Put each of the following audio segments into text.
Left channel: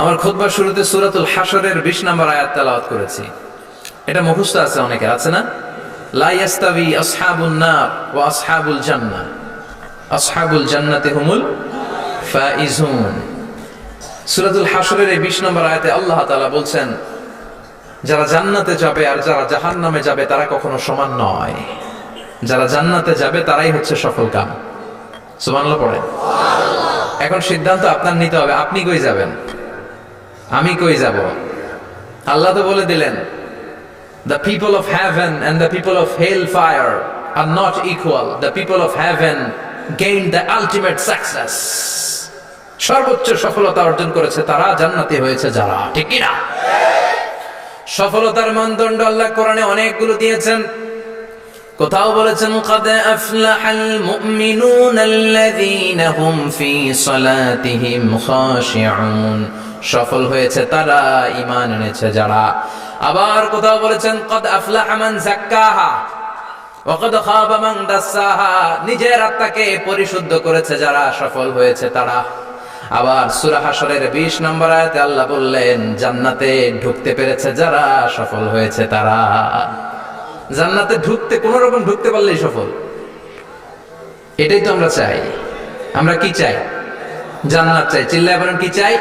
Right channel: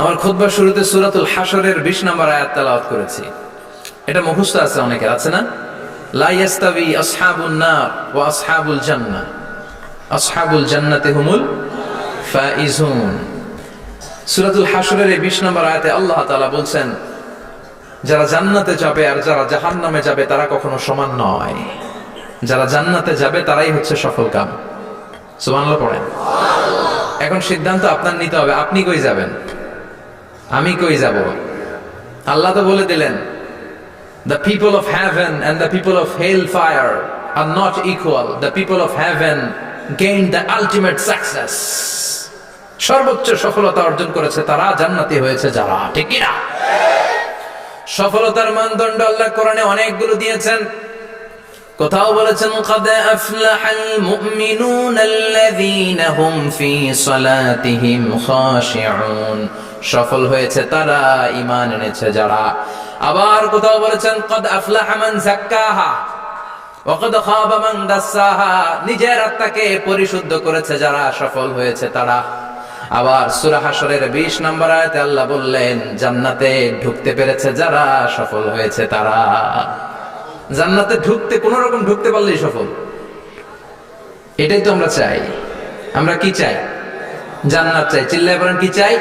আমার খুতবার শুরুতে সূরাতুল হাশরের 20 নম্বর আয়াত তেলাওয়াত করেছি। এটা মুখস্থ আছে অনেকের, আছে না? লা ইয়াস্তাবি আসহাবুন নার ওয়া আসহাবুল জান্নাহ, আসহাবুল জান্নাতি হুমুল ফাইজুন। সূরাতুল হাশরের এই 20 নম্বর আয়াতে আল্লাহ তাআলা বলছেন, যারা জান্নাতে যাবে আর যারা জাহান্নামে যাবে তারা কখনো সমান নয়। যারা জান্নাতে যাবে তারাই হচ্ছে সফল কাম। সুবহানাল্লাহ পড়েন। এখন সিদ্ধান্ত আপনার নিতে হবে, আপনি কই যাবেন, আমি কই যাব। আল্লাহ তো বলে দিলেন, the people of heaven and the people of hellfire are not equal. The people of heaven gained the ultimate success. সর্বোচ্চ সফলতা অর্জন করেছে তারা, জান্নাতি হয়েছে যারা। ঠিক কি না? সফলতার মানদণ্ড আল্লাহ কোরআনে অনেকগুলো দিয়েছেন। কোথাও বলেছেন, قد أفلح المؤمنون الذين هم في صلاتهم خاشعون। সফল হয়েছে তারা, ঈমান এনেছে যারা। আবার কোথাও বলেছেন, قد أفلح من زكاها وقد خاب من دساها। নিজের আত্মাকে পরিশুদ্ধ করেছে যারা, সফল হয়েছে তারা। আবার সূরা হাশরের 20 নম্বর আয়াতে আল্লাহ বললেন, জান্নাতে ঢুকতে পেরেছে যারা, সফল হয়েছে তারা। জান্নাতে ঢুকতে, কোন রকম ঢুকতে পারলেই সফল। এটাই তো আমরা চাই। আমরা কি চাই? জান্নাত চাই। চিল্লায় বলেন, কি চাই?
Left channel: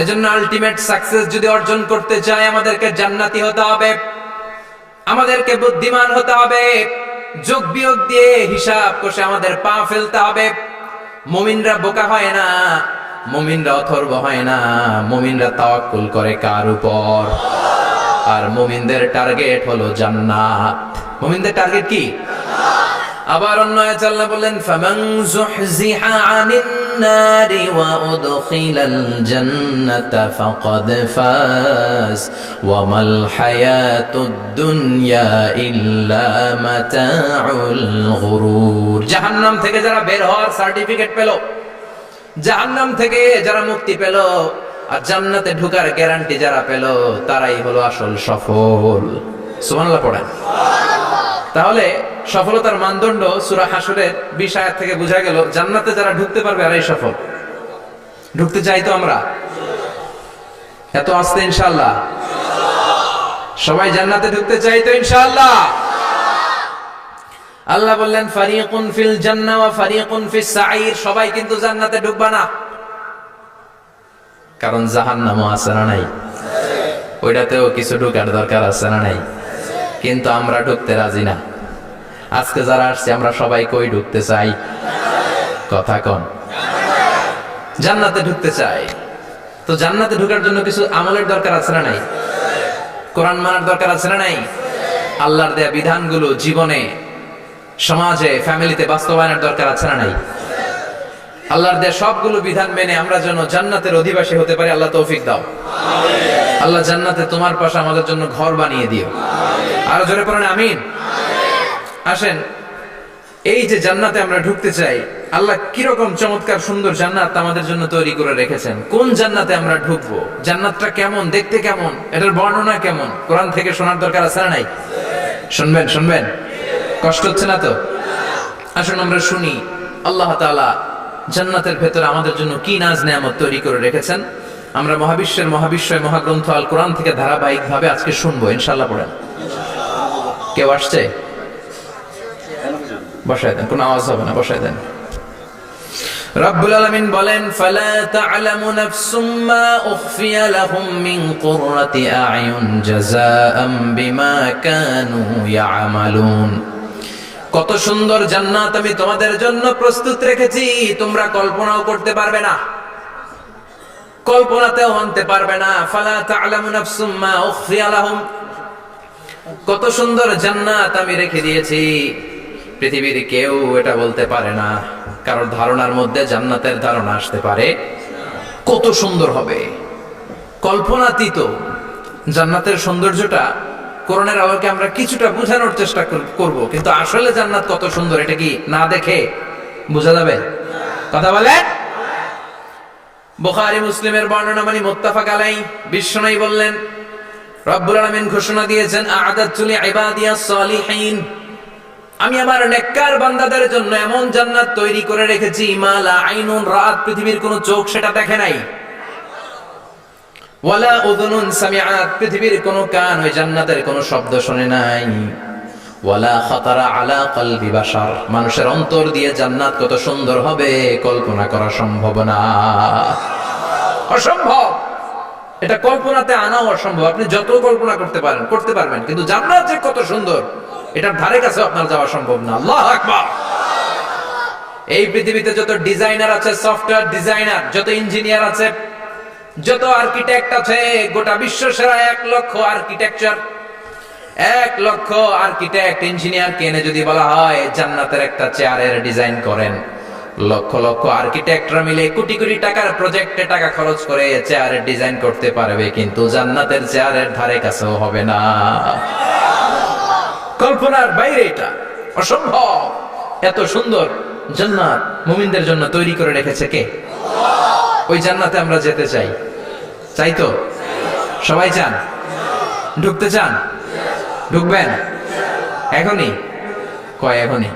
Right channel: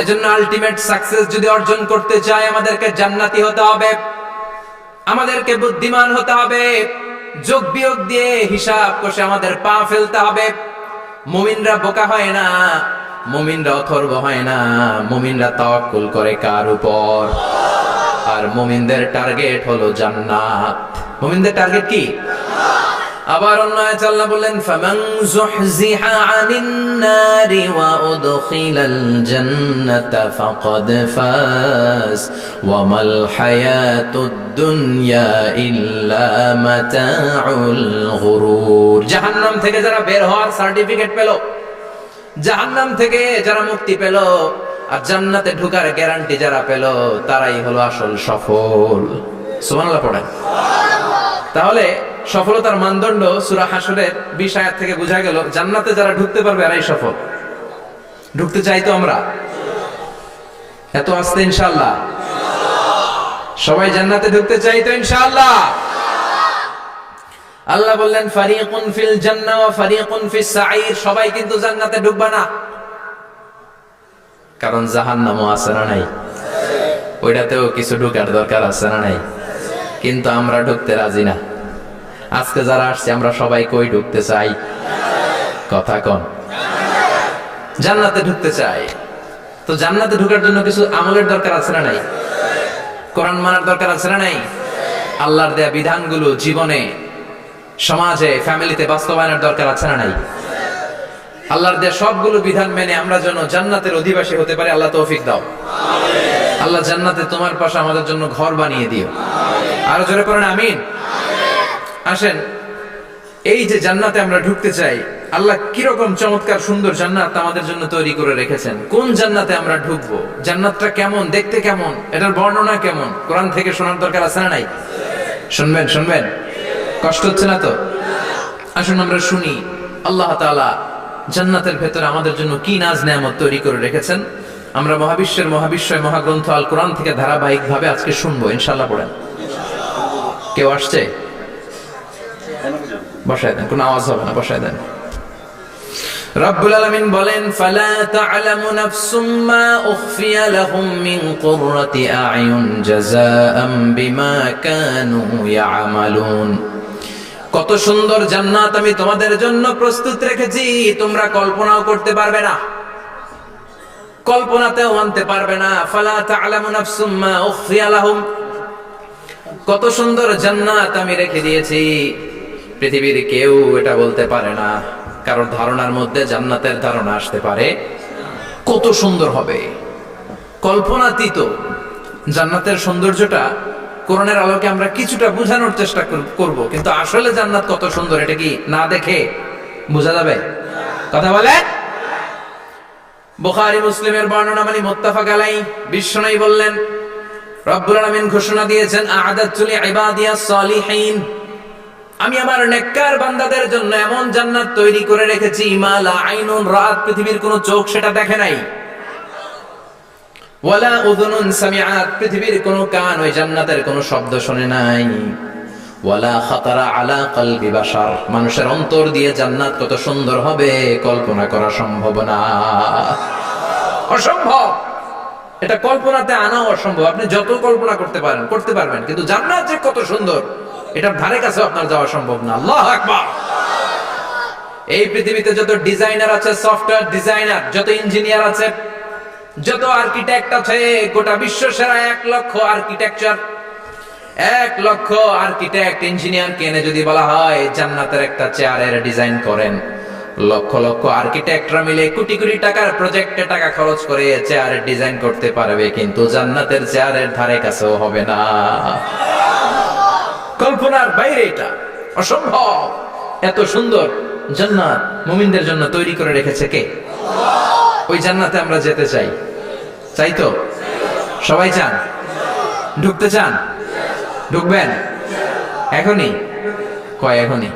এজন্য আলটিমেট সাকসেস যদি অর্জন করতে চাই, আমাদেরকে জান্নাতি হতে হবে, আমাদেরকে বুদ্ধিমান হতে হবে। যোগ বিয়োগ দিয়ে হিসাব কষে আমাদের পা ফেলতে হবে। মুমিনরা বোকা হয় না, মুমিনরা অথর্ব হয় না, মুমিনরা তাওয়াক্কুল করে কার উপর? আর মুমিনদের টার্গেট হলো জান্নাত। মুমিনদের টার্গেট কি? আবার অন্য আয়াতে আল্লাহ বললেন, ফামান যুহজিহা আনিন নারি ওয়া উদখিলাল জান্নাতা ফাকাদ ফাজ ওয়া মাল হায়াতুদ দুনিয়া ইল্লা মাতাউল গুরুর। জাহান্নাম থেকে যারা বের হওয়ার সার্টিফিকেট পেল, জাহান্নাম থেকে যারা মুক্তি পেল, আর জান্নাতে ঢোকার গ্যারান্টি যারা পেল, তারাই হলো আসল সফল। সুবহানাল্লাহ পড়েন। তাহলে সফলতার মানদণ্ড সূরা হাশরের 20 আয়াত থেকে বোঝা গেল, জান্নাতে যারা ঢুকতে পারবে এরাই সফল। ঢুকতে চাই তো আমরা? এত আস্তে ইনশাআল্লাহ? সবাই জান্নাতে ঢুকতে চাই তো ইনশাআল্লাহ? আল্লাহ বললেন, ফারিকুন ফিল জান্নাহ ওয়া ফারিকুন ফিস সাঈর। সবাই কিন্তু জান্নাতে ঢুকবে না, কারণ জাহান্নামও আছে না নাই? ওইটাতেও কিছু ঢুকার দরকার আছে না নাই? কিন্তু আমরা ঢুকতে রাজি না। আজকে যারা আসছে আমরা সবাই কই ঢুকতে চাই? কথা কন। জান্নাতে ঢুকতে চাই। তো জান্নাতে ঢুকার জন্য কিছু আমলের দরকার আছে না নাই? কোরআন মানার দরকার আছে না নাই? আল্লাহর দেয়া বিধানগুলো জীবনে, সমাজে, ফ্যামিলিতে বাস্তবায়নের দরকার আছে না নাই? আল্লাহর দেয়া সবগুলো বিধান মেনে আমরা যেন জান্নাতের অধিবাসী হতে পারি, আল্লাহ তৌফিক দাও। আল্লাহ জান্নাতে তোমার পাশে আমাদের জন্য ঘর বানিয়ে দিও। আরো জোরে পড়েন আমিন। আসেন, এই যে জান্নাতে আমরা ঢুকতে চাই, আল্লাহ কিরকম চমৎকার সুন্দর জান্নাত আমাদের জন্য তৈরি করে রেখেছেন। কোন জান্নাতে আমরা ঢুকবো, জান্নাতটা কেমন, দেখতে কেমন, এটার বর্ণনা কেমন, কোরআন থেকে শোনার দরকার আছে না নাই? শুনবেন, শুনবেন? কষ্ট হচ্ছে না তো? আসুন আমরা শুনি আল্লাহ তাআলা জান্নাতের ভেতরে আমাদের জন্য কি নাজ নেয়ামত তৈরি করে রেখেছেন। আমরা মহাবিশ্বের মহাবিশ্বয় মহাগ্রন্থ আল কোরআন থেকে ধারাবাহিকভাবে আজকে শুনবো ইনশাআল্লাহ। পড়েন। কেউ আসছে? বসায় দেন, কোনো আওয়াজ হবে না, বসায় দেন। রব্বুল আলামিন বলেন, ফালা তা'লামু নাফসুম মা উখফিয়া লাহুম মিন কুররাতি আ'য়ুন জাযাআম বিমা কানু ইয়া'মালুন। কত সুন্দর জান্নাত আমি তোমাদের জন্য প্রস্তুত রেখেছি, তোমরা কল্পনাও করতে পারবে না, কল্পনাতেও আনতে পারবে না। ফালা তা'লামু নাফসুম মা উখফিয়া লাহুম। কত সুন্দর জান্নাত আমি রেখে দিয়েছি, পৃথিবীর কেউ এটা বলতে পারে না। কারণ ধারণার মধ্যে জান্নাতের ধারণা আসতে পারে কত সুন্দর হবে, কল্পনাতীত। জান্নাতের সৌন্দর্যটা কোরআনের আলোকে আমরা কিছুটা বোঝানোর চেষ্টা করব, কিন্তু আসলে জান্নাত কত সুন্দর এটা কি না দেখে বোঝা যাবে? কথা বলে। বুখারী মুসলিমের বর্ণনা মানে মুত্তাফাক আলাইহি। বিশ্বনবী বললেন, রব্বুল আলামিন ঘোষণা দিয়েছেন, আ'আদাতু লিইবাদিয়াস সালিহিন, আমি আমার নেককার বান্দাদের জন্য এমন জান্নাত তৈরি করে রেখেছি, মা লা আইনুন রাত, পৃথিবীর কোন চোখ সেটা দেখে নাই। ওয়ালা উযুনুন সামিআত, পৃথিবীর কোনো কান ওই জান্নাতের কোনো শব্দ শোনে নাই। ওয়ালা খাতারা আলা কলবি বাশার, মানুষের অন্তর দিয়ে জান্নাত কত সুন্দর হবে কল্পনা করা সম্ভব না, অসম্ভব। এটা কল্পনাতে আনাও অসম্ভব। আপনি যত কল্পনা করতে পারবেন, কিন্তু জান্নাত যে কত সুন্দর এটার ধারে কাছে আপনার যাওয়া সম্ভব না। আল্লাহু আকবার। এই পৃথিবীতে যত ডিজাইনার আছে, সফটওয়্যার ডিজাইনার, যত ইঞ্জিনিয়ার আছে, যত আর্কিটেক্ট আছে, গোটা বিশ্ব সেরা 1 লক্ষ আর্কিটেকচার, 1 লক্ষ আর্কিটেক্ট ইঞ্জিনিয়ারকে এনে যদি বলা হয় জান্নাতের একটা চেয়ারের ডিজাইন করেন, লক্ষ লক্ষ আর্কিটেক্টরা মিলে কোটি কোটি টাকার প্রজেক্টে টাকা খরচ করে চেয়ারের ডিজাইন করতে পারবে, কিন্তু জান্নাতের চেয়ারের ধারে কাছেও হবে না। কল্পনার বাইরে, এটা অসম্ভব। এত সুন্দর জান্নাত মুমিনদের জন্য তৈরি করে রেখেছে কে? ওই জান্নাতে আমরা যেতে চাই। চাই তো? সবাই চান? ঢুকতে চান? ঢুকবেন এখনই? কয় এখনই?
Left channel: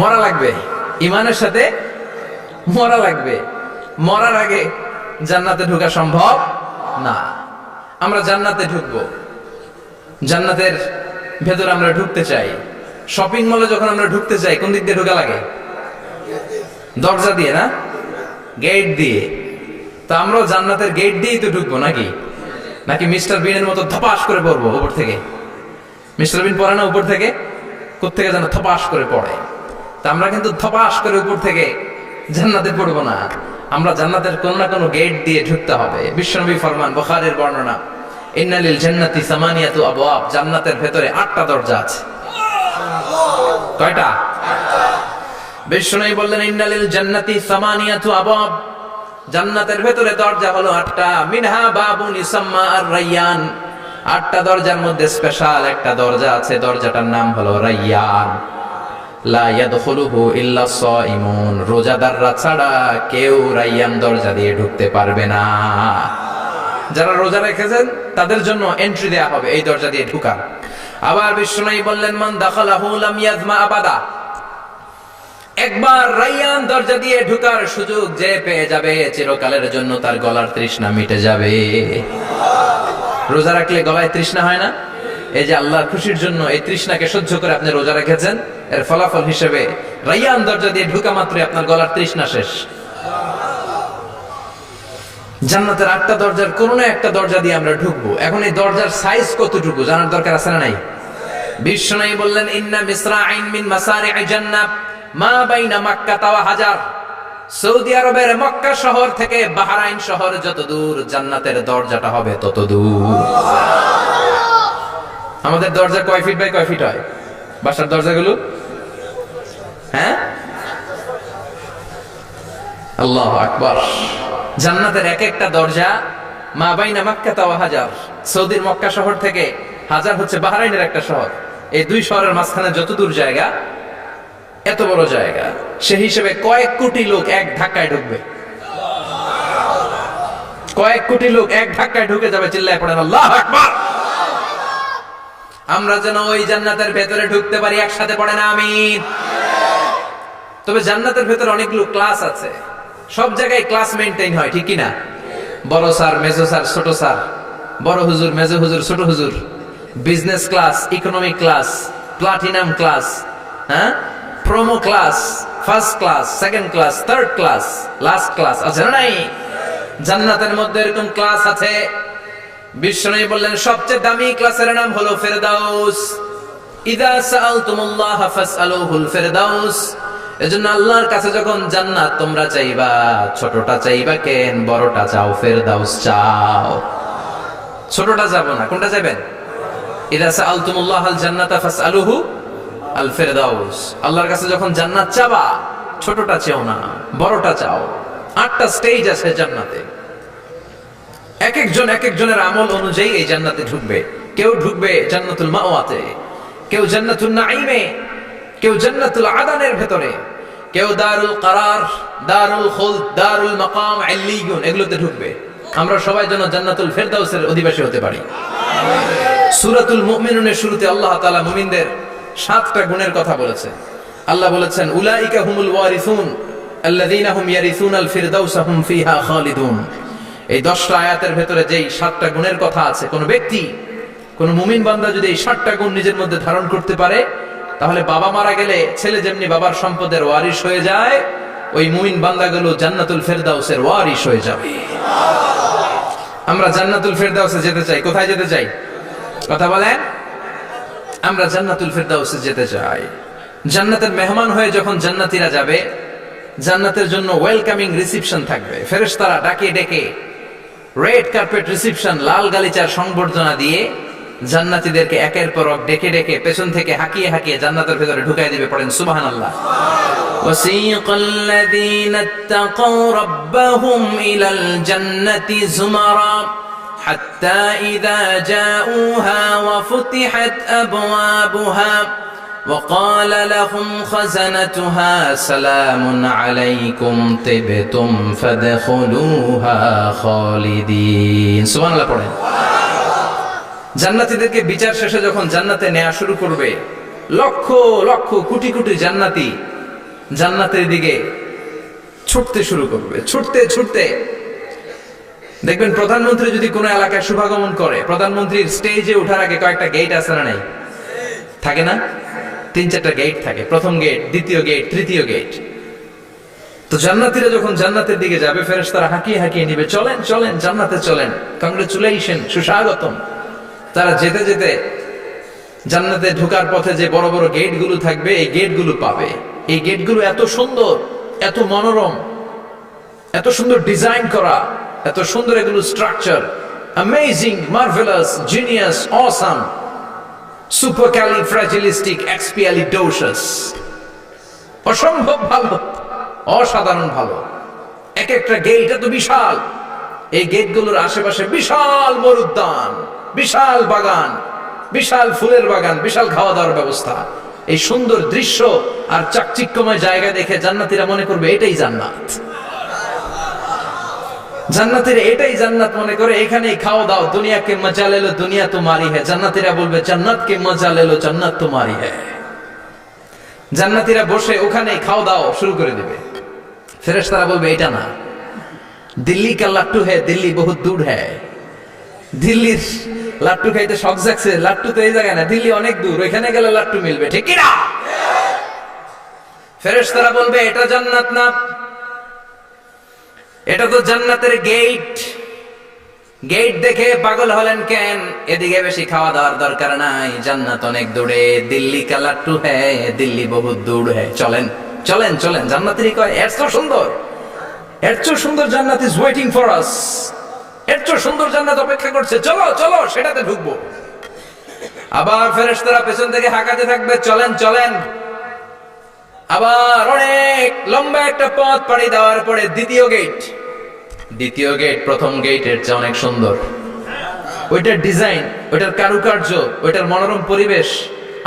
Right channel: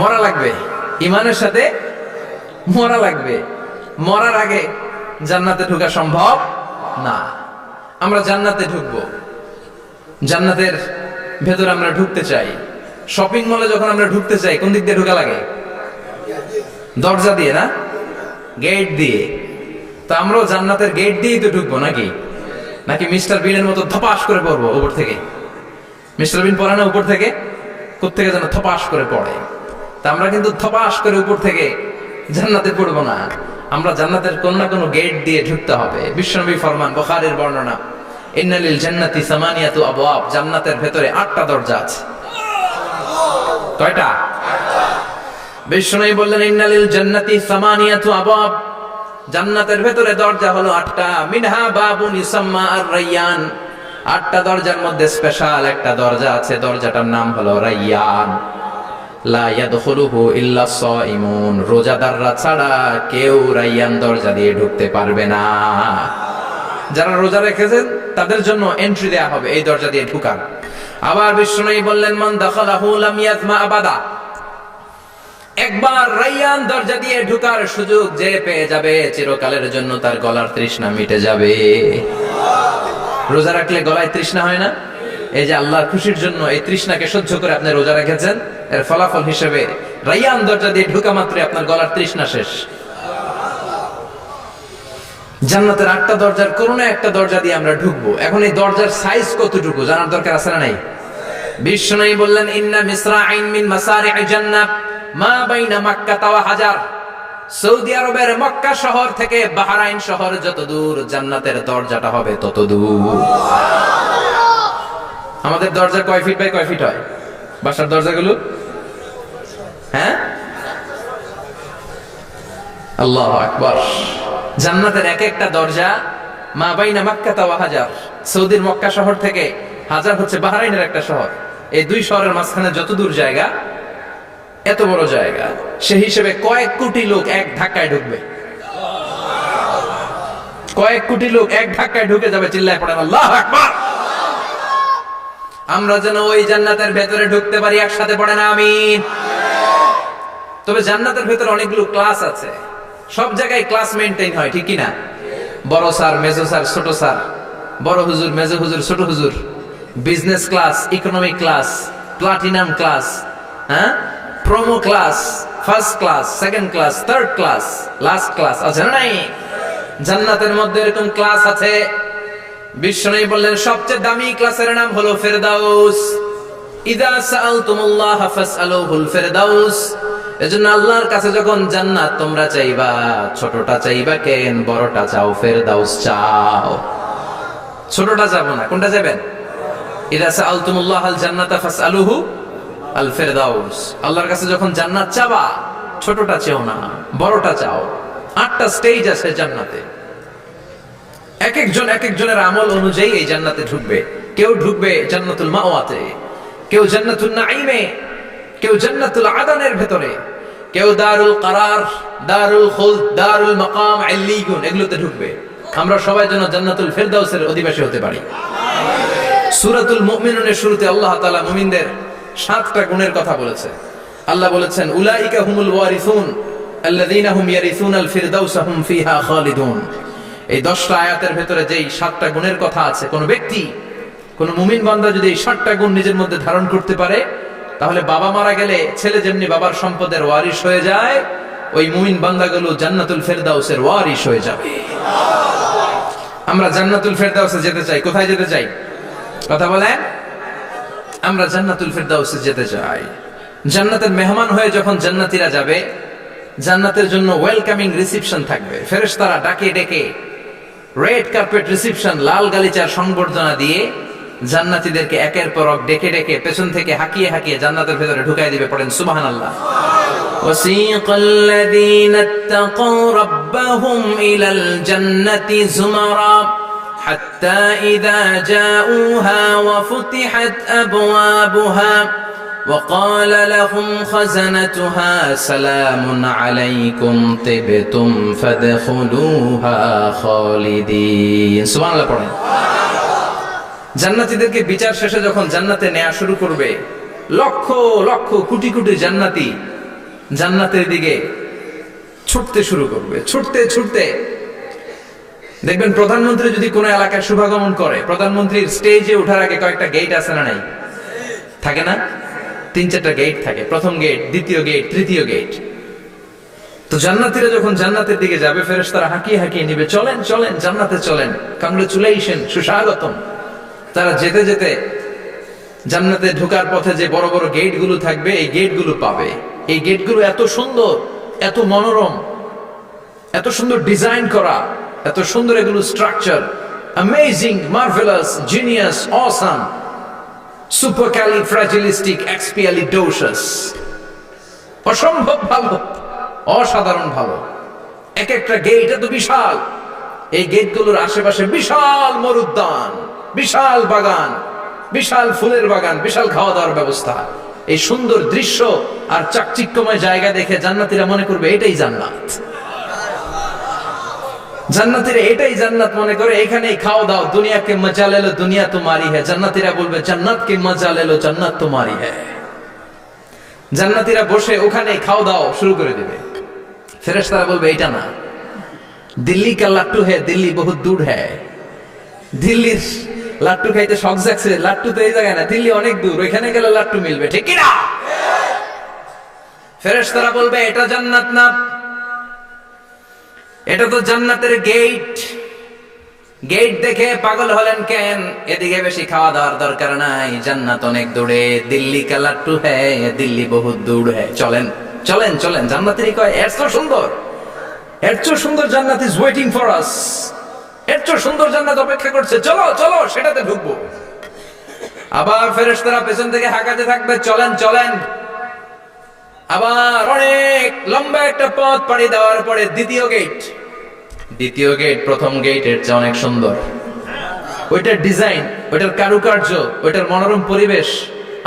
মরা লাগবে, ইমানের সাথে মরা লাগবে। মরার আগে জান্নাতে ঢোকা সম্ভব না। আমরা জান্নাতে ঢুকবো, জান্নাতের ভেতর আমরা ঢুকতে চাই। শপিং মলে যখন আমরা ঢুকতে চাই, কোন দিক দিয়ে ঢোকা লাগে? দরজা দিয়ে না, গেট দিয়ে। তো আমরাও জান্নাতের গেট দিয়েই তো ঢুকবো নাকি? নাকি মিস্টার বিনের মতো ধপাস করে পড়বো উপর থেকে? মিস্টার বিন পড়ে না উপর থেকে? কোত্থেকে যেন ধপাস করে পড়ে। তা আমরা কিন্তু ধপাস করে উপর থেকে জান্নাতে পড়বো না, আমরা জান্নাতের কোন না কোনো গেট দিয়ে ঢুকতে হবে। বিশ্বনবী ফরমান, বুখারীর বর্ণনা, ইন্নালিল জান্নাতি সামানিয়াতু আবওয়াব, জান্নাতের ভেতরে 8টা দরজা আছে। কয়টা? বিশ্বনবী বললেন, ইন্নালিল জান্নাতি সামানিয়াতু আবওয়াব, জান্নাতের ভেতরে দরজা হলো 8টা। মিনহা বাবুন ইউসাম্মা আর-রায়্যান, 8টা দরজার মধ্যে স্পেশাল একটা দরজা আছে, দরজাটার নাম হলো রায়্যান। লা ইয়াদখুলুহু ইল্লা সাইমুন, রোজাদাররা ছাড়া কেউ রায়্যান দরজা দিয়ে ঢুকতে পারবে না। যারা রোজা রেখেছেন তাদের জন্য এন্ট্রি দেয়া হবে এই দরজা দিয়ে ঢুকার। আবার বিশ্বনবী বললেন, মান দাখালাহু লাম ইয়াজমা আবাদা, একবার রায়্যান দরজা দিয়ে ঢুকার সুযোগ যে পেয়ে যাবে, চিরকালের জন্য তার গলার তৃষ্ণা মিটে যাবে। রোজা রাখলে গলায় তৃষ্ণা হয় না? এই যে আল্লাহর খুশির জন্য এই তৃষ্ণাকে সহ্য করে আপনি রোজা রেখেছেন, এর ফলাফল হিসেবে রায়্যান দরজা দিয়ে ঢুকা মাত্রই আপনার গলার তৃষ্ণা শেষ। জান্নাতের 8টা দরজার কোন না একটা দরজা দিয়ে আমরা ঢুকবো। এখন এই দরজার সাইজ কতটুকু জানার দরকার আছে না নাই? বিশ্বনবী বললেন, ইন্না মিসরাইন মিন মাসারি'ই জান্নাহ মা বাইনা মাক্কা ওয়া হাজার, সৌদি আরবের মক্কা শহর থেকে বাহরাইন শহর যত দূর, জান্নাতের দরজাটা হবে তত দূর। আমাদের দরজা কয় ফিট বাই কয় ফিট হয় বাসার দরজাগুলো? হ্যাঁ, আল্লাহু আকবার। জান্নাতের এক একটা দরজা মা বাইনা মাক্কা ওয়া হাজার, সৌদির মক্কা শহর থেকে হাজার হচ্ছে বাহরাইনের একটা শহর, এই 2 শহরের মাঝখানে যত দূর জায়গা, এত বড় জায়গা, সেই হিসেবে কয়েক কোটি লোক এক ধাক্কায় ঢুকবে। কয়েক কোটি লোক এক ধাক্কায় ঢুকে যাবে। চিল্লায় পড়েন আল্লাহু আকবার। আমরা যেন ওই জান্নাতের ভেতরে ঢুকতে পারি, একসাথে পড়েন আমিন। তবে জান্নাতের ভেতরে অনেকগুলো ক্লাস আছে, সব জায়গায় ক্লাস মেইনটেইন হয়, ঠিক কি না? বড় স্যার, মেজো স্যার, ছোট স্যার, বড় হুজুর, মেজো হুজুর, ছোট হুজুর, business class, economic class, platinum class, হ্যাঁ, promo class, first class, second class, third class, last class আছে না নাই? জান্নাতের মধ্যে এরকম ক্লাস আছে। বিশ্বনবী বললেন, সবচেয়ে দামি ক্লাসের নাম হলো ফেরদাউস। ইযা সাআলতুমুল্লাহ ফাসআলুহুল ফেরদাউস, এজন্য আল্লাহর কাছে যখন জান্নাত তোমরা চাইবা, ছোটটা চাইবা কেন, বড়টা চাও, ফেরদাউস চাও। ছোটটা যাব না, কোনটা যাবেন? ইযা সাআলতুমুল্লাহাল জান্নাতা ফাসআলুহু আল ফেরদাউস, আল্লাহর কাছে যখন জান্নাত চাবা, ছোটটা চেও না, বড়টা চাও। 8টা স্টেজ আছে জান্নাতে, এক একজন এক একজনের আমল অনুযায়ী এই জান্নাতে ঢুকবে। কেউ ঢুকবে জান্নাতুল মাওয়াতে, কেউ জান্নাতুল নাঈমে, কেউ জান্নাতুল আদানের ভেতরে, কেউ দারুল কারার, দারুল খুলদ, দারুল মাকাম, আল্লিয়ুন, এগুলোতে ঢুকবে। আমরা সবাই যেন জান্নাতুল ফেরদাউসের অধিবাসী হতে পারি। সূরাতুল মুমিনুনের শুরুতে আল্লাহ তাআলা মুমিনদের 7টা গুণের কথা বলেছে। আল্লাহ বলেছেন, উলাইকা হুমুল ওয়ারিসুন আল্লাযীনা হুম ইয়ারিসুনাল ফিরদাউসা হুম ফিহা খালিদুন, এই 10টা আয়াতের ভেতরে যেই 7টা গুণের কথা আছে, কোন ব্যক্তি, কোন মুমিন বান্দা যদি এই 7টা গুণ নিজের মধ্যে ধারণ করতে পারে, তাহলে বাবা মারা গেলে ছেলে যেমনি বাবার সম্পদের ওয়ারিশ হয়ে যায়, ওই মুমিন বান্দাগুলো জান্নাতুল ফেরদাউসের ওয়ারিশ হয়ে যাবে। আমরা জান্নাতুল ফেরদাউসে যেতে চাই। কোথায় যেতে চাই? কথা বলেন। আমরা জান্নাতুল ফেরদাউসে যেতে চাই। জান্নাতের মেহমান হয়ে যখন জান্নাতীরা যাবে, জান্নাতের জন্য ওয়েলকামিং রিসিপশন থাকবে। ফেরেশতারা ডাকে ডেকে রেড কার্পেট রিসিপশন, লাল গালিচার সংবর্ধনা দিয়ে জান্নাতীদেরকে একের পর এক ডেকে ডেকে পেছন থেকে হাঁকিয়ে হাঁকিয়ে জান্নাতের ভেতরে ঢুকাই দিবে। পড়েন সুবহানাল্লাহ। وسيق الذين اتقوا ربهم إلى الجنة زمرا حتى إذا جاءوها وفتحت أبوابها وقال لهم خزنتها سلام عليكم طبتم فادخلوها خالدين سبحان الله পড়েন। জান্নাতীদেরকে বিচার শেষে যখন জান্নাতে নেওয়া শুরু করবে, লক্ষ লক্ষ কোটি কোটি জান্নাতি জান্নাতের দিকে ছুটতে শুরু করবে। ছুটতে ছুটতে দেখবেন প্রধানমন্ত্রী যদি কোনো এলাকায় শুভাগমন করে, প্রধানমন্ত্রীর স্টেজে ওঠার আগে কয়েকটা গেট আছে না নাই? থাকে না? 3-4টা গেট থাকে। প্রথম গেট, দ্বিতীয় গেট, তৃতীয় গেট। তো জান্নাতীরা যখন জান্নাতের দিকে যাবে, ফেরেশতারা হাঁকিয়ে হাঁকিয়ে নিবে, চলেন চলেন জান্নাতে চলেন, কংগ্রেচুলেশন, সুস্বাগতম। তারা যেতে যেতে জান্নাতে ঢোকার পথে যে বড় বড় গেটগুলো থাকবে, এই গেটগুলো পাবে। এই গেটগুলো এত সুন্দর, এত মনোরম, এত সুন্দর ডিজাইন করা, এত সুন্দর এগুলো structure, amazing, marvellous, genius, awesome, supercalifragilisticexpialidocious, অসম্ভব ভালো, অসাধারণ ভালো। এক একটা গেট এত বিশাল। এই গেটগুলোর আশেপাশে বিশাল মরুদ্যান, বিশাল বাগান, বিশাল ফুলের বাগান, বিশাল খাওয়া দাওয়ার ব্যবস্থা। এই সুন্দর দৃশ্য আর চাকচিক্যময় জায়গা দেখে জান্নাতীরা মনে করবে এটাই জান্নাত। জান্নাতীরা এটাই জান্নাত মনে করে, এখানেই খাওয়া দাও। দুনিয়া কে মজা লে লো, দুনিয়া তোমারি হ্যায়। জান্নাতীরা বলবে জান্নাত কে মজা লে লো, জান্নাত তোমারি হ্যায়। জান্নাতীরা বসে ওখানেই খাওয়া দাও শুরু করে দিবে। ফেরেশতারা বলবে এটা না, দিল্লি কা লাট্টু হ্যায়, দিল্লি বহুত দূর হ্যায়। দিল্লির লাট্টু খাইতে শখ জাগছে, লাট্টু তো এই জায়গায় না, দিল্লি অনেক দূর, ওইখানে গেলে লাট্টু মিলবে, ঠিক কি না? ফেরেশতারা বলবে এটা জান্নাত না, এটা তো জান্নাতের গেট। গেট দেখে পাগল হলেন কেন? এদিকে বেশি খাওয়া দাওয়ার দরকার নাই, জান্নাত অনেক দূরে। দিল্লি কা লাট্টু হ্যায়, দিল্লি বহুত দূর হ্যায়। চলেন চলেন চলেন। জান্নাতেরই কয় এত সুন্দর, এত সুন্দর জান্নাত ইজ ওয়েটিং ফর আস, এত সুন্দর জান্নাত অপেক্ষা করছে, চলো চলো সেটাতে ঢুকবো। আবার ফেরেশতারা পেছন থেকে হাঁকাতে থাকবে, চলেন চলেন। আবার অনেক লম্বা একটা পথ পাড়ি দেওয়ার পরে দ্বিতীয় গেট। দ্বিতীয় গেট প্রথম গেটের চেয়ে অনেক সুন্দর। ওইটার ডিজাইন, ওইটার কারুকার্য, ওইটার মনোরম পরিবেশ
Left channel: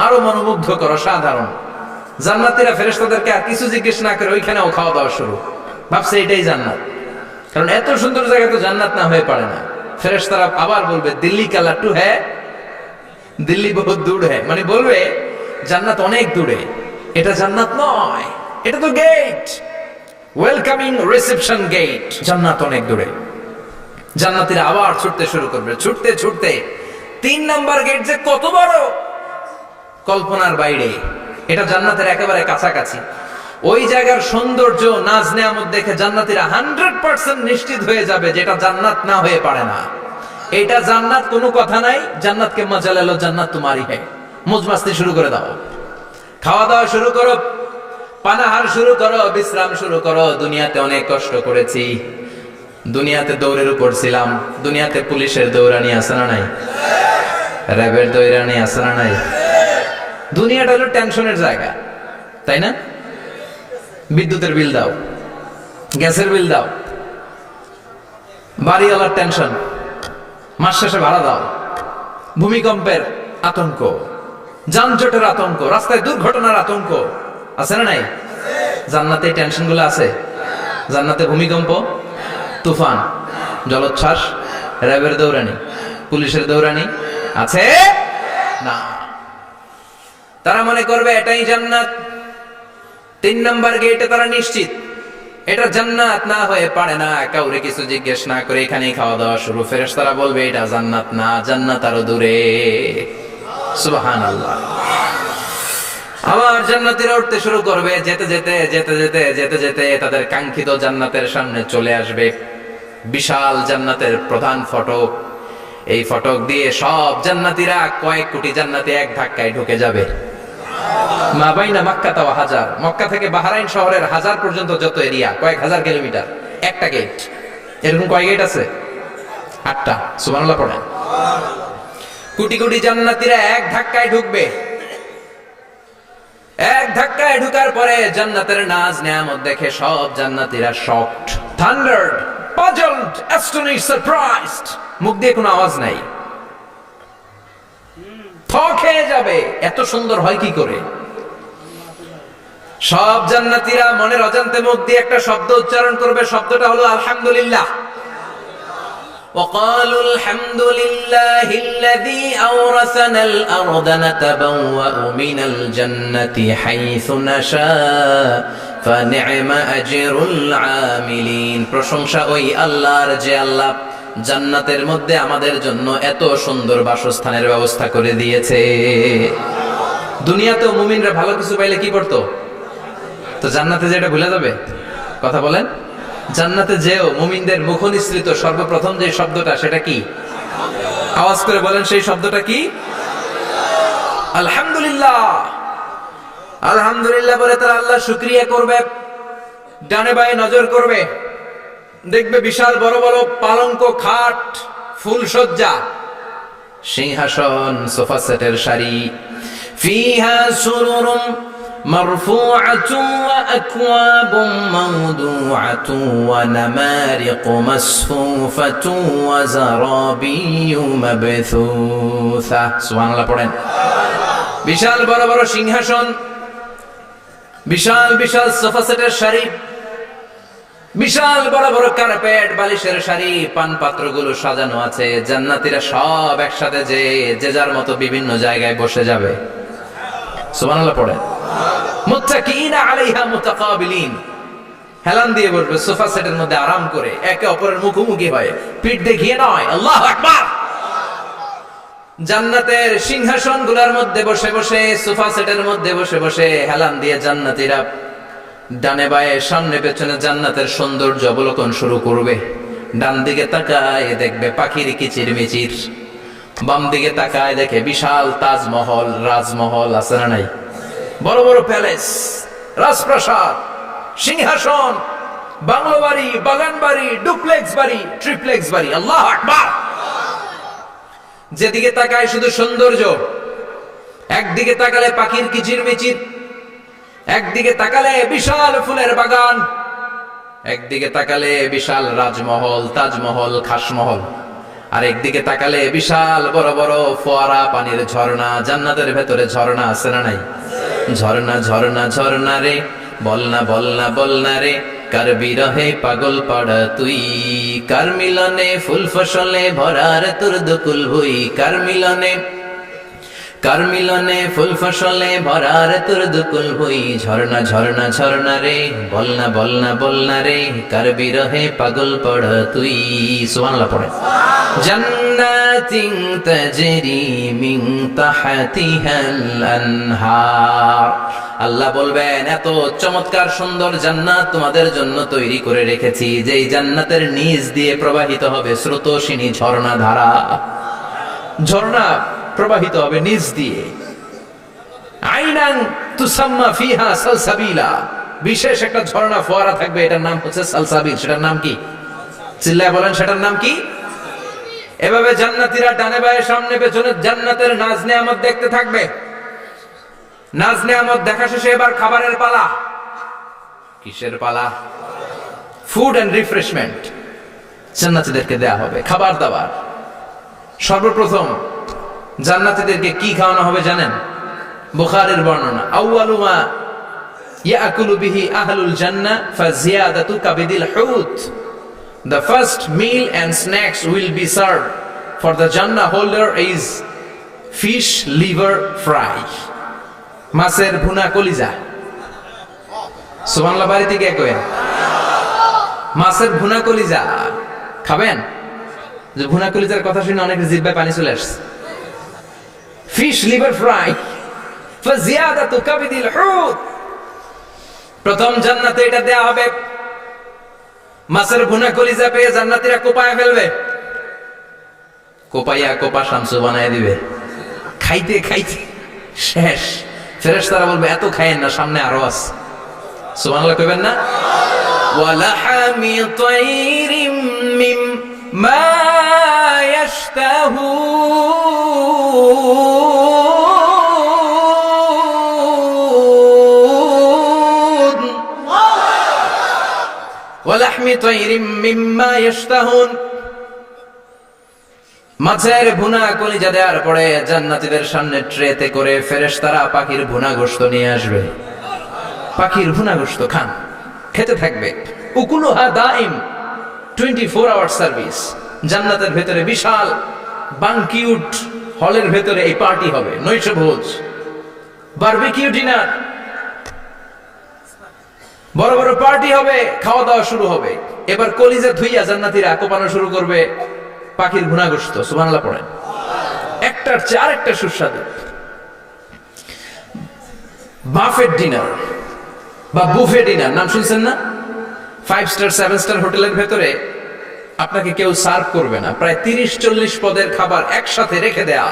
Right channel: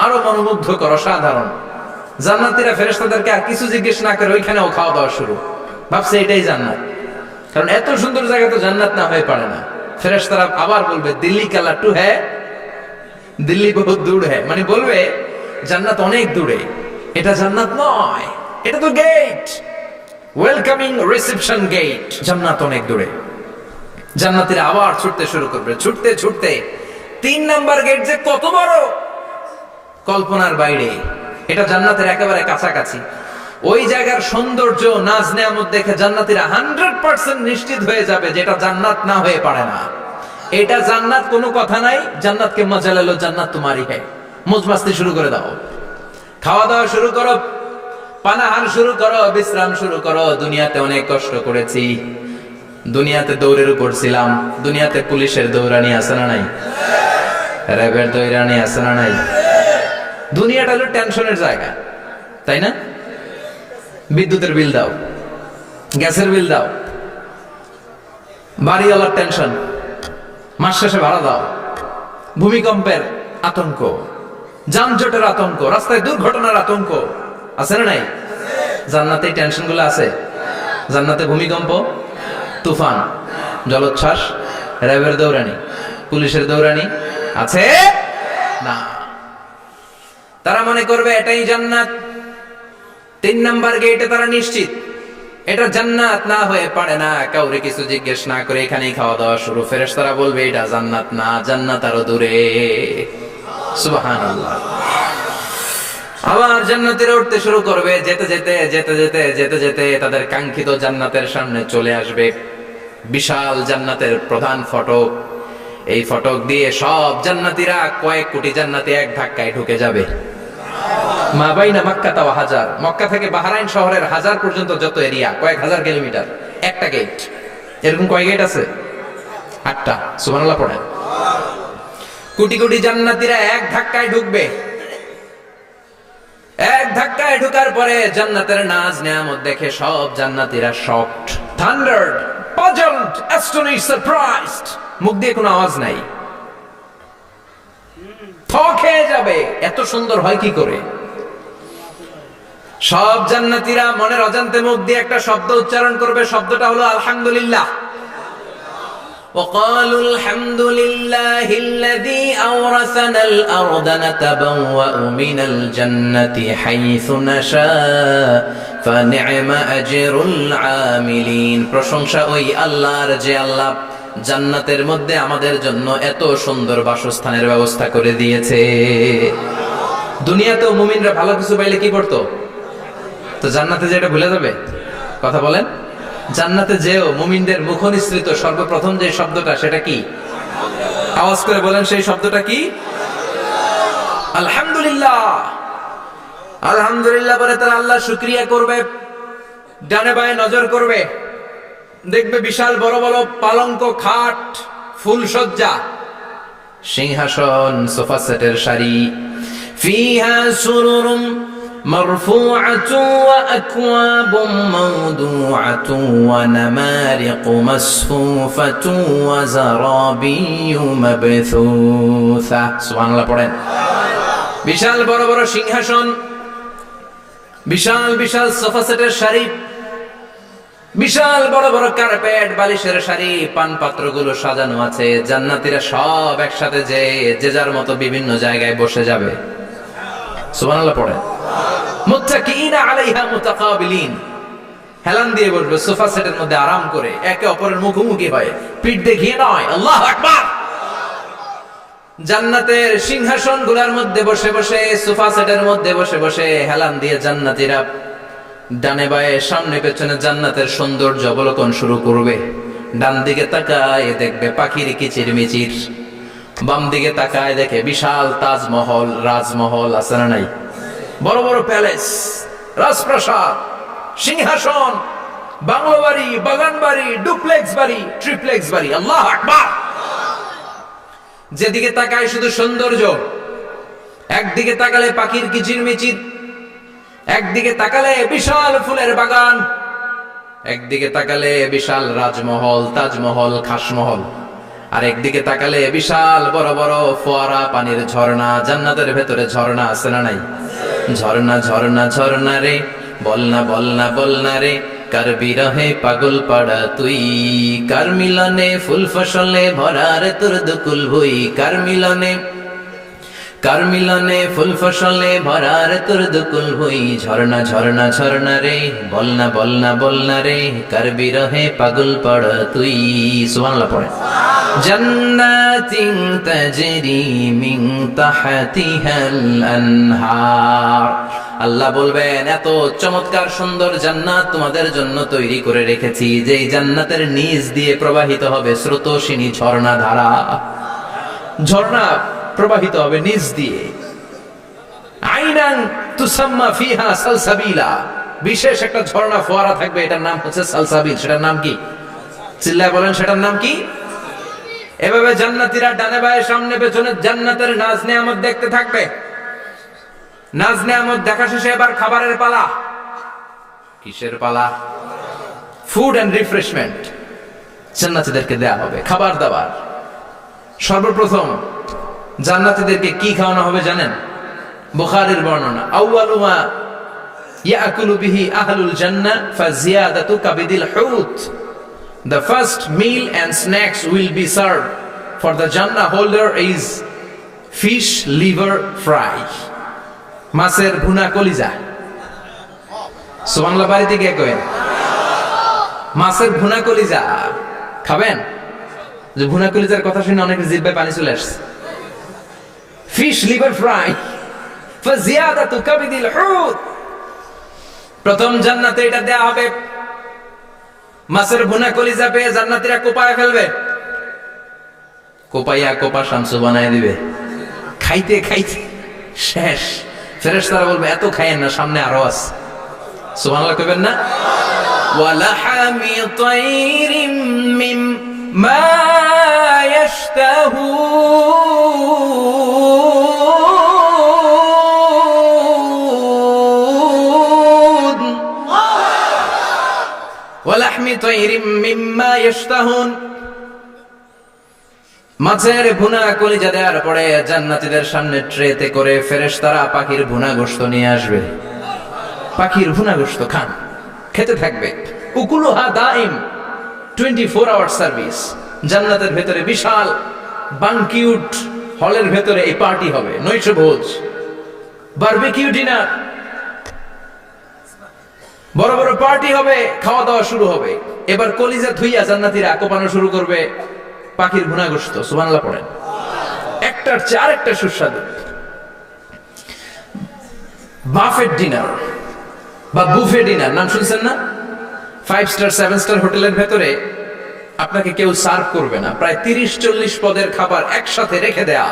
আরো মনোমুগ্ধকর, অসাধারণ। জান্নাতীরা ফেরেশতাদেরকে আর কিছু জিজ্ঞেস না করে ওইখানেও খাওয়া দাওয়া শুরু। ভাবছে এটাই জান্নাত, কারণ এত সুন্দর জায়গা তো জান্নাত না হয়ে পারে না। ফেরেশতারা আবার বলবে দিল্লি কা লাট্টু হ্যায়, দিল্লি বহুত দূর হ্যায়, মানে বলবে জান্নাত অনেক দূরে, এটা জান্নাত নয়, এটা তো গেট, ওয়েলকামিং রিসেপশন গেট, জান্নাত অনেক দূরে। জান্নাতীরা আবার ছুটতে শুরু করবে। ছুটতে ছুটতে 3 নাম্বার গেট যে কত বড়, কল্পনার বাইরে। এটা জান্নাতের একেবারে কাছাকাছি। ওই জায়গার সৌন্দর্য, নাজ নেয়ামত দেখে জান্নাতীরা 100% নিশ্চিত হয়ে যাবে যেটা জান্নাত না হয়ে পারে না। এটা জান্নাত, কোনো কথা নাই। জান্নাতকে মজা লেলো, জান্নাত তোমারই হ্যায়। মজমাস্তি শুরু করে দাও, খাওয়া দাওয়া শুরু করো, পানাহার শুরু করো, বিশ্রাম শুরু করো। দুনিয়াতে অনেক কষ্ট করেছি, দুনিয়াতে দৌড়ের উপর ছিলাম, দুনিয়াতে পুলিশের দৌড়ানি আছে না নাই, র্যাবের দৌড়ানি আছে না নাই। দুনিয়াটা হলো টেনশনের জায়গা, তাই না? বিদ্যুতের বিল দাও, গ্যাসের বিল দাও, বাড়িওয়ালার টেনশন, মাস শেষে ভাড়া দাও, ভূমিকম্পের আতঙ্ক, যানজটের আতঙ্ক, রাস্তায় দুর্ঘটনার আতঙ্ক আছে না নাই? জান্নাতে টেনশন গুলো আছে? জান্নাতে ভূমিকম্প, তুফান, জলোচ্ছ্বাস, র্যাবের দৌড়ানি, পুলিশের দৌড়ানি আছে না। তারা মনে করবে এটাই জান্নাত। 3 নাম্বার গেটে তারা নিশ্চিত এটা জান্নাত না হয়ে পারে না। কাউরে কিছু জিজ্ঞেস না করে এখানেই খাওয়া দাওয়া শুরু। ফেরেশতারা বলবে এটা জান্নাত না, জান্নাত আরো দূরে। সুবহানাল্লাহ। আবার জান্নাতীরা উঠতে শুরু করবে। যেতে যেতে যেতে যেতে যেতে যেতে তাদের কাঙ্ক্ষিত জান্নাতের সামনে চলে আসবে। বিশাল জান্নাতের প্রধান ফটক। এই ফটক দিয়ে সব জান্নাতীরা, কয়েক কোটি জান্নাতি এক ধাক্কায় ঢুকে যাবে। মা বাইনা মক্কা ওয়া হাজার, মক্কা থেকে বাহরাইন শহরের হাজার পর্যন্ত যত এরিয়া, কয়েক হাজার কিলোমিটার, একটা গেট। এরকম কয় গেট আছে? 8টা। সুবহানাল্লাহ পড়েন। কোটি কোটি জান্নাতীরা এক ধাক্কায় ঢুকবে। এক ধাক্কায় ঢুকার পরে জান্নাতের নাজ নেয়ামত দেখে সব জান্নাতীরা শকড, থান্ডার্ড, পাজলড, অ্যাস্টনিশড, সারপ্রাইজড। মুখ দিয়ে কোনো আওয়াজ নাই, থ খেয়ে যাবে। এত সুন্দর হয় কি করে? সব জান্নাতীরা মনের অজান্তে মুখ দিয়ে একটা শব্দ উচ্চারণ করবে। শব্দটা হলো আলহামদুলিল্লাহ। وقالوا الحمد لله الذي أورثنا الأرض نتبوأ من الجنة حيث نشاء فنعم أجر العاملين। প্রশংসা ওই আল্লাহর যে আল্লাহ জান্নাতের মধ্যে আমাদের জন্য এত সুন্দর বাসস্থানের ব্যবস্থা করে দিয়েছে। দুনিয়াতেও মুমিনরা ভালো কিছু পাইলে কি করতো? তো জান্নাতে যেটা ভুলে যাবে? কথা বলেন। জান্নাতে যেও মুমিনদের মুখ নিঃসৃত সর্বপ্রথম যে শব্দটা, সেটা কি? আওয়াজ করে বলেন, সেই শব্দটা কি? আলহামদুলিল্লাহ। আলহামদুলিল্লাহ বলে তারা আল্লাহ শুকরিয়া করবে। ডানে বায়ে নজর করবে, দেখবে বিশাল বড় বড় পালঙ্ক, খাট, ফুলসজ্জা, সিংহাসন, সোফা সেটের সারি। ফিহা সুরুরুম মারফুআতু ওয়া আকওয়াবুম মাওদুআতু ওয়া নামারিকু মাসফুফাতু ওয়া যারাবিয়্যু মাবথুসা। সুবহানাল্লাহ পড়েন। বিশাল বড় বড় সিংহাসন, বিশাল বিশাল সোফা সেটের সারি, বিশাল বড় বড় কার্পেট, বালিশের সারি, পান পাত্রগুলো সাজানো আছে। জান্নাতীরা সব একসাথে যে যার মতো বিভিন্ন জায়গায় বসে যাবে। সুবহানাল্লাহ পড়েন। মুত্তাকিইনা আলাইহা মুতাকাবিলিন, হেলান দিয়ে বসবে সোফা সেটের মধ্যে আরাম করে, একে অপরের মুখোমুখি হয়ে, পিঠ দেখিয়ে নয়। আল্লাহু আকবার। জান্নাতের সিংহাসনগুলোর মধ্যে বসে বসে, সোফা সেটের মধ্যে বসে বসে হেলান দিয়ে জান্নাতীরা ডানে বায়ে সামনে পেছনে জান্নাতের সৌন্দর্য অবলোকন শুরু করবে। ডান দিকে তাকায় দেখবে পাখির কিচির মিচির, বাম দিকে তাকায় দেখে বিশাল তাজমহল, রাজমহল আছে না নাই? বড় বড় প্যালেস, রাজপ্রাসাদ, সিংহাসন, বাংলো বাড়ি, বাগান বাড়ি, ডুপ্লেক্স বাড়ি, ট্রিপ্লেক্স বাড়ি। আল্লাহু আকবার। যেদিকে তাকায় শুধু সৌন্দর্য। একদিকে তাকালে পাখির কিচির মিচির, একদিকে তাকালে বিশাল ফুলের বাগান, একদিকে তাকালে বিশাল রাজমহল, তাজমহল, খাসমহল, আর একদিকে তাকালে বিশাল বড় বড় ফোয়ারা, পানির ঝর্ণা। জান্নাতের ভেতরে ঝর্ণা আছে না নাই? ঝর্ণা ঝর্ণা ঝর্ণা রে, বলনা বলনা বলনা রে, কার বিরহে পাগল পাড়া তুই, কার মিলনে ফুল ফসলে ভরার তোর দুকুল ভুই, কার মিলনে ফুল ফসলে ভরার তোর দুকুল ভুই। ঝর্ণা ঝর্ণা ঝর্ণা রে, বলনা বলনা বলনা রে, কার বিরহে পাগল পাড়া তুই। সুবহানাল্লাহ পড়ে। জান্নাতিন তাজরি মিন তাহতিহাল আনহার। আল্লাহ বলবেন, এত চমৎকার সুন্দর জান্নাত তোমাদের জন্য তৈরি করে রেখেছি, যেই জান্নাতের নিচ দিয়ে প্রবাহিত হবে স্রোতস্বিনী ঝর্ণা ধারা। ঝর্ণা প্রবাহিত হবে নিচ দিয়ে। আইনান তুসাম্মা ফিহা সালসাবিলা, বিশেষ একটা ঝর্ণা ফোয়ারা থাকবে, এটার নাম হচ্ছে সালসাবিল। সেটার নাম কি? চিল্লায় বলেন, সেটার নাম কি? এভাবে জান্নাতীরা ডানে বায়ে সামনে পেছনে জান্নাতের নাজ নেয়ামত দেখতে থাকবে। নাজ নেয়ামত দেখা শেষে এবার খাবারের পালা। কিসের পালা? ফুড এন্ড রিফ্রেশমেন্ট জান্নাতীদেরকে দেয়া হবে, খাবার দাবার। সর্বপ্রথম জান্নাতীদেরকে কি খাওয়ানো হবে জানেন? বুখারীর বর্ণনা, আউয়ালু মা ইয়াকুলু বিহি আহলুল জান্নাহ ফাজিয়াদাতু কাবিদিল হুত। The first meal and snacks will be served for the Jannah holder is fish liver fry, মাছের ভুনা কলিজা। সুবহানাল্লাহ, বাড়িতে গিয়ে কইেন। মাছের ভুনা কলিজা খাবেন? যে ভুনা কলিজার কথা শুনে অনেকের জিহ্বায় পানি চলে আসছে। ফিশ লিভার ফ্রাই ফাজিয়াদাতু কাবিদিল হুত, প্রথম জান্নাতে এটা দেয়া হবে। মাছের ভুনা কলিজা পেয়ে জান্নাতীরা কোপায় ফেলবে, কোপাইয়া কোপা শামসু বানায় দিবে। খাইতে খাইতে শেষ। ফেরেশতারা বলবে এত খায়েন না, সামনে আরো আছে। সুবহানাল্লাহ কইবেন না? ওয়ালাহামি তাইরিম মিম্মা ইয়াশতাহুন, ওয়ালাহমি তাইরিম মিম্মা ইয়াশতাহুন। মাছের ভুনা কলিজা দেওয়ার পরে জান্নাতীদের সামনে ট্রেতে করে ফেরেশতারা পাখির ভুনা গোশত নিয়ে আসবে। পাখির ভুনা গোশত খান, খেতে থাকবে। উকুলুহা দাইম, 24 আওয়ার সার্ভিস। জান্নাতের ভেতরে বিশাল বানকিউট হলের ভেতরে এই পার্টি হবে, নৈশভোজ, বারবিকিউ ডিনার, বড় বড় পার্টি হবে, খাওয়া দাওয়া শুরু হবে। এবার কলিজা ধুইয়া জান্নাতীরা কোপানো শুরু করবে পাখির ভুনা গোশত। সুবহানাল্লাহ পড়েন। একটার চেয়ে আরেকটা সুস্বাদু। বাফেট ডিনার বা বুফে ডিনার নাম শুনছেন না? 5 স্টার 7 স্টার হোটেলের ভেতরে আপনাকে কেউ সার্ভ করবে না, প্রায় 30-40 পদের খাবার একসাথে রেখে দেয়া,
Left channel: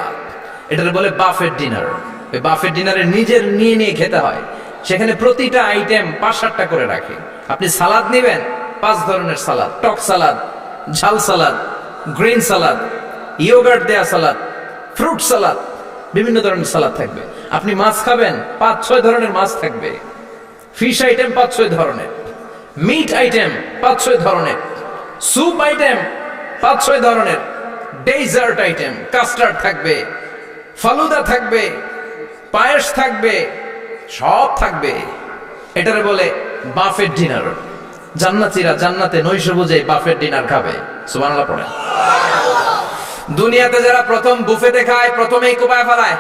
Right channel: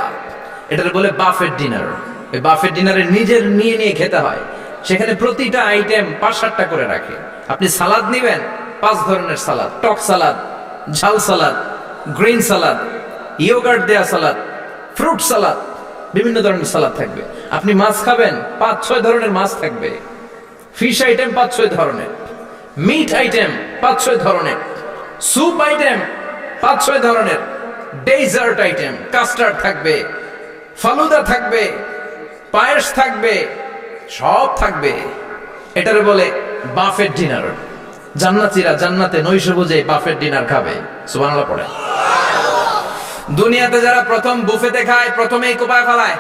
এটার বলে বাফেট ডিনার। এই বাফেট ডিনারে নিজের নিয়ে নিয়ে খেতে হয়। সেখানে প্রতিটা আইটেম 5-7টা করে রাখে। আপনি সালাদ নেবেন, 5 ধরনের সালাদ, টক সালাদ, ঝাল সালাদ, গ্রিন সালাদ, ইয়োগার্ট দেয়া সালাদ, ফ্রুট সালাদ, বিভিন্ন ধরনের সালাদ থাকবে। আপনি মাছ খাবেন, 5-6 ধরনের মাছ থাকবে। ফিশ আইটেম 5-6 ধরনের, মিট আইটেম 5-6 ধরনের, স্যুপ আইটেম 5-6 ধরনের, ডেজার্ট আইটেম, কাস্টার্ড থাকবে, ফালুদা থাকবে, পায়েস থাকবে, সব থাকবে। এটারে বলে বাফেট ডিনার। জান্নাতীরা জান্নাতে নৈশভোজে বাফেট ডিনার খাবে। সুবহানাল্লাহ পড়ে। দুনিয়াতে যারা প্রথম বুফেতে খায়, প্রথমেই কোপায় ফেলায়,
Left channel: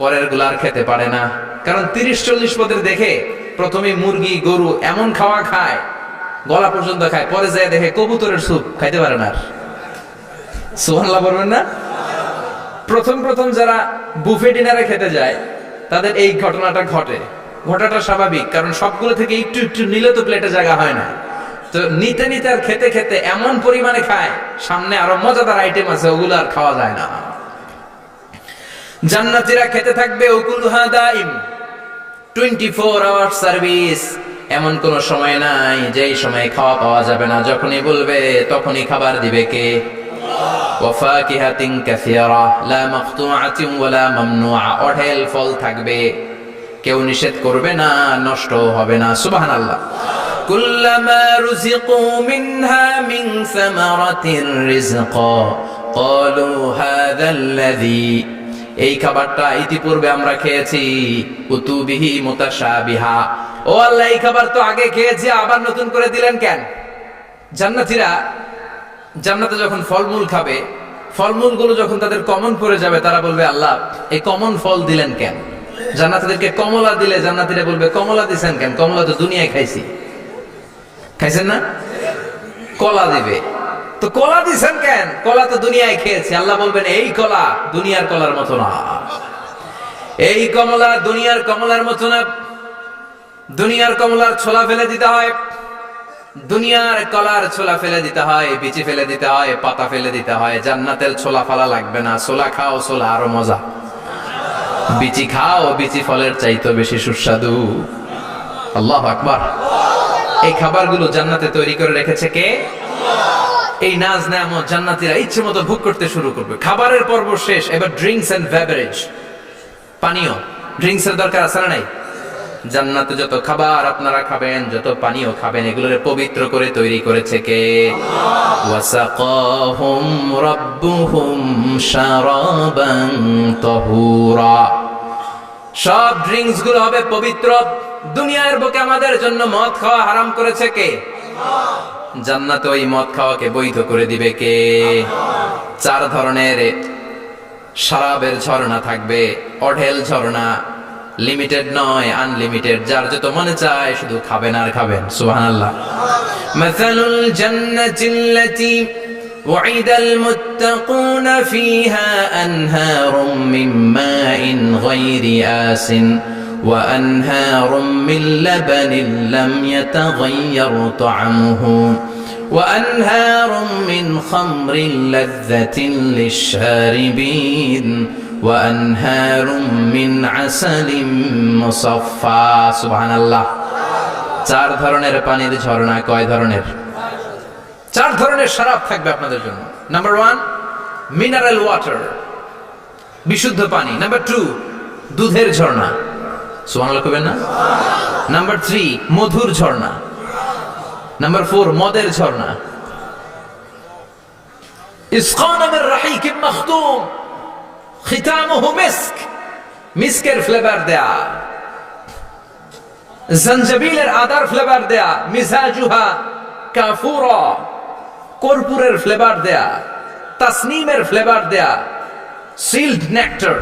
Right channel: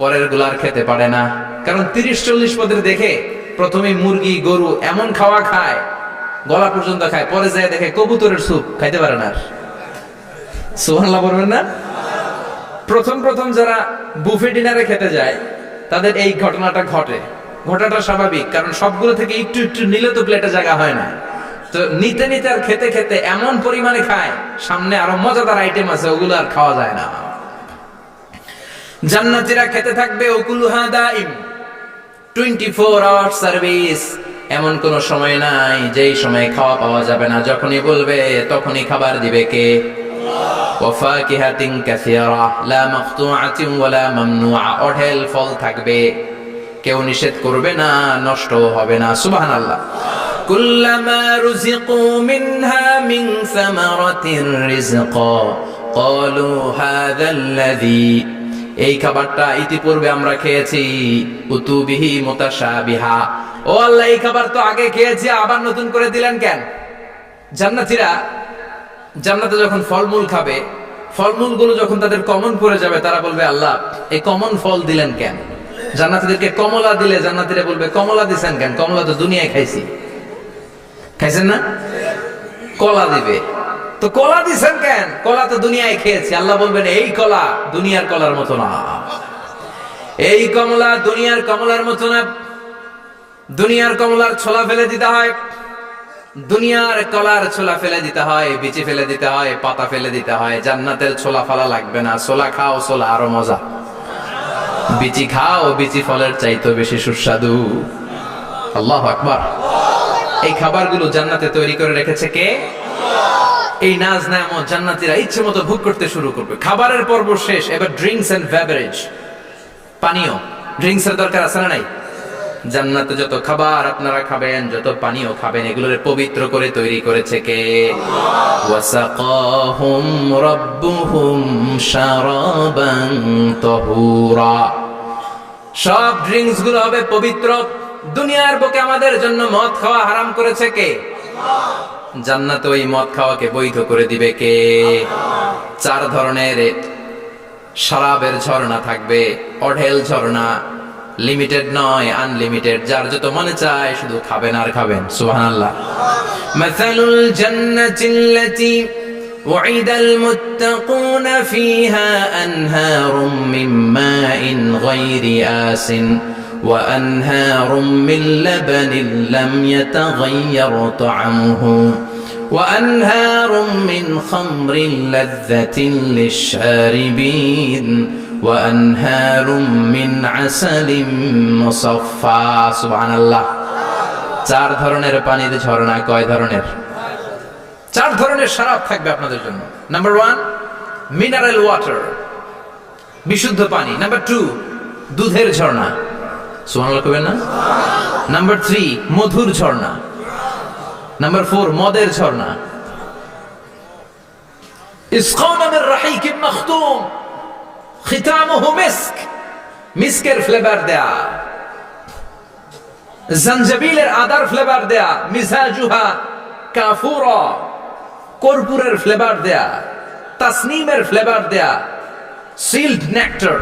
পরের গুলা আর খেতে পারে না। কারণ 30-40 পদের দেখে প্রথমেই মুরগি গরু এমন খাওয়া খায়, গলা পর্যন্ত খায়, পরে যায় দেখে কবুতরের স্যুপ খাইতে পারে না আর। সুবহানাল্লাহ বলবেন না? প্রথম প্রথম যারা বুফে ডিনারে খেতে যায় তাদের এই ঘটনাটা ঘটে। ঘটাটা স্বাভাবিক, কারণ সবগুলো থেকে একটু একটু নিলে তো প্লেটে জায়গা হয় না। তো নিতে নিতে আর খেতে খেতে এমন পরিমাণে খায়, সামনে আরো মজাদার আইটেম আছে, ওগুলো আর খাওয়া যায় না। জান্নাতীরা খেতে থাকবে উকুলুহা দাইম, 24 আওয়ার সার্ভিস। এমন কোন সময় নাই যেই সময় খাওয়া পাওয়া যাবে না। যখনই বলবে তখনই খাবার দিবে কে? ওয়াফাকিহাতিন কাসীরা লা মাকতুআতিন ওয়ালা মামনুআ, অঢেল ফল থাকবে, কেউ নিষেধ করবে না, নষ্ট হবে না। সুবহানাল্লাহ। কুল্লামা রুজিকু মিনহা মিন সামারাতির রিজকা ক্বালু হাযাল্লাযী, এই খাবারটা ইতিপূর্বে আমরা খেয়েছি, উতুবিহি মুতাশাবিহা, ও আল্লাহ এই খাবার তো আগে খেয়েছি, আবার নতুন করে দিলেন কেন? জান্নাতীরা জান্নাতে যখন ফলমূল খাবে, ফলমূলগুলো যখন তাদের কমন পড়ে যাবে, তারা বলবে আল্লাহ এই কমন ফল দিলেন কেন? জান্নাতীদেরকে কমলা দিলে জান্নাতীরা বলবে কমলা দিছেন কেন? কমলা তো দুনিয়ায় খাইছি। খাইছেন না? কলা দিবে, তো কলা দিছেন কেন? কলা তো দুনিয়ায় খেয়েছি। আল্লাহ বলবেন এই কলা দুনিয়ার কলার মতো না, এই কমলা দুনিয়ার কমলার মতো না। দুনিয়ার কমলার ছোলা ফেলে দিতে হয়, দুনিয়ার কলার ছোলা ফেলে দিতে হয়, বিচি ফেলে দিতে হয়, পাতা ফেলে দিতে হয়। জান্নাতের ছোলা ফালা লাগবে না, ছোলা খাও, ছোলা আরো মজা। বিচি খাও, বিচি ফলের চাইতে বেশি সুস্বাদু। আল্লাহু আকবার। এই খাবারগুলো জান্নাতে তৈরি করে রেখেছে কে? এই নাজ নেয়ামত জান্নাতীরা ইচ্ছে মতো ভোগ করতে শুরু করবে। খাবারের পর্ব শেষ, এবার ড্রিঙ্কস এন্ড বেভারেজ, পানীয়। ড্রিঙ্কস এর দরকার আছে না নাই? জান্নাতে যত খাবার আপনারা খাবেন, যত পানীয় খাবেন, এগুলোর পবিত্র করে তৈরি করেছে কে? ওয়াসাকাহুম রাব্বুহুম শারাবান তাহুরা। সব ড্রিঙ্কস গুলো হবে পবিত্র। দুনিয়ার বুকে আমাদের জন্য মদ খাওয়া হারাম করেছে কে? জান্নাতে ওই মদ খাওয়াকে বৈধ করে দিবে কে? 4 ধরনের শরাবের ঝর্ণা থাকবে, অঢেল ঝর্ণা, লিমিটেড নয়, আনলিমিটেড। যার যত মনে চায় শুধু খাবেন আর খাবেন। সুবহানাল্লাহ। মাসালুল জান্নাতিল্লাতী وعد المتقون فيها أنهار من ماء غير آسٍ وأنهار من لبن لم يتغير طعمه وأنهار من خمر لذة للشاربين وأنهار من عسل مصفى سبحان الله চার ধরনের পানির ঝর্ণা কয় ধরনের চার ধরনের শরাব থাকবে আপনাদের জন্য নাম্বার 1 মিনারেল ওয়াটার বিশুদ্ধ পানি নাম্বার 2 দুধের ঝর্ণা সুবহানাল্লাহ কইবেন না নাম্বার 3 মধুর ঝর্ণা নাম্বার 4 মদের ঝর্ণা ইসকাউনা মির রাহিকিম মাখতুম খিতামুহু মিস্ক মিস্কের ফ্লেভার দেয়া জঞ্জাবিলের আদার ফ্লেভার দেয়া মিজাজুহা কাফুরা কর্পূরের ফ্লেভার দেয়া তাসনিমের ফ্লেভার দেয়া সিল্ড নেক্টার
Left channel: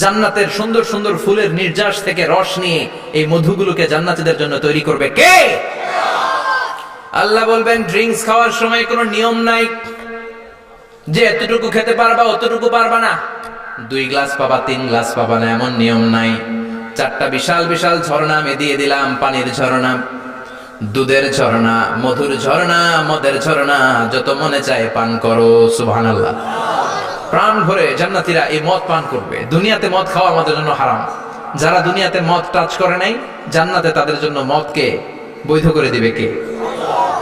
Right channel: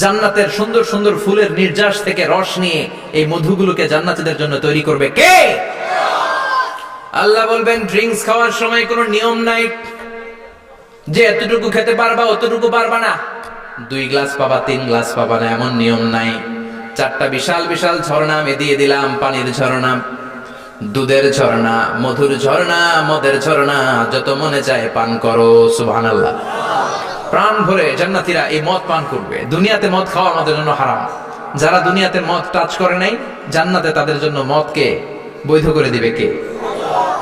জান্নাতের সুন্দর সুন্দর ফুলের নির্যাস থেকে রস নিয়ে এই মধুগুলোকে জান্নাতীদের জন্য তৈরি করবে কে আল্লাহ বলবেন ড্রিঙ্কস খাওয়ার সময় কোনো নিয়ম নাই যে এতটুকু খেতে পারবা অতটুকু পারবা না 2 গ্লাস পাবা 3 গ্লাস পাবা না এমন নিয়ম নাই চারটা বিশাল বিশাল ঝর্ণা আমি দিয়ে দিলাম পানির ঝর্ণা দুধের ঝর্ণা মধুর ঝর্ণা মদের ঝর্ণা যত মনে চায় পান করো সুবহানাল্লাহ প্রাণ ভরে জান্নাতীরা এই মদ পান করবে দুনিয়াতে মদ খাওয়া আমাদের জন্য হারাম যারা দুনিয়াতে মদ টাচ করে নাই জান্নাতে তাদের জন্য মদকে বৈধ করে দিবে কে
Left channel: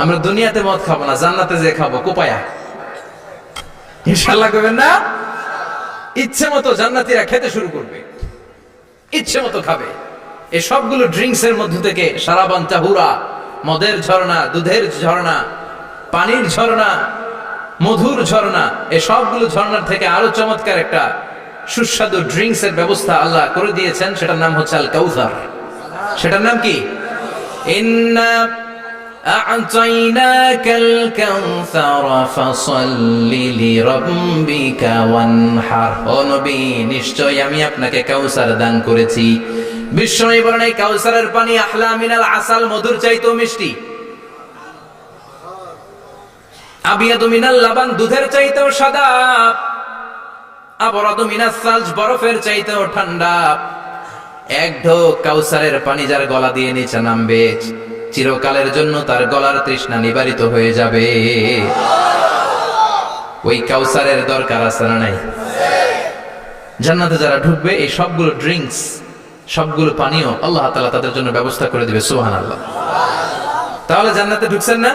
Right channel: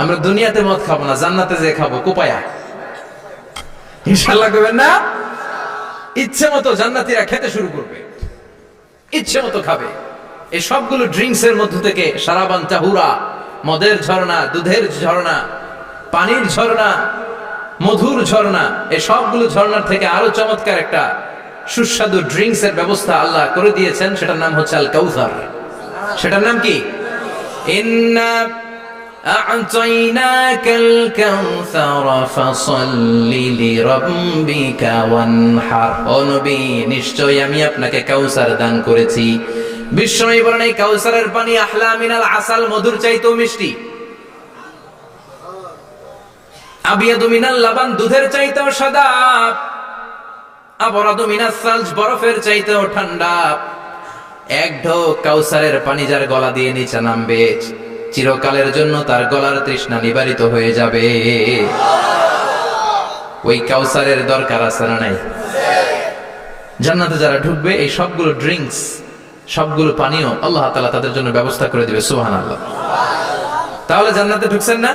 আমরা দুনিয়াতে মদ খাবো না জান্নাতে যে খাবো কোপায়া ইনশাআল্লাহ কইবেন না ইচ্ছে মতো জান্নাতীরা খেতে শুরু করবে ইচ্ছে মতো খাবে এই সবগুলো ড্রিঙ্কস এর মধ্য থেকে শারাবান তাহুরা মদের ঝর্ণা দুধের ঝর্ণা পানির ঝর্ণা মধুর ঝর্ণা এই সবগুলো ঝর্ণার থেকে আরো চমৎকার একটা সুস্বাদু ড্রিঙ্কস এর ব্যবস্থা আল্লাহ করে দিয়েছেন সেটার নাম হচ্ছে আল কাউসার সেটার নাম কি ইন্না আ'তাইনাকাল কাউসার ফাসাল্লি লিরাব্বিকা ওয়ানহার ও নবী নিশ্চয়ই আমি আপনাকে কাউসার দান করেছি বিশ্বনবী বলেন এই কাউসারের পানি আহলা মিনাল আসাল মধুর চাইতেও মিষ্টি আবিয়াদু মিনাল লাবান দুধের চাইতেও সাদা আবরাদু মিনাস সালজ বরফের চাইতেও ঠান্ডা এক ঢোক কাউসারের পানি যার গলা দিয়ে নিচে নামবে চিরকালের জন্য তার গলার তৃষ্ণা নিবারিত হয়ে যাবে ওই কাউসারের দরকার আছে না নাই জান্নাতে যারা ঢুকবে এই সবগুলো ড্রিঙ্কস সবগুলো পানীয় আল্লাহ তাআলা তাদের জন্য ব্যবস্থা করে দিবে সুবহানাল্লাহ তাহলে জান্নাতে ঢুকছেন না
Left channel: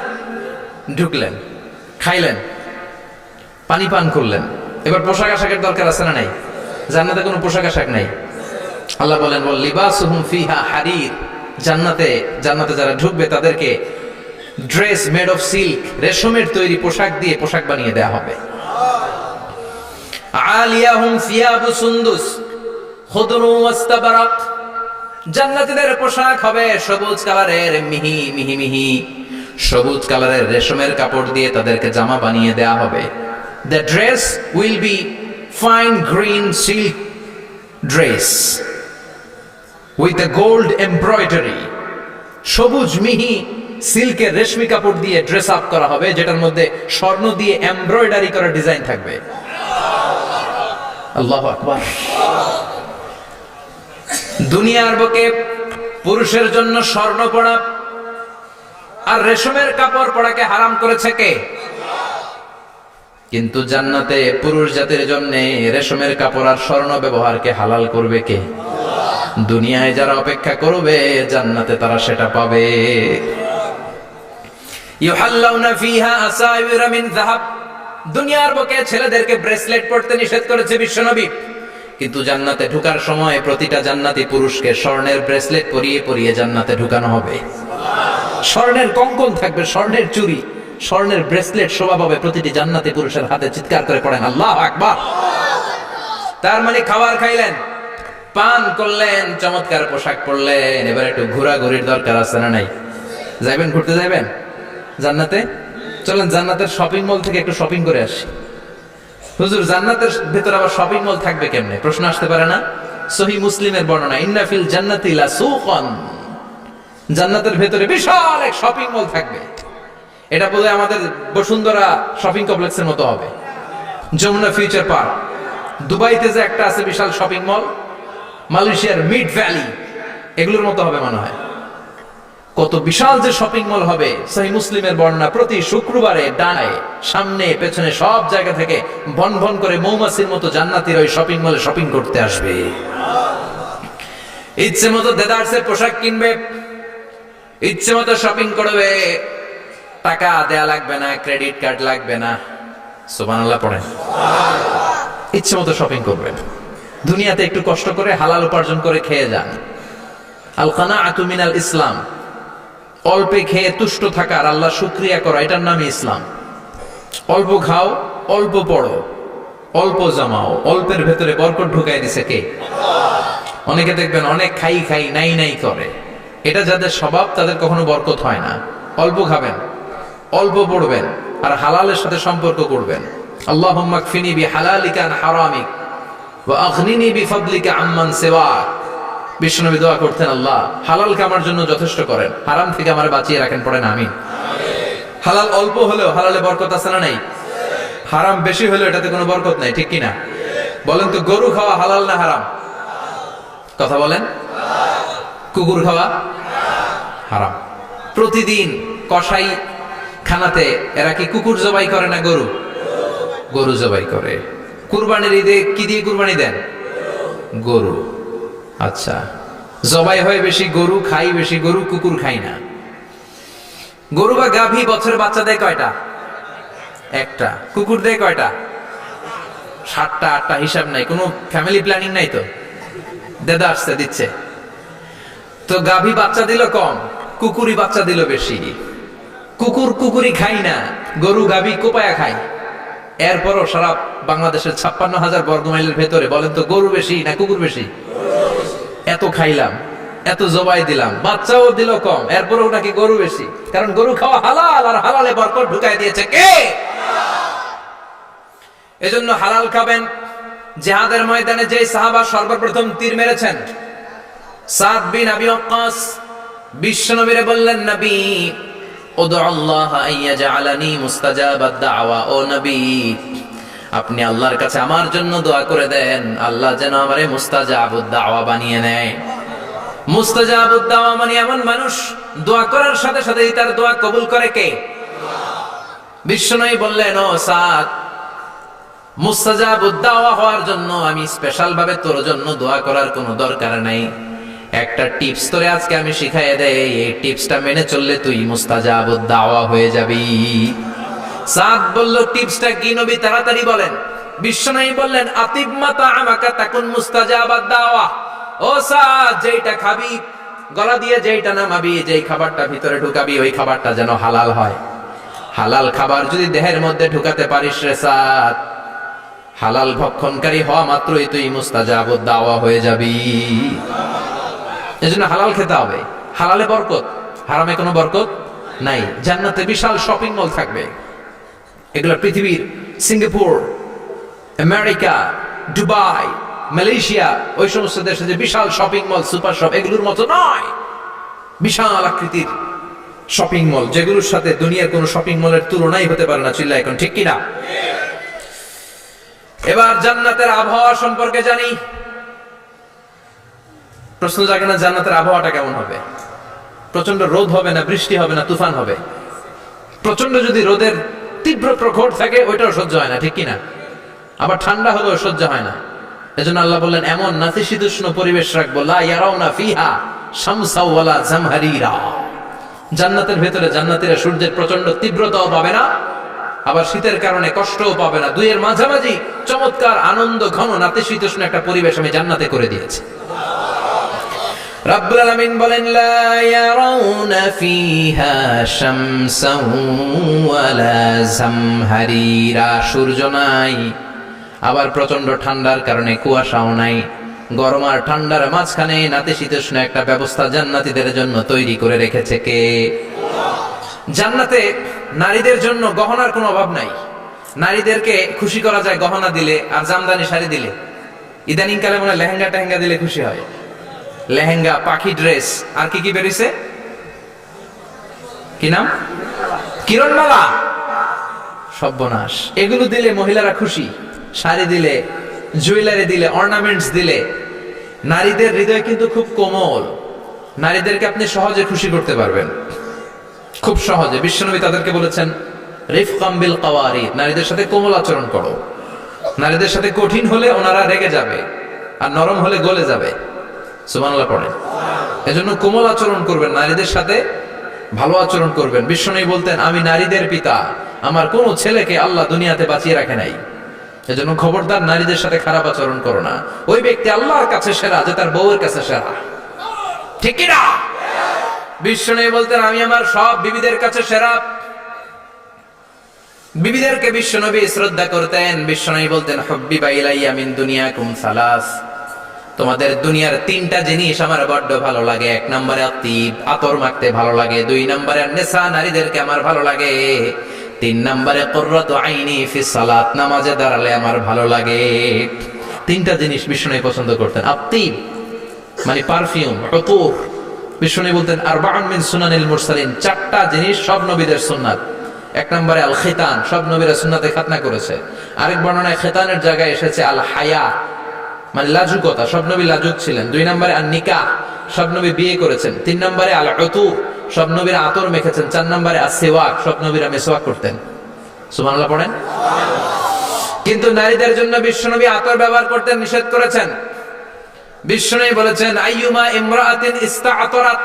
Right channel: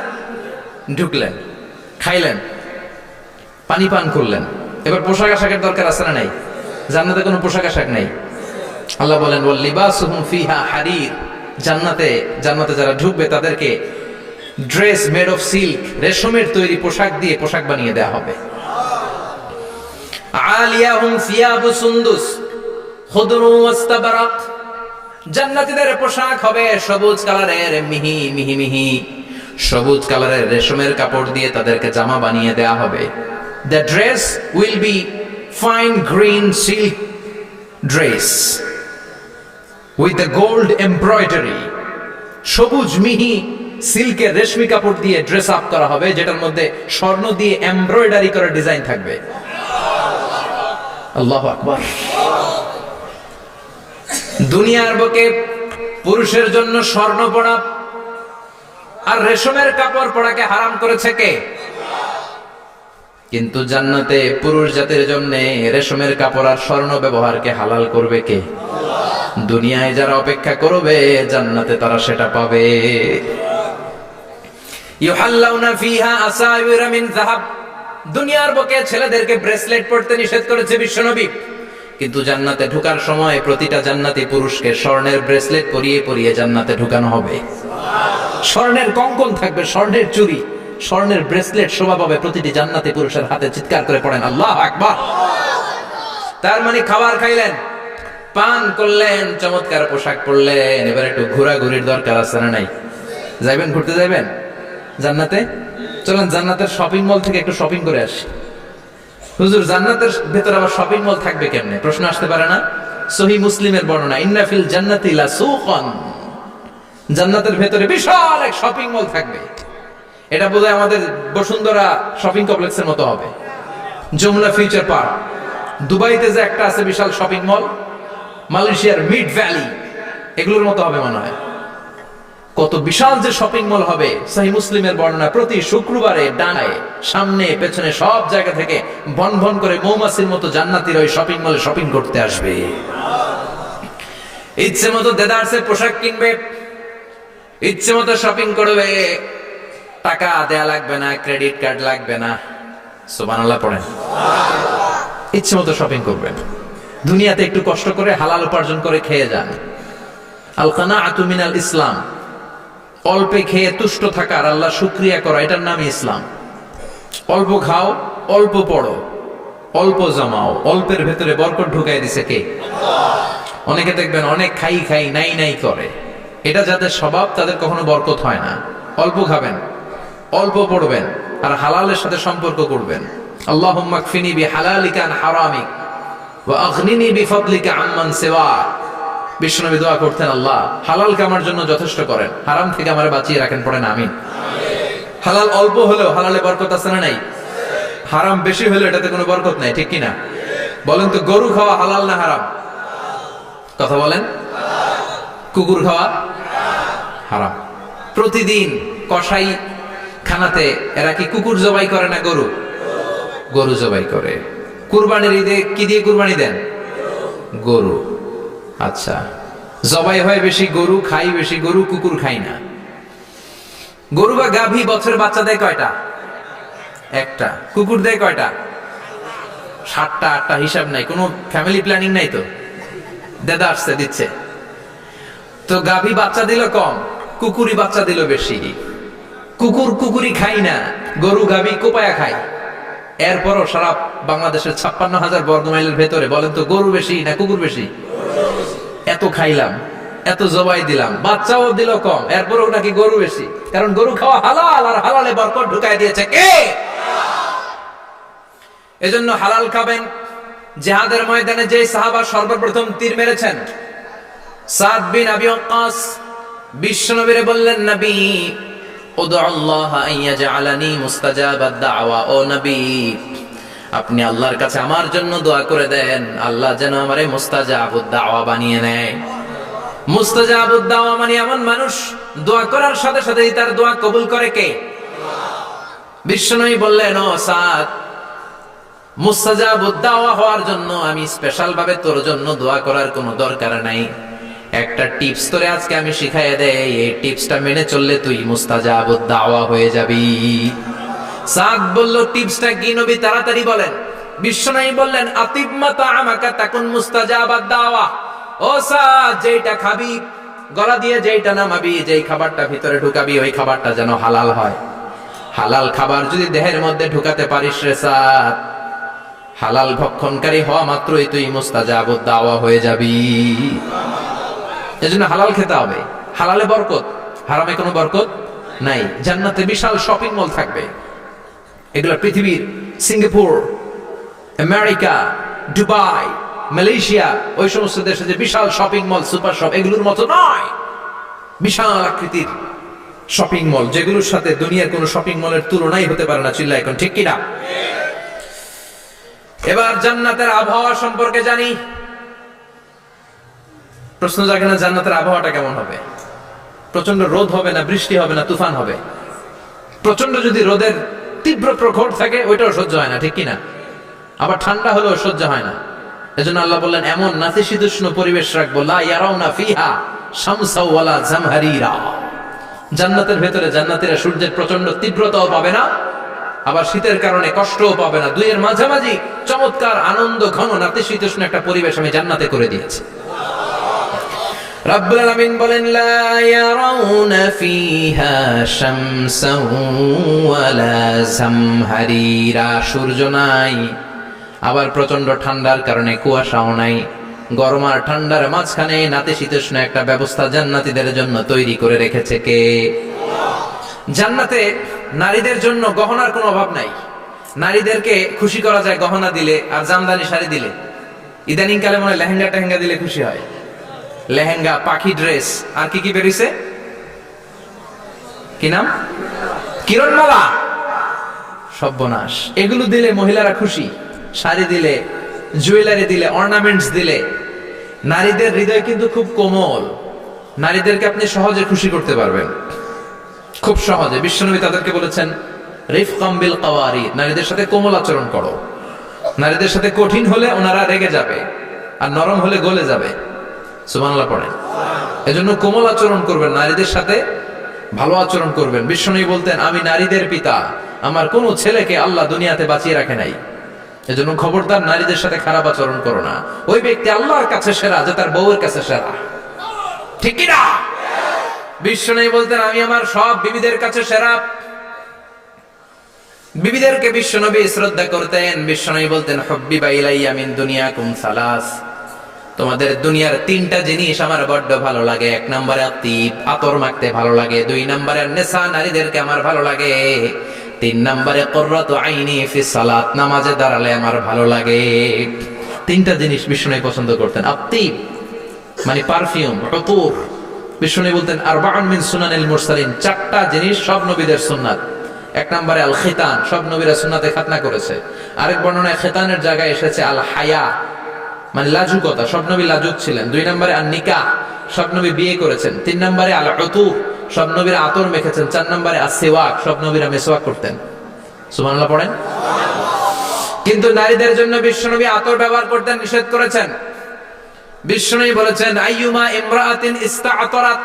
ঢুকলেন খাইলেন পানি পান করলেন এবার পোশাক আশাকের দরকার আছে না নাই জান্নাতে কোনো পোশাক আশাক নাই আল্লাহ বলেন ওয়াল লিবাসুহুম ফিহা হারির জান্নাতে যারা ঢুকবে তাদেরকে ড্রেস মেড অফ সিল্ক রেশমের তৈরি পোশাক দিয়ে পোশাক বানিয়ে দেয়া হবে আলিয়াহুম সিয়াবু সুন্দুস খুদরু ওয়াস্তাবরাক জান্নাতীদের পোশাক হবে সবুজ কালারের মিহি মিহি মিহি সবুজ কালারের রেশমের কাপড় দিয়ে তাদেরকে জামা বানিয়ে দেয়া হবে the dress will be fine green silk dress with the gold embroidery সবুজ মিহি সিল্কের রেশমি কাপড় দিয়ে ড্রেস আপ করা হবে যেটার মধ্যে স্বর্ণ দিয়ে এমব্রয়ডারি করা ডিজাইন থাকবে আল্লাহু আকবার দুনিয়ার বুকে পুরুষের জন্য স্বর্ণ পরা আর রেশমের কাপড় পরাকে হারাম করেছে কে কিন্তু জান্নাতে পুরুষ জাতির জন্য রেশমের কাপড় আর স্বর্ণ ব্যবহারকে হালাল করবে কে দুনিয়ায় যারা অপেক্ষা করবে জান্নাতে তারা সেটা পাবে ইউহাল্লাউনা ফিহা আসাওয়িরা মিন যাহাব দুনিয়ার বুকে ছেলেদেরকে ব্রেসলেট পরতে নিষেধ করেছে বিশ্বনবী কিন্তু জান্নাতে ঢোকার সময় প্রতিটা জান্নাতি পুরুষকে স্বর্ণের ব্রেসলেট পরিয়ে পরিয়ে জান্নাতে ঢুকানো হবে স্বর্ণের কঙ্কন থাকবে স্বর্ণের চুড়ি স্বর্ণের ব্রেসলেট শোভা পাবে প্রতিটি জান্নাতি পুরুষের হাতে চিৎকার করে পড়েন আল্লাহু আকবার তার মানে খাবার খাইলেন পান করলেন চমৎকার পোশাক পরলেন এবার একটু ঘোরাঘুরির দরকার আছে না নাই যাইবেন ঘুরতে যাইবেন জান্নাতে চলেন জান্নাতের শপিং মল থেকে একটু শপিং করে আসি হুজুর জান্নাতের ভেতর আবার শপিং মল থাকবে কেমনে প্রশ্ন আসতে পারে না সহিহ মুসলিমের বর্ণনা ইন্না ফিল জান্নাতি লাসুকান জান্নাতের ভেতরে বিশাল এক শপিং মল থাকবে এটা বোধহয় আমাদের বসুন্ধরা শপিং কমপ্লেক্সের মতো হবে, যমুনা ফিউচার পার্ক। দুবাইতে যে একটা আছে বিশাল শপিং মল, মালয়েশিয়ার মিড ভ্যালি, এগুলোর মতো হবে মনে হয়। কত বিশাল যে শপিং মল হবে। সহিহ মুসলিমের বর্ণনা, প্রতি শুক্রবারে ডানায় সামনে পেছনে সব জায়গা থেকে ভন ভন করে মৌমাছির মতো জান্নাতীরা ওই শপিং মলে শপিং করতে আসবে। ইচ্ছে মতো দেদারসে পোশাক কিনবে, ইচ্ছে মতো শপিং করবে, টাকা দেয়া লাগবে না, ক্রেডিট কার্ড লাগবে না। সুবহানাল্লাহ পড়েন। ইচ্ছে মতো শপিং করবেন। দুনিয়াতে একটু কষ্ট করে হালাল উপার্জন করে খেয়ে যান। আল কানাআতু মিনাল ইসলাম, অল্পে খেয়ে তুষ্ট থাকা আর আল্লাহ শুকরিয়া করা, এটার নামই ইসলাম। অল্প খাও, অল্প পড়ো, অল্প জমাও, অল্পের ভেতরে বরকত ঢুকাই দিছে কে? অনেকে দেখবেন অনেক খাই খাই নাই নাই করে, এটা যাদের স্বভাব তাদের কখনো বরকত হয় না। অল্প খাবেন, অল্প পড়বেন, আর হালালের সাথে সম্পর্ক করবেন। আল্লাহুম্মা কফিনি বিহালালিকা আন হারামিক ওয়া আগনিনি বিফাদলিকা আম্মান সিওয়াক। বিশ্বনবী দোয়া করতেন, আল্লাহ হালালকে আমার জন্য যথেষ্ট করেন, হারাম থেকে আমারে বাঁচিয়ে রাখেন। পড়েন আমিন। হালাল অল্প হলেও হালালে বরকত আছে না নাই? হারাম বেশি হলেও এটাতে কোনো বরকত নাই, ঠিক কিনা? বলেন তো, গরু খাওয়া হালাল না হারাম? কথা বলেন। কুকুর খাওয়া হারাম। প্রতিদিন কসাই খানাতে এরা কি কুকুর জবাই করে না গরু? গরু জবাই করে। কুরবানির ঈদে কি দিয়ে কুরবানি দেন? গরু। আচ্ছা, জবাই হয় বেশি গরু, খাই বেশি গরু, কুকুর খাই না। গরু বা গাভী বছরে বাচ্চা দেয় কয়টা? একটা। কুকুর দেয় কয়টা? 7টা 8টা, হিসাব নাই, কোনো ফ্যামিলি প্ল্যানিং নাই তো, দেদা আসছে দিচ্ছে। তো গাভী বাচ্চা দিল কম, কুকুরি বাচ্চা দিল বেশি। কুকুরি খাই না, গরু গাভী কোপায়া খায়। এরপরও সারা বাংলাদেশের 56,000 বর্গমাইলের ভেতরে বলেন তো, গরু বেশি না কুকুর বেশি? এত খাইলাম, এত জবাই দিলাম, বাচ্চাও দিল কম, এরপরও নাকি গরু বেশি। কারণ গরু খাওয়া হালাল, আর হালালে বরকত ঢুকাই দিয়েছে কে? এজন্য হালাল খাবেন। জিহাদের ময়দানে যে সাহাবা সর্বপ্রথম তীর মেরেছেন, সাদ বিন আবি ওয়াক্কাস, বিশ্বনবীরে বললেন, নবী উদু আল্লাহ আইয়াজআলানি মুস্তাজাবাদ দাওয়া। ও নবী, আপনি আল্লাহর কাছে আমার জন্য দোয়া করে দেন, আল্লাহ যেন আমারে মুস্তাজাবুদ দাওয়া বানিয়ে নেয়। মুস্তাজাবুদ দাওয়া মানে এমন মানুষ দোয়া করার সাথে সাথেই তার দোয়া কবুল করে কে? বিশ্বনবী বললেন, ও সাদ, মুস্তাজাবুদ দাওয়া হওয়ার জন্য আমি স্পেশাল ভাবে তোর জন্য দোয়া করার কোনো দরকার নাই। একটা টিপস তোরে আজকে আমি শিখাইয়ে দেই, এই টিপসটা মেনে চললে তুই মুস্তাজাবুদ দাওয়া হয়ে যাবি। সাদ বলল, টিপসটা কি নবী? তাড়াতাড়ি বলেন। বিশ্বনবী বললেন, আতিব মা তাআমাকা তাকুন মুস্তাজাবাদ দাওয়া। ও সাদ, যেইটা খাবি, গলা দিয়ে যেইটা নামাবি, যেই খাবারটা ভিতরে ঢুকাবি, ওই খাবারটা যেন হালাল হয়। হালাল খাবার যদি দেহের মধ্যে ঢুকাতে পারিস রে সাদ, হালাল ভক্ষণকারী হওয়া মাত্রই তুই মুস্তাজাবুদ দাওয়া হয়ে যাবি। এজন্য হালাল খেতে হবে। হালালে বরকত, হারামে কোনো বরকত নাই। জান্নাতে বিশাল শপিং মল থাকবে। এগুলো পৃথিবীর সিঙ্গাপুর, আমেরিকা, দুবাই, মালয়েশিয়া, ওই সমস্ত দেশে যে বিশাল শপিং মল, সুপার শপ, এগুলোর মতো নয়। বিশাল আকৃতির শপিং মল, যেগুলোর সাথে দুনিয়ার কোনো শপিং মলের তুলনাই হতে পারে না। চিল্লা এখন ঠিক কিনা? এবার জান্নাতের আবহাওয়া সম্পর্কে জানি। প্রশ্ন জাগে না, জান্নাতের আবহাওয়াটা কেমন হবে? প্রচন্ড রোদ হবে না, বৃষ্টি হবে না, তুফান হবে? প্রচন্ড যদি রোদের তীব্র প্রখর থাকে, ওইটাও সহ্য হয় না, ঠিক কিনা? আবার ঠান্ডা হলেও সহ্য হয় না। এজন্য আল্লাহ বললেন, এমন নাতিশীতোষ্ণ পরিবেশ রাখবো, লা ইয়ারাউনা ফিহা শামসা ওয়ালা জামহারিরা। জান্নাতের ভেতরে জান্নাতীরা সূর্যের প্রচন্ড তীব্রতাও পাবে না, আবার শীতের কারণে কষ্টও পাবে না। দুইয়ের মাঝামাঝি চমৎকার আনন্দ ঘন নাতিশীতোষ্ণ একটা পরিবেশ আমি জান্নাতে করে দিয়েছি। রাব্বুল আলামিন বলেন, লা ইয়ারাউনা ফিহা শামসা ওয়ালা জামহারিরা। সূর্য নাই, আবার প্রচন্ড ঠান্ডার কারণে কুয়াশাও নাই। গরম আর ঠান্ডার মাঝখানে নাতিশীতোষ্ণ একটা ব্যবস্থা জান্নাতীদের জন্য তৈরি করে রেখেছে কে? জান্নাতে নারীদের জন্য গহনার কোনো অভাব নাই। নারীদেরকে খুশি করা যায় গহনা দিলে আর জামদানি শাড়ি দিলে। ইদানিং কালে মনে হয় লেহেঙ্গা টেহেঙ্গা দিলে খুশি হয়। লেহেঙ্গা, পাখি ড্রেস, আর কি কি বেরিয়েছে, কি নাম? কিরণমালা, সর্বনাশ। এগুলো দিলে মহিলারা খুশি, শাড়ি দিলে, জুয়েলারি দিলে, অর্নামেন্টস দিলে। নারীদের হৃদয় কিন্তু খুব কোমল, নারীদেরকে আপনি সহজে খুশি করতে পারবেন, খুব সহজে। বিশ্বনবী তাদেরকে বলেছেন রিফকাম বিল কাওয়ারিদ, নারীদের সাথে কোমল আচরণ করো। নারীদের সাথে কঠিন হলে ওনারা রেগে যাবে, আর নরম হলে গলে যাবে। সুবহানাল্লাহ পড়ে। এজন্য কোমল আচরণ করবেন, নারীদের সাথে ভালো আচরণ করবেন। বিশ্বনবী বলতেন আমি নারীদের পিতা, আমার কোনো ছেলেকে আল্লাহ দুনিয়াতে বাঁচিয়ে রাখে নাই। এজন্য খবরদার নারীদের সাথে খারাপ আচরণ করো না। ওই ব্যক্তি আল্লাহর কাছে সেরা যে তার বউয়ের কাছে সেরা, ঠিক কি না? বিশ্বনবী বলতেন আমি আমার সব বিবিদের কাছে সেরা। বিবিদেরকে বিশ্বনবী শ্রদ্ধা করতেন। বিশ্বনবী বলতেন হুব্বিবা ইলাইয়া মিন দুনিয়াকুম সালাস, তোমাদের দুনিয়ার তিনটা জিনিস আমার বড্ড ভালো লাগে। এক নম্বরে আতিব, আতর মাখতে ভালো লাগে। দুই নম্বরে নেশা, নারীদেরকে আমার ভালো লাগে। তিন নম্বরে কুররাতু আইনি ফিস সালাত, নামাজে দাঁড়ালে আমার ভালো লাগে। তিনটা জিনিস বিশ্বনবী পছন্দ করতেন। আতিব মানে পারফিউম, উতুর। বিশ্বনবী বলতেন আরবাউন মিন সুনানিল মুরসালিন, চারটা জিনিস সব নবীদের সুন্নাত। এক নম্বরে আল খিতান, সব নবীরা সুন্নাতে খাতনা করেছে। আরেক বর্ণনায় খিতানের জায়গায় এসেছে আল হায়া, মানে লাজুকতা, সব নবী লাজুক ছিলেন। দুই নম্বরে আল নিকাহ, সব নবী বিয়ে করেছেন। তিন নম্বরে আল উতুর, সব নবীরা আতর মেখেছেন। চার নম্বরে আসওয়াক, সব নবীরা মেসওয়াক করতেন। সুবহানাল্লাহ পড়েন। কিন্তু নারীদের জন্য বিশ্বনবী আতর ব্যবহার করতে নিষেধ করেছেন। বিশ্বনবী বলেছেন আইয়ুমা ইমরাআতিন ইস্তাআতরাত,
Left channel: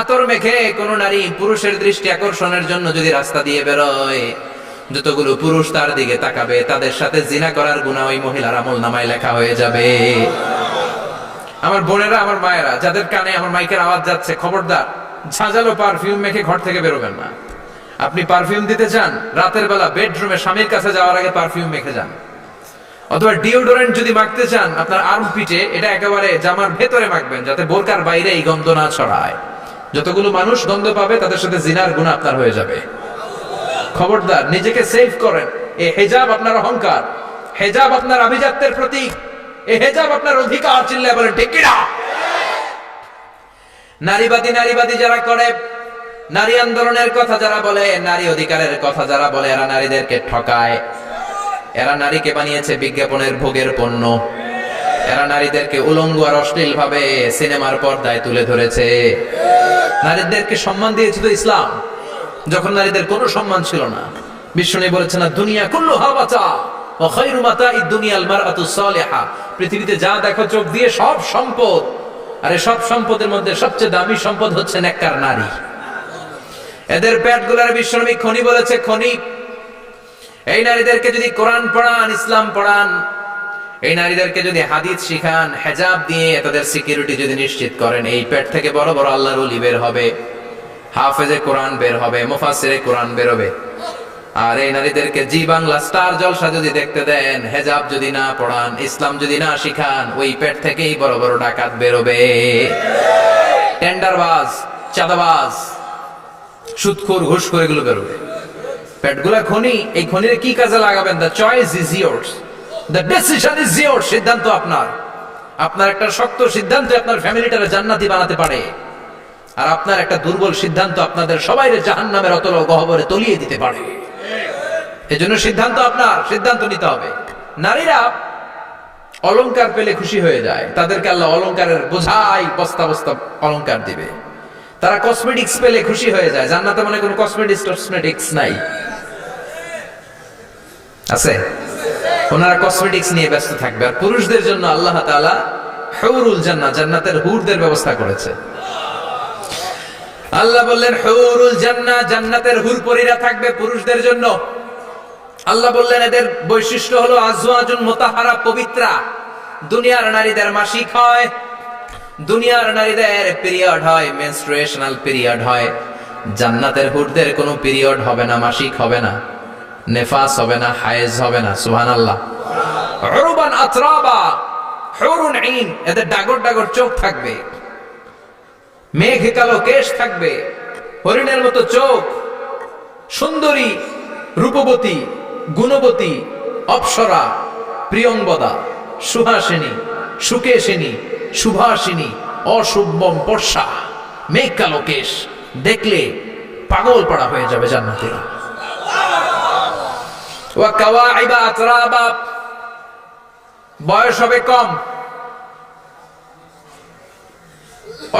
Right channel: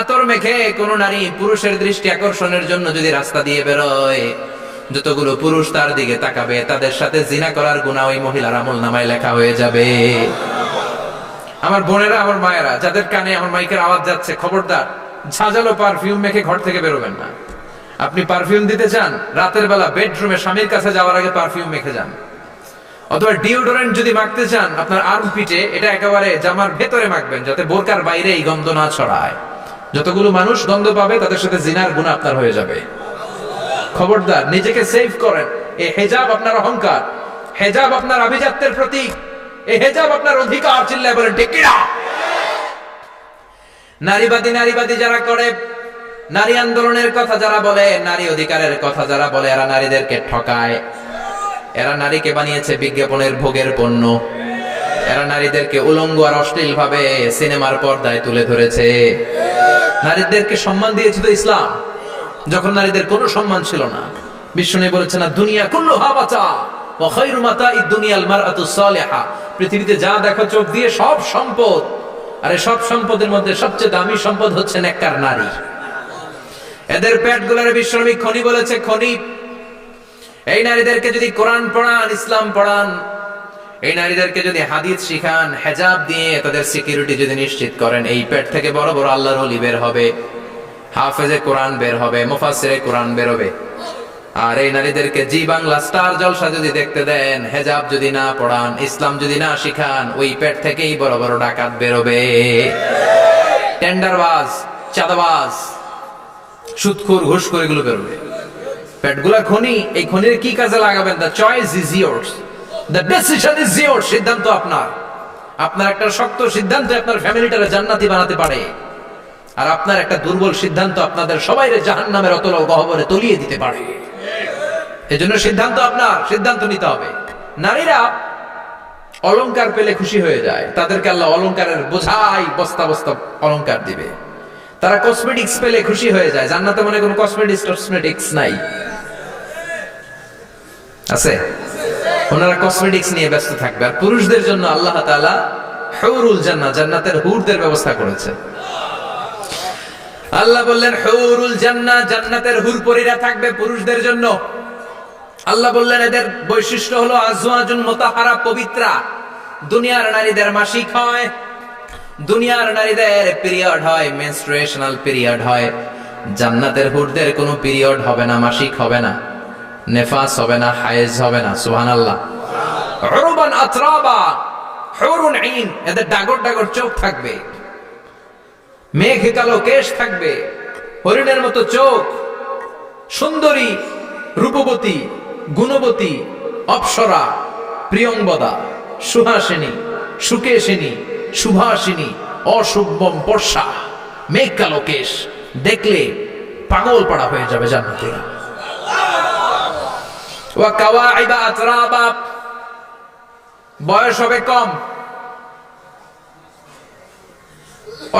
আতর মেখে কোন নারী পুরুষের দৃষ্টি আকর্ষণের জন্য যদি রাস্তা দিয়ে বেরোয়, যতগুলো পুরুষ তার দিকে তাকাবে তাদের সাথে জিনা করার গুনাহ ওই মহিলার আমলনামায় লেখা হয়ে যাবে। আমার বোনেরা, আমার মায়েরা, যাদের কানে আমার মাইকের আওয়াজ যাচ্ছে, খবরদার ঝাঁঝালো পারফিউম মেখে ঘর থেকে বেরোবেন না। আপনি পারফিউম দিতে চান, রাতের বেলা বেডরুমে স্বামীর কাছে যাওয়ার আগে পারফিউম মেখে যান। অথবা ডিওডোরেন্ট যদি মাখতে চান, আপনার আর্মপিটে এটা একেবারে জামার ভেতরে মাখবেন, যাতে বোরকার বাইরে এই গন্ধ না ছড়ায়। যতগুলো মানুষ গন্ধ পাবে তাদের সাথে জিনার গুনাহ আপনার হয়ে যাবে। খবরদার, নিজেকে সেভ করেন। এই হিজাব আপনার অহংকার, হিজাব আপনার আভিজাত্যের প্রতীক, এই হিজাব আপনার অধিকার। চিল্লায় বলেন ঠিক কি না? নারীবাদী যারা করে, নারী আন্দোলনের কথা যারা বলে, নারী অধিকারের কথা যারা বলে, এরা নারীদেরকে ঠকায়। এরা নারীকে বানিয়েছে বিজ্ঞাপনের ভোগের পণ্য। এরা নারীদেরকে উলঙ্গ আর অশ্লীল ভাবে সিনেমার পর্দায় তুলে ধরেছে। নারীদেরকে সম্মান দিয়েছে তো ইসলাম, যখন নারীদের কোনো সম্মান ছিল না। বিশ্বনবী বলেছেন না দুনিয়া কুল্লুহা বাতা ওয়া খায়রু মাতাইদ দুনিয়াল মারআতুস সালিহা, পৃথিবীতে যা দেখো চোখ দিয়ে সব সম্পদ, আর এই সব সম্পদের মধ্যে সবচেয়ে দামি সম্পদ হচ্ছে নেককার নারী। এদের পেটগুলার বিশ্বনবী খনি বলেছে, খনি। এই নারীদেরকে যদি কোরআন পড়ান, ইসলাম পড়ান, এই নারীদেরকে যদি হাদিস শিখান, হেজাব দিয়ে তাদের সিকিউরিটি যদি নিশ্চিত করেন, এই পেট থেকে বড় বড় আল্লাহর ওলি বের হবে, হাফেজে কোরআন বের হবে, মুফাসসিরে কোরআন বের হবে। আর এই নারীদেরকে জি বাংলা স্টার জলসা যদি দেখতে দেন, হেজাব যদি না পড়ান, ইসলাম যদি না শিখান, ওই পেট থেকেই বড় বড় ডাকাত বেরোবে, টেন্ডারবাজ, চাঁদাবাজ, সুদখোর, ঘুষখোর, এগুলো বেরোবে। পেটগুলা খনি, এই খনির কি কাজে লাগাবেন? The choice is years, the decision is years. সিদ্ধান্ত আপনার। আপনার একটা শক্ত সিদ্ধান্ত আপনার ফ্যামিলিটারে জান্নাতি বানাতে পারে, আর আপনার একটা দুর্বল সিদ্ধান্ত আপনাদের সবাইরে জাহান্নামের অতল গহ্বরে তলিয়ে দিতে পারে। এজন্য সিদ্ধান্ত আপনার, সিদ্ধান্ত নিতে হবে। নারীরা অলংকার পেলে খুশি হয়ে যায়, তাদেরকে আল্লাহ অলংকারের বোঝাই বস্তা বস্তা অলংকার দিবে। তারা কসমেটিক্স পেলে খুশি হয়ে যায়। জান্নাতে মনে কোনো কসমেটিক্স নাই, আছে? ওনারা কসমেটিক্স নিয়ে ব্যস্ত থাকবে। আর পুরুষদের জন্য আল্লাহ তাআলা হুরুল জান্নাহ, জান্নাতের হুরদের ব্যবস্থা করেছে। আল্লাহ বললেন হুরুল জান্নাহ, জান্নাতের হুর পরীরা থাকবে পুরুষদের জন্য। আল্লাহ বললেন এদের বৈশিষ্ট্য হলো আজওয়াজুন মুতাহহারা, পবিত্রা। দুনিয়ার নারীদের মাসিক হয়, দুনিয়ার নারীদের পিরিয়ড হয়, মেনস্ট্রুয়েশনাল পিরিয়ড হয়। জান্নাতের হুরদের কোনো পিরিয়ড হবে না, মাসিক হবে না, নেফাস হবে না, হায়েজ হবে না। সুবহানাল্লাহ। উরবান আতরাবা, হুরুন আইন, এদের ডাগর ডাগর চোখ থাকবে, মেঘে কালো কেশ থাকবে, হরিণের মতো চোখ, সুন্দরী, রূপবতী, গুণবতী, অপ্সরা, প্রিয়ংবদা, সুহাসিনী, সুকেশিনী, সুভাষিনী, অশুভম, বর্ষা, মেঘ কালো কেশ, দেখলে পাগল পাড়া হয়ে যাবে জান্নাতীরা। ওয়া কাওয়াইবা আতরাবা, বয়স হবে কম,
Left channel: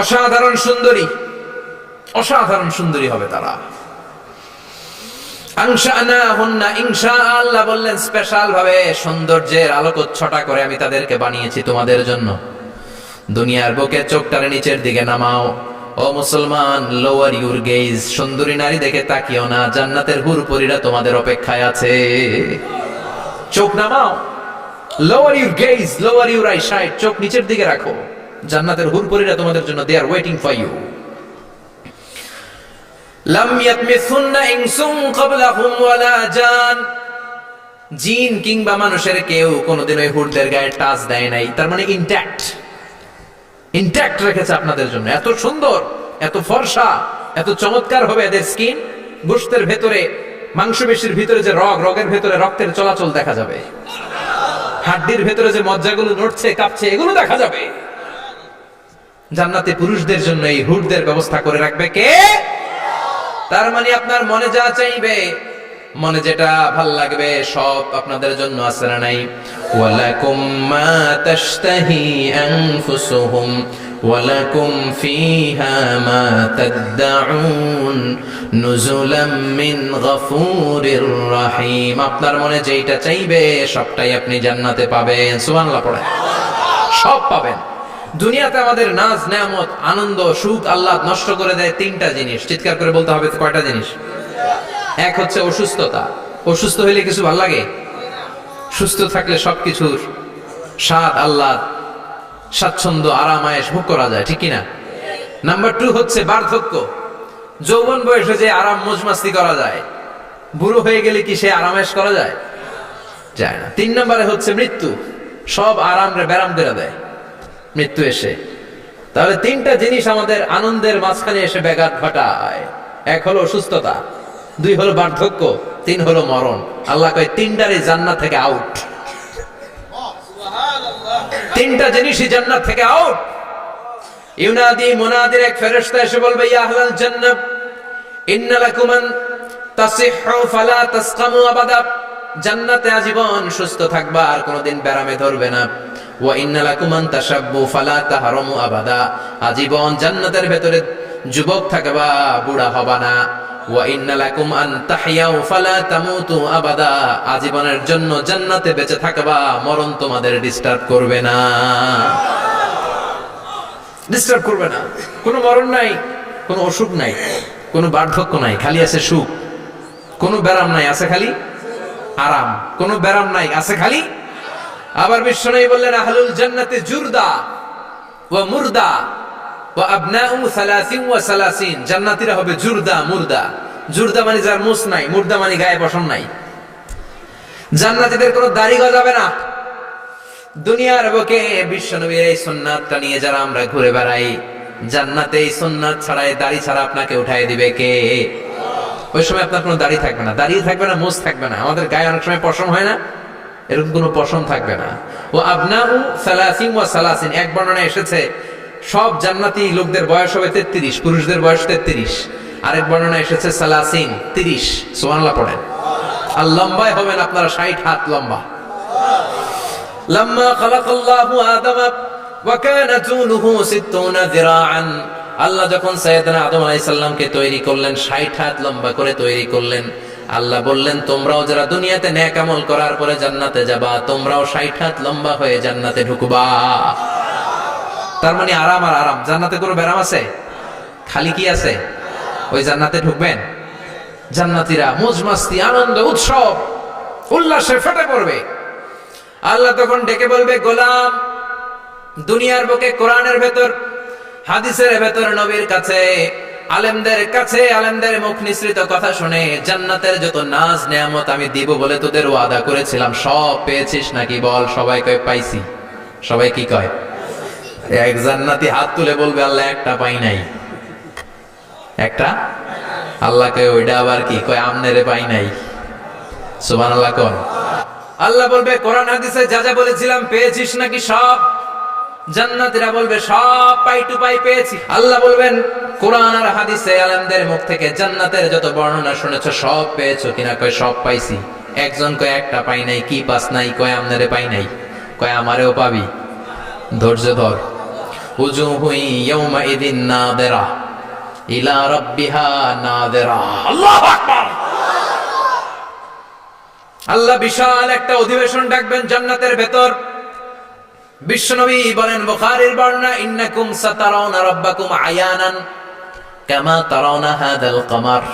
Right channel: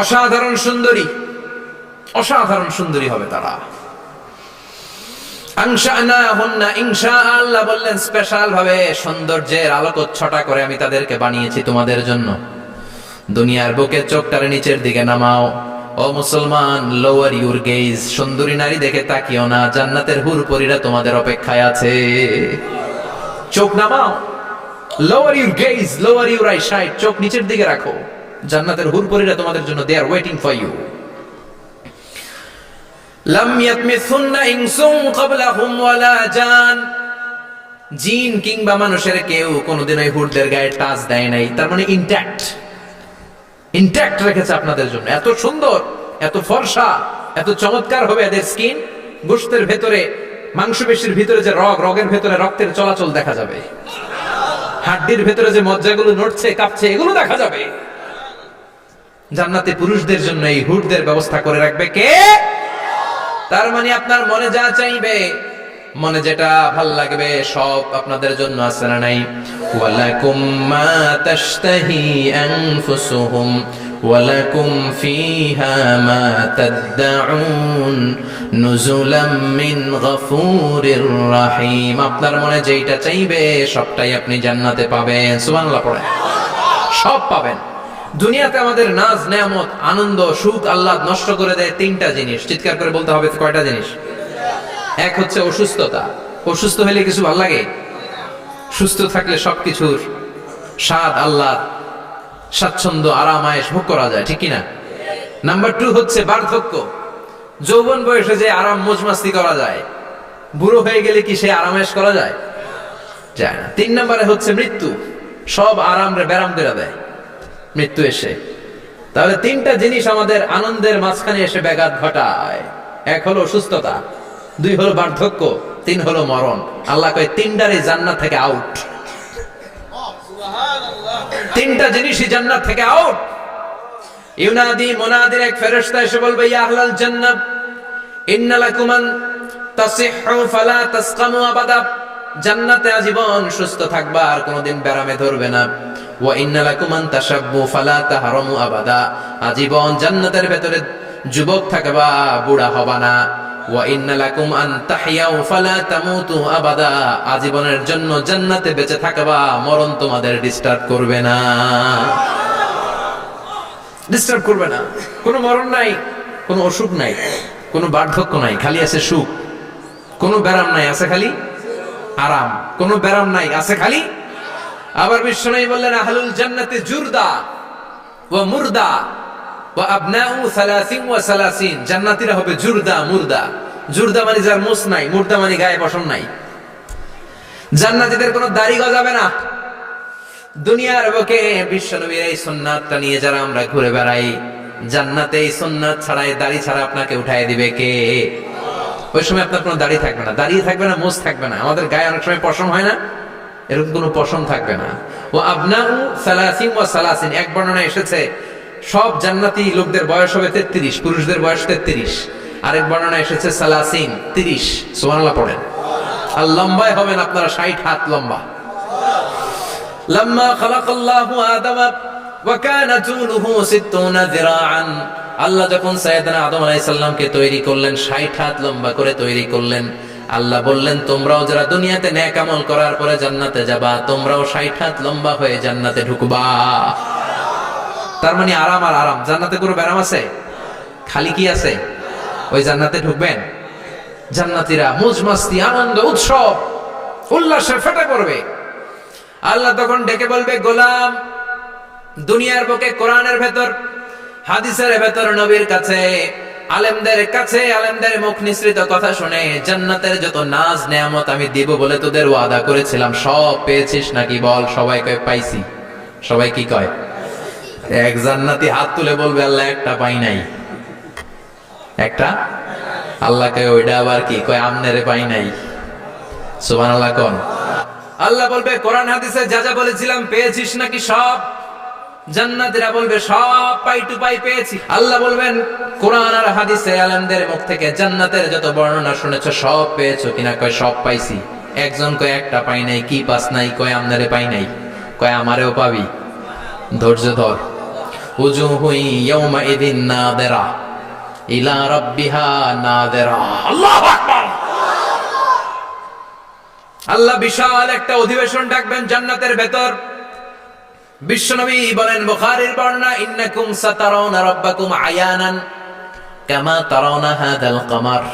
অসাধারণ সুন্দরী, অসাধারণ সুন্দরী হবে তারা। আনশানাহুন্না ইনশা, আল্লাহ বললেন স্পেশাল ভাবে সৌন্দর্যের আলোকচ্ছটা করে আমি তাদেরকে বানিয়েছি তোমাদের জন্য। দুনিয়ার বুকে চোখটারে নিচের দিকে নামাও। ও মুসলমান, লোয়ার ইউর গেজ, সুন্দরী নারী দেখে তাকিও না, জান্নাতের হুরপরীরা তোমাদের অপেক্ষায় আছে। চোখ নামাও, lower your gaze, lower your eyesight, চোখ নিচের দিকে রাখো, জান্নাতের হুরপরীরা তোমাদের জন্য they are waiting for you. লাম ইয়াতমিসুন্না ইনসুন ক্বাবলাহুম ওয়ালা জান, জিন কিংবা মানুষের কেউ কোনোদিন ওই হুরদের গায়ে টাচ দেয় নাই। তার মানে ইনট্যাক্ট, ইনট্যাক্ট রেখেছে আপনাদের জন্য। এত সুন্দর, এত ফর্সা, এত চমৎকার হবে এদের স্কিন। গোশতের ভেতরে, মাংসপেশির ভিতরে যে রগ, রগের ভেতরে রক্তের চলাচল দেখা যাবে, হাড্ডির ভেতরে যে মজ্জাগুলো নড়ছে কাঁপছে এগুলো দেখা যাবে। জান্নাতে পুরুষদের জন্য এই হুরদের ব্যবস্থা করে রাখবে কে? তার মানে আপনার মনে যা চাইবে, মনে যেটা ভাল লাগবে সব আপনাদের জন্য আছে না নাই? ওয়ালাকুম মা তাশতাহি আনফুসুহুম ওয়ালাকুম ফিহা মা তাদউন নুজুলাম মিন গফুরির রহিম। আপনার মনে যেটা চাইবে সবটাই আপনি জান্নাতে পাবেন। সুবহানাল্লাহ পড়েন। সব পাবেন। দুনিয়াতে আমাদের নাজ নেয়ামত, আনন্দ, সুখ, আহ্লাদ নষ্ট করে দেয় তিনটা জিনিস। চিৎকার করে বলতে হবে কয়টা জিনিস? এক হচ্ছে অসুস্থতা। অসুস্থ হইলে কিছু ভাল লাগে? সুস্থ থাকলে সবকিছুর স্বাদ, আহ্লাদ, স্বাচ্ছন্দ্য, আরাম, আয়েশ ভোগ করা যায়, ঠিক কিনা? নাম্বার 2 হচ্ছে বার্ধক্য। যৌবন বয়সে যে আরাম মজমাস্তি করা যায়, বুড়ো হয়ে গেলে কি সে আরাম আয়েশ করা যায়? যায় না। 3 নম্বরে হচ্ছে মৃত্যু। সব আরাম রে ব্যারাম করে দেয় মৃত্যু এসে। তাহলে 3টা জিনিস আমাদের আনন্দের মাঝখানে এসে ব্যাঘাত ঘটায়। 1 হলো অসুস্থতা, 2 হলো বার্ধক্য, 3 হলো মরণ। আল্লাহ কয় 3টারই জান্নাত থেকে আউট। 3টা জিনিসই জান্নাত থেকে আউট। ইউনাদি, মুনাদির এক ফেরেশতা এসে বলবে, ইয়া আহলাল জান্নাহ ইন্না লাকুম আন তাসিহু ফালা তাসকামু আবাদা, জান্নাতে আজীবন সুস্থ থাকবা, আর কোনোদিন ব্যারামে ধরবে না। ওয়া ইন্না লাকুম আন তাশাব্বু ফালা তাহরামু আবাদা, আজীবন জান্নাতের ভেতরে যুবক থাকবা, বুড়া হবা না। ওয়া ইন্না লাকুম আন তাহইয়াউ ফালা তামুতু আবাদা, আজীবনের জন্য জান্নাতে বেঁচে থাকবা, মরণ তোমাদের ডিস্টার্ব করবে না। ডিস্টার্ব করবে না। কোনো মরণ নাই, কোনো অসুখ নাই, কোনো বার্ধক্য নাই, খালি আছে সুখ। কোনো ব্যারাম নাই, আছে খালি আরাম। কোনো ব্যারাম নাই, আছে খালি। আবার বিশ্বনবী বললেন, আহলুল জান্নাতে জুরদা ওয়া মুরদা ওয়া আবনাউ 30 ওয়া 30। জান্নাতীরা হবে জুরদা, মুরদা। জুরদা মানে যার মুছ নাই, মুরদা মানে গায়ে পশম নাই। জান্নাতীদের কোনো দাড়ি গজাবে না। দুনিয়ার বুকে বিশ্বনবীর এই সুন্নাতটা নিয়ে যারা আমরা ঘুরে বেড়াই, জান্নাতে এই সুন্নাত ছাড়াই, দাড়ি ছাড়া আপনাকে উঠায় দিবে কে? ওই সময় আপনার কোনো দাড়ি থাকবে না, দাড়ি থাকবে না, মুছ থাকবে না। আমাদের গায়ে অনেক সময় পশম হয় না, এরকম কোনো পশম থাকবে না। ও আবনাউ 30 ওয়া 30, এক বর্ণনায় এসেছে সব জান্নাতি লোকদের বয়স হবে 33, পুরুষদের বয়স 33। আরেক বর্ণনায় এসেছে 30। সুবহানাল্লাহ পড়েন। আর লম্বায় হবেন আপনারা 60 হাত লম্বা। লাম্মা খালাকাল্লাহু আদামা ওয়া কানা তুলুহু 60 যিরাআন, আল্লাহ যখন সাইয়েদনা আদম আলাইহিস সালামকে তৈরি করলেন, 60 হাত লম্বা করে তৈরি করলেন। আল্লাহ বললেন, তোমরাও যারা দুনিয়াতে নেক আমল করার পরে জান্নাতে যাবা, তোমরাও 60 হাত লম্বা হয়ে জান্নাতে ঢুকবা। তার মানে আরাম আর আরাম। জান্নাতে কোনো ব্যারাম আছে? খালি কি আছে? ওই জান্নাতে ঢুকবেন, জান্নাতীরা মজমাস্তি, আনন্দ, উৎসব, উল্লাসে ফেটে পড়বে। আল্লাহ তখন ডেকে বলবে, গোলাম, দুনিয়ার বুকে কোরআনের ভেতর, হাদিসের ভেতর, নবীর কাছে, আলেমদের কাছে, আলেমদের মুখ নিঃসৃত কথা শুনে জান্নাতের যত নাজ নেয়ামত আমি দিব বলে তোদের ওয়াদা করেছিলাম, সব পেয়েছিস নাকি বল? সবাই কয় পাইছি। সবাই কি কয়? এক জান্নাতি হাত তুলে বলবে, আল্লাহ একটা পাই নাই। একটা? আল্লাহ কয় ওইটা আবার কি? কয় আমনেরে পাই নাই। সুবহানাল্লাহ কোন? আল্লাহ বলবে, কোরআন হাদিসে যা যা বলেছিলাম পেয়েছিস নাকি সব? জান্নাতীরা বলবে, সব পাই টু পাই পেয়েছি। আল্লাহ বলবেন, কোরআন আর হাদিসে আলেমদের মুখ থেকে জান্নাতের যত বর্ণনা শুনেছো সব পেয়েছো কিনা? কয় সব পাইছি। একজন কয় একটা পাই নাই। কি পাস নাই? কয় আমনারে পাই নাই। কয় আমারেও পাবি, ধৈর্য ধর। উজুহু ইয়াউমা ইদিন নাদিরা ইলা রাব্বিহা নাদিরা। আল্লাহু আকবার। আল্লাহ বিশাল একটা অধিবেশন ডাকবেন জান্নাতের ভেতর। বিশ্বনবী বলেন, বুখারীর বর্ণনা, ইন্নাকুম সাতারাউনা রাব্বাকুম আয়ানান কামা তারাউনা হাদাল কামার।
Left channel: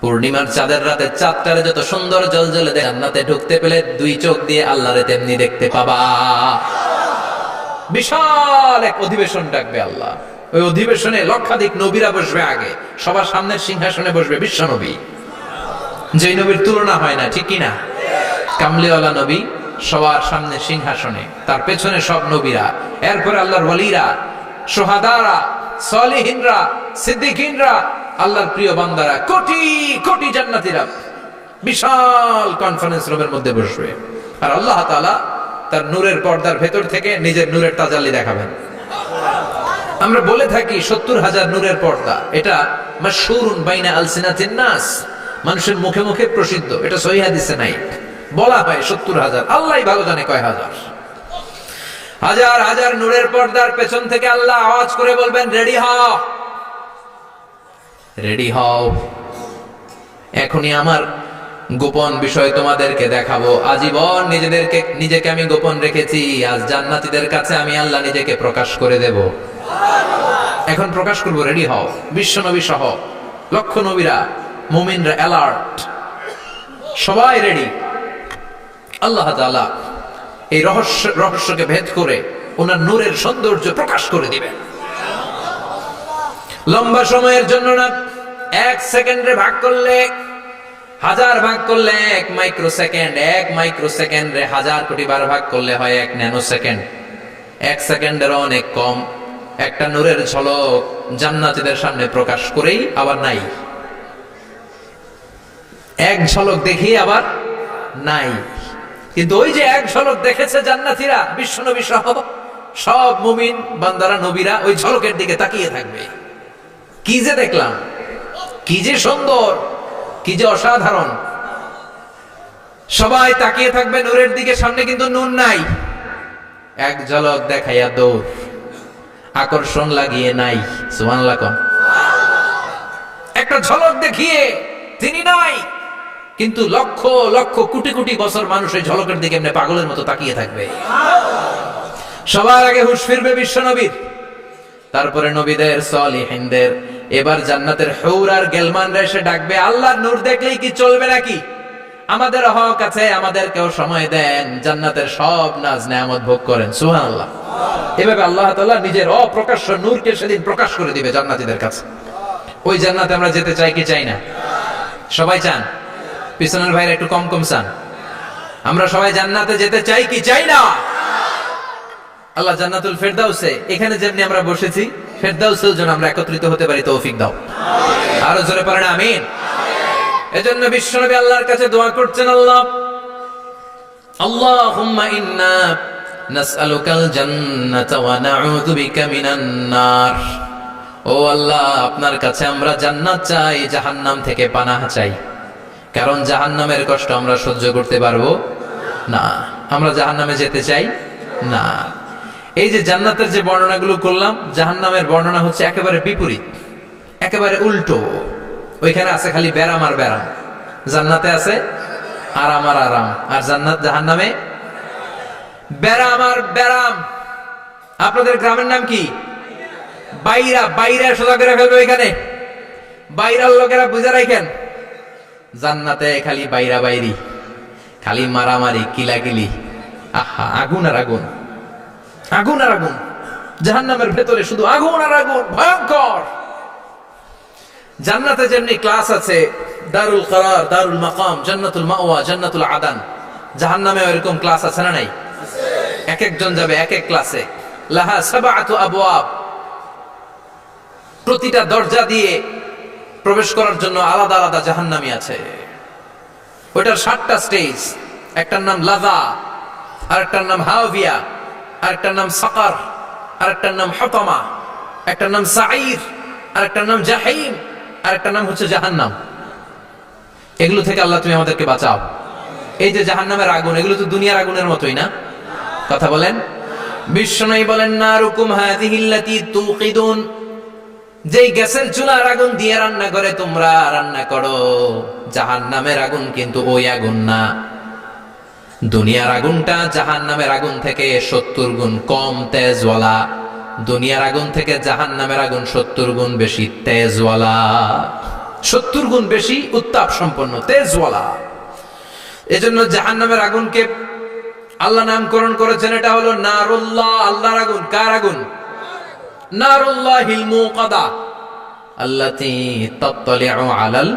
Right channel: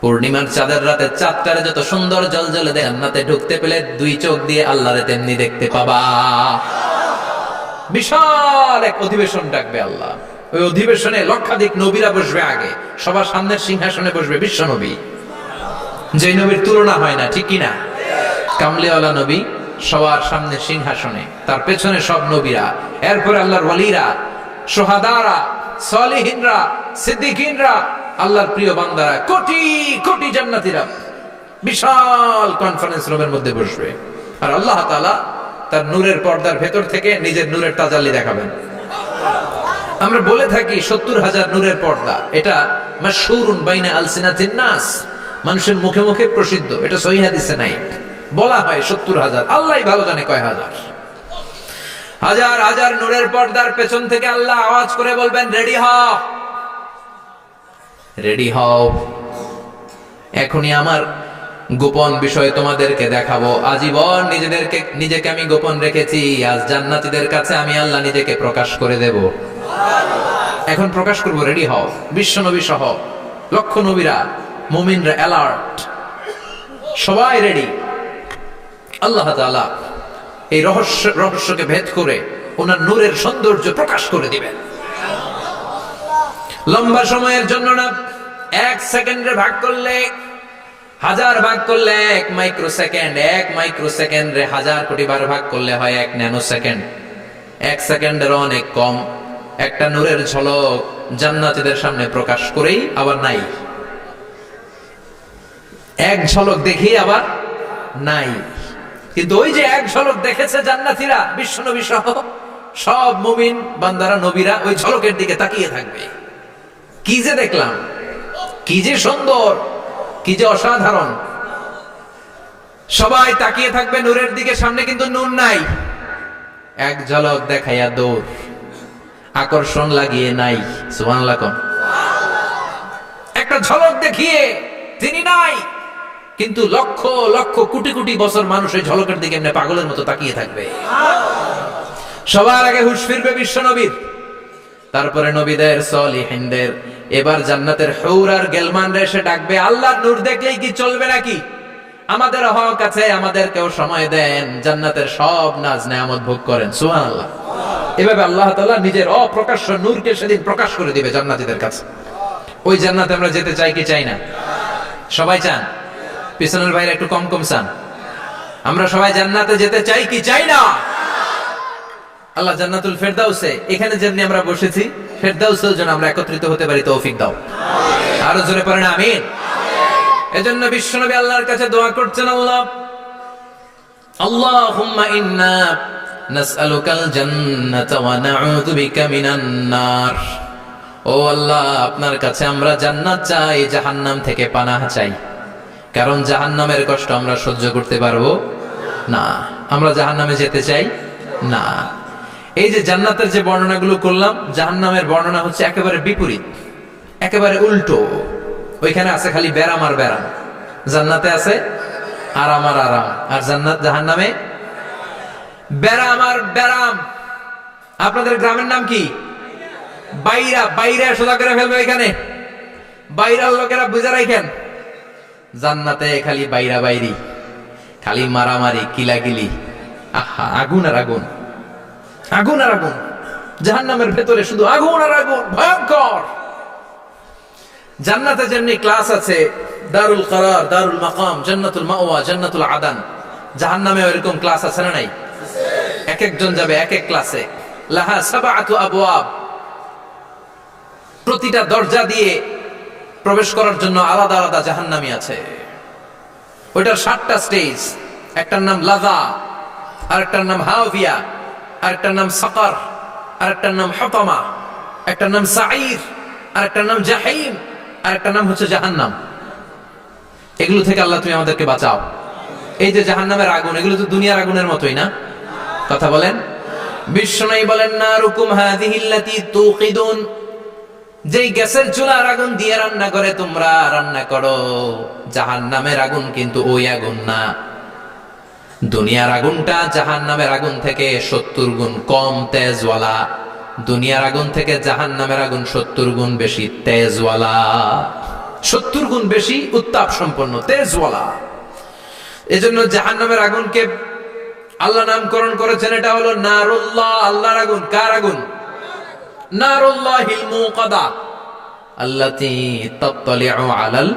পূর্ণিমার চাঁদের রাতে চাঁদটারে যত সুন্দর জ্বলজ্বলে জান্নাতে ঢুকতে পেলে দুই চোখ দিয়ে আল্লাহরে তেমনি দেখতে পাবা। বিশাল এক অধিবেশন ডাকবে আল্লাহ। ওই অধিবেশনে লক্ষাধিক নবীরা বসবে। আগে সবার সামনের সিংহাসনে বসবে বিশ্বনবী, যে নবীর তুলনা হয় না, ঠিক কিনা? কামলিওয়ালা নবী সবার সামনে সিংহাসনে, তার পেছনে সব নবীরা, এরপরে আল্লাহর ওয়ালিরা, সোহাদারা, সলিহিনরা, সিদ্দিকিনরা, আল্লাহর প্রিয় বান্দারা, কোটি কোটি জান্নাতীরা বিশাল কনফারেন্স রুমের মধ্যে বসবে। আর আল্লাহ তাআলা তার নূরের পর্দার ভেতর থেকে নিজের নূরের তাজাল্লি দেখাবেন। আমরা বলে থাকি 70,000 নূরের পর্দা। এটা মাশহুরুন বাইনা আলসিনাতিন নাস, মানুষের মুখে মুখে প্রসিদ্ধ। এটা সহিহ হাদিসে নাই। বলা হয় 70,000, আল্লাহই ভালো জানে কয় হাজার। হাজার হাজার নূরের পর্দার পেছন থেকে আল্লাহ আওয়াজ করে বলবেন, রেডি হও, রেডি হও, এখনই আমার গোপন বিষয় তোমাদেরকে দেখাবো। আজীবন নিজেকে আমি গোপন রেখেছি, আজ জান্নাতীদের কাছে আমি আল্লাহ নিজেকে প্রকাশ করে দেব। এখন প্রকাশ করব, রেডি হও। বিশ্বনবী সহ লক্ষ নবীরা, মুমিনরা অ্যালার্ট, সবাই রেডি। আল্লাহ তাআলা এই রহস্যকে ভেদ করে ওনার নূরের সৌন্দর্য প্রকাশ করে দিবেন। লম্বা সময়ের জন্য না, 1 সেকেন্ডে ভাগ করলে, হাজার ভাগ করলে 1 মাইক্রো সেকেন্ড, 1 মাইক্রো সেকেন্ডে 1000 কোটি বার ভাগ করলে হয় 1 ন্যানো সেকেন্ড। 1 সেকেন্ডের অনেক কম একটা নূরের ঝলক জান্নাতীদের সামনে প্রকাশ করেই আবার নাই। এক ঝলক দেখি আবার নাই। কিন্তু ওই যে এক ঝলক দেখেছে জান্নাতীরা, বিশ্বনবী সহ সব মুমিন বান্দারা, নবীরা ওই ঝলকের দিকে তাকিয়ে থাকবে। কি যে দেখলাম, কি যে সুন্দর, কি যে অসাধারণ। সবাই তাকিয়ে থাকবে নূরের দিকে, সামনে কিন্তু নূর নাই। এক ঝলক দেখাইয়া দৌড়, আকর্ষণ লাগিয়ে নাই। সুবহানাল্লাহ কোন? একটা ঝলক দেখিয়ে তিনি নাই, কিন্তু লক্ষ লক্ষ কোটি কোটি বছর মানুষ ওই ঝলকের দিকে এমনি পাগলের মতো তাকিয়ে থাকবে। সবার আগে হুঁশ ফিরবে বিশ্বনবীর, তারপরে নবীদের, সলিহিনদের। এবার জান্নাতের হুর আর গেলমানরা এসে ডাকবে, আল্লাহর নূর দেখলেই কি চলবে নাকি? আমাদের হক আছে, আমাদেরকেও সময় দেন, জান্নাতের সব নাজ নেয়ামত ভোগ করেন। সুবহানাল্লাহ। এভাবে আল্লাহ তাআলা নিজের অপ্রকাশ্য নূরকে সেদিন প্রকাশ করে দিবে জান্নাতীদের কাছে। ওই জান্নাতে আমরা যেতে চাই কি চাই না? সবাই চান? পিছনের ভাইরা একটু কম কম চান। আমরা সবাই জান্নাতে যেতে চাই কি চাই না? আল্লাহ জান্নাতুল ফেরদাউসে, এখানে যেমনি আমরা বসেছি, ফেরদাউসেও যেন আমরা একত্রিত হতে পারি, তৌফিক দাও। আরো জোরে পড়েন আমিন। এজন্য বিশ্বনবী আল্লাহর কাছে দোয়া করছেন, আল্লাহুম্মা ইন্না নাসআলুকাল জান্নাতা ওয়া নাউযু বিকা মিনান নার। ও আল্লাহ, আপনার কাছে আমরা জান্নাত চাই, জাহান্নাম থেকে পানাহ চাই। কারণ জাহান্নামের কষ্ট আমরা সহ্য করতে পারবো না, আমরা জাহান্নামে যেতে চাই না। এই যে জান্নাতের যে বর্ণনাগুলো করলাম, জাহান্নামের বর্ণনা হচ্ছে একেবারে বিপরীত, একেবারে উল্টো। ওইখানে আছে খালি ব্যারাম আর ব্যারাম, জান্নাতে আছে আরাম আর আরাম। আর জাহান্নামে ব্যারাম আর ব্যারাম। আপনাদের গ্রামের নাম কি? বাইরা। বাইরা সোজা করে ফেলবে ওইখানে, বাইরার লোকেরা বুঝে রাখেন। জান্নাতে খালি বাইরা বাইরি, খালি মারামারি, কিলাকিলি, আহা, আগুন আর আগুন, আগুন আর আগুন। জাহান্নামের ভেতরে শুধু আগুন আর আগুন, ভয়ঙ্কর। জান্নাতে যেমনি ক্লাস আছে, দারুল করার, দারুল মাকাম, জান্নাতুল মাওয়া, জান্নাতুল আদান, জাহান্নামেও এরকম ক্লাস আছে না নাই? এক একজন যাবে এক এক ক্লাসে। লাহা সাবআতু আবওয়াব, প্রতিটা দরজা দিয়ে প্রবেশ করার জন্য আলাদা আলাদা জাহান্নামী আছে। ওইটার 7টা স্টেজ। একটার নাম লাযা, আরেকটার নাম হাওয়িয়া, আরেকটার নাম সাকার, আরেকটার নাম হুতামা, একটার নাম সাঈর, আরেকটার নাম জাহিম, আরেকটার নাম হচ্ছে জাহান্নাম। এগুলো থেকে আল্লাহ তুমি আমাদেরকে বাঁচাও। এই যে জাহান্নামের আগুন, এগুলো তো দুনিয়ার আগুনের মতোই না? কথা বলেন। বিশ্বনবী বলেন, নারুকুম হাযিহিল্লাতী তুকিদুন, যেই গ্যাসের চুলার আগুন দিয়ে রান্না করে তোমরা রান্না করো, জাহান্নামের আগুন কিন্তু ওই আগুন না। দুনিয়ার আগুনটা জাহান্নামের আগুন থেকে 70 গুণ কম তেজওয়ালা। দুনিয়ার আগুন থেকে জাহান্নামের আগুন 70 গুণ বেশি তেজওয়ালা, 70 গুণ বেশি উত্তাপ সম্পন্ন, তেজওয়ালা। এজন্য জাহান্নামের আগুনকে আল্লাহ নামকরণ করেছেন, এটা হলো নারুল্লাহ, আল্লাহর আগুন। কার আগুন? নারুল্লাহিল মুকাদা আল্লাতী তাত্তালিউ আলাল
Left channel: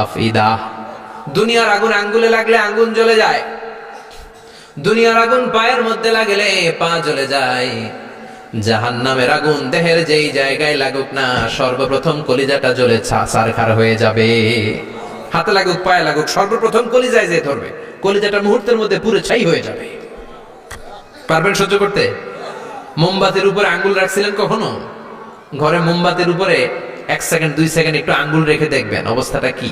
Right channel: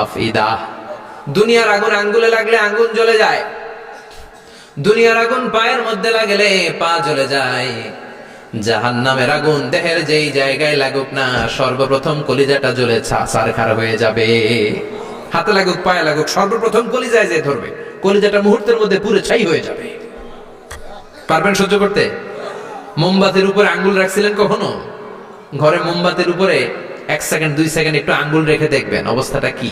আফইদা। দুনিয়ার আগুন আঙ্গুলে লাগলে আঙ্গুল জ্বলে যায়, দুনিয়ার আগুন পায়ের মধ্যে লাগলে পা জ্বলে যায়। জাহান্নামের আগুন দেহের যেই জায়গায় লাগুক না, সর্বপ্রথম কলিজাটা জ্বলে ছারখার হয়ে যাবে। হাতে লাগুক, পায়ে লাগুক, সর্বপ্রথম কলিজায় যে ধরবে, কলিজাটা মুহূর্তের মধ্যে পুরো ছাই হয়ে যাবে। পারবেন সহ্য করতে? মোমবাতির উপরে আঙ্গুল রাখছিলেন কখনো? ঘরে মোমবাতির উপরে 1 সেকেন্ড 2 সেকেন্ড একটু আঙ্গুল রেখে দেখবেন অবস্থাটা কি।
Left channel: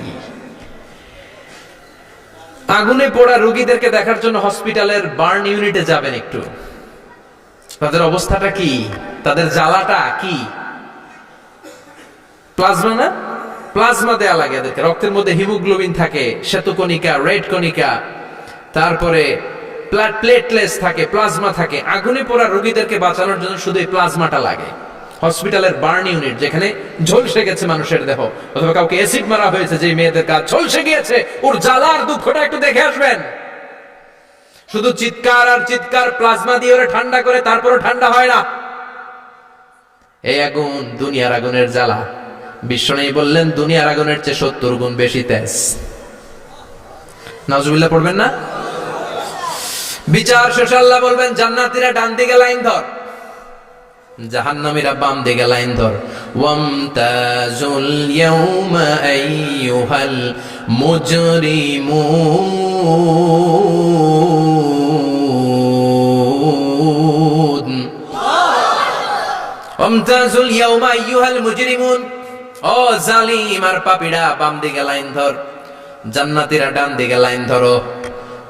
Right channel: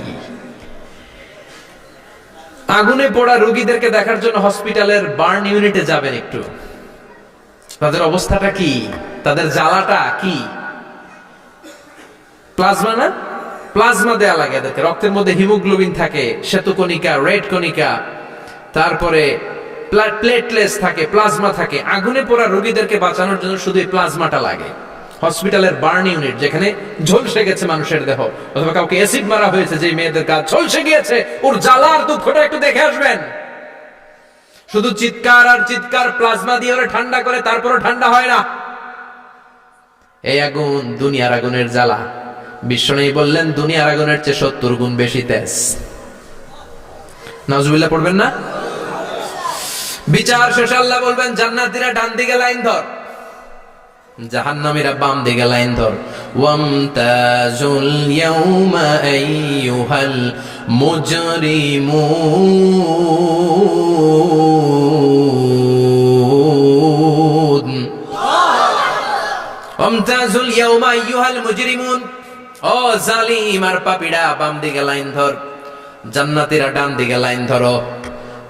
আগুনে পোড়া রোগীদেরকে দেখার জন্য হসপিটালের বার্ন ইউনিটে যাবেন, একটু তাদের অবস্থাটা কি, তাদের জ্বালাটা কি। প্লাজমা না, প্লাজমা দেয়া লাগে এদেরকে। রক্তের মধ্যে হিমোগ্লোবিন থাকে, শ্বেতকণিকা, রেড কণিকা, তারপরে প্লেটলেস থাকে, প্লাজমা থাকে। আগুনে পোড়া রোগীদেরকে বাঁচানোর জন্য শুধু এই প্লাজমাটা লাগে। হসপিটালের বার্ন ইউনিট, যেখানে ঝলসে গেছে মানুষের দেহ, অথবা কাউকে অ্যাসিড মারা হয়েছে, যে মেয়েদের কাজ ঝলসে গিয়েছে, ওর জ্বালার দুঃখটা একটু দেখে আসবেন। শুধু চিৎকার আর চিৎকার, প্লাজমা দিয়ে ওরা ঠান্ডা করে, তারপরও ঠান্ডা হয় না। এই আগুন দুনিয়ার আগুনের জ্বালা। বিশ্বনবী বললেন, দুনিয়ার আগুনের চেয়ে 70 গুণ বেশি তেজ। নাউজুবিল্লাহ পড়বেন না? বিচার শেষে আল্লাহ বলবেন, জান্নাতীরা ডান দিকে লাইন ধর, জাহান্নামীরা বাম দিকে লাইন ধর। ওয়ামতাজুল ইয়াউমা আইয়ুহাল মুজরিমুন, ওয়ামতাজুল ইয়াউমা আইয়ুহাল মুজরিমুন, ও জালিম আর পাপীরা বাম দিকে লাইন ধর, জান্নাতীরা ডান দিকে লাইন ধরো।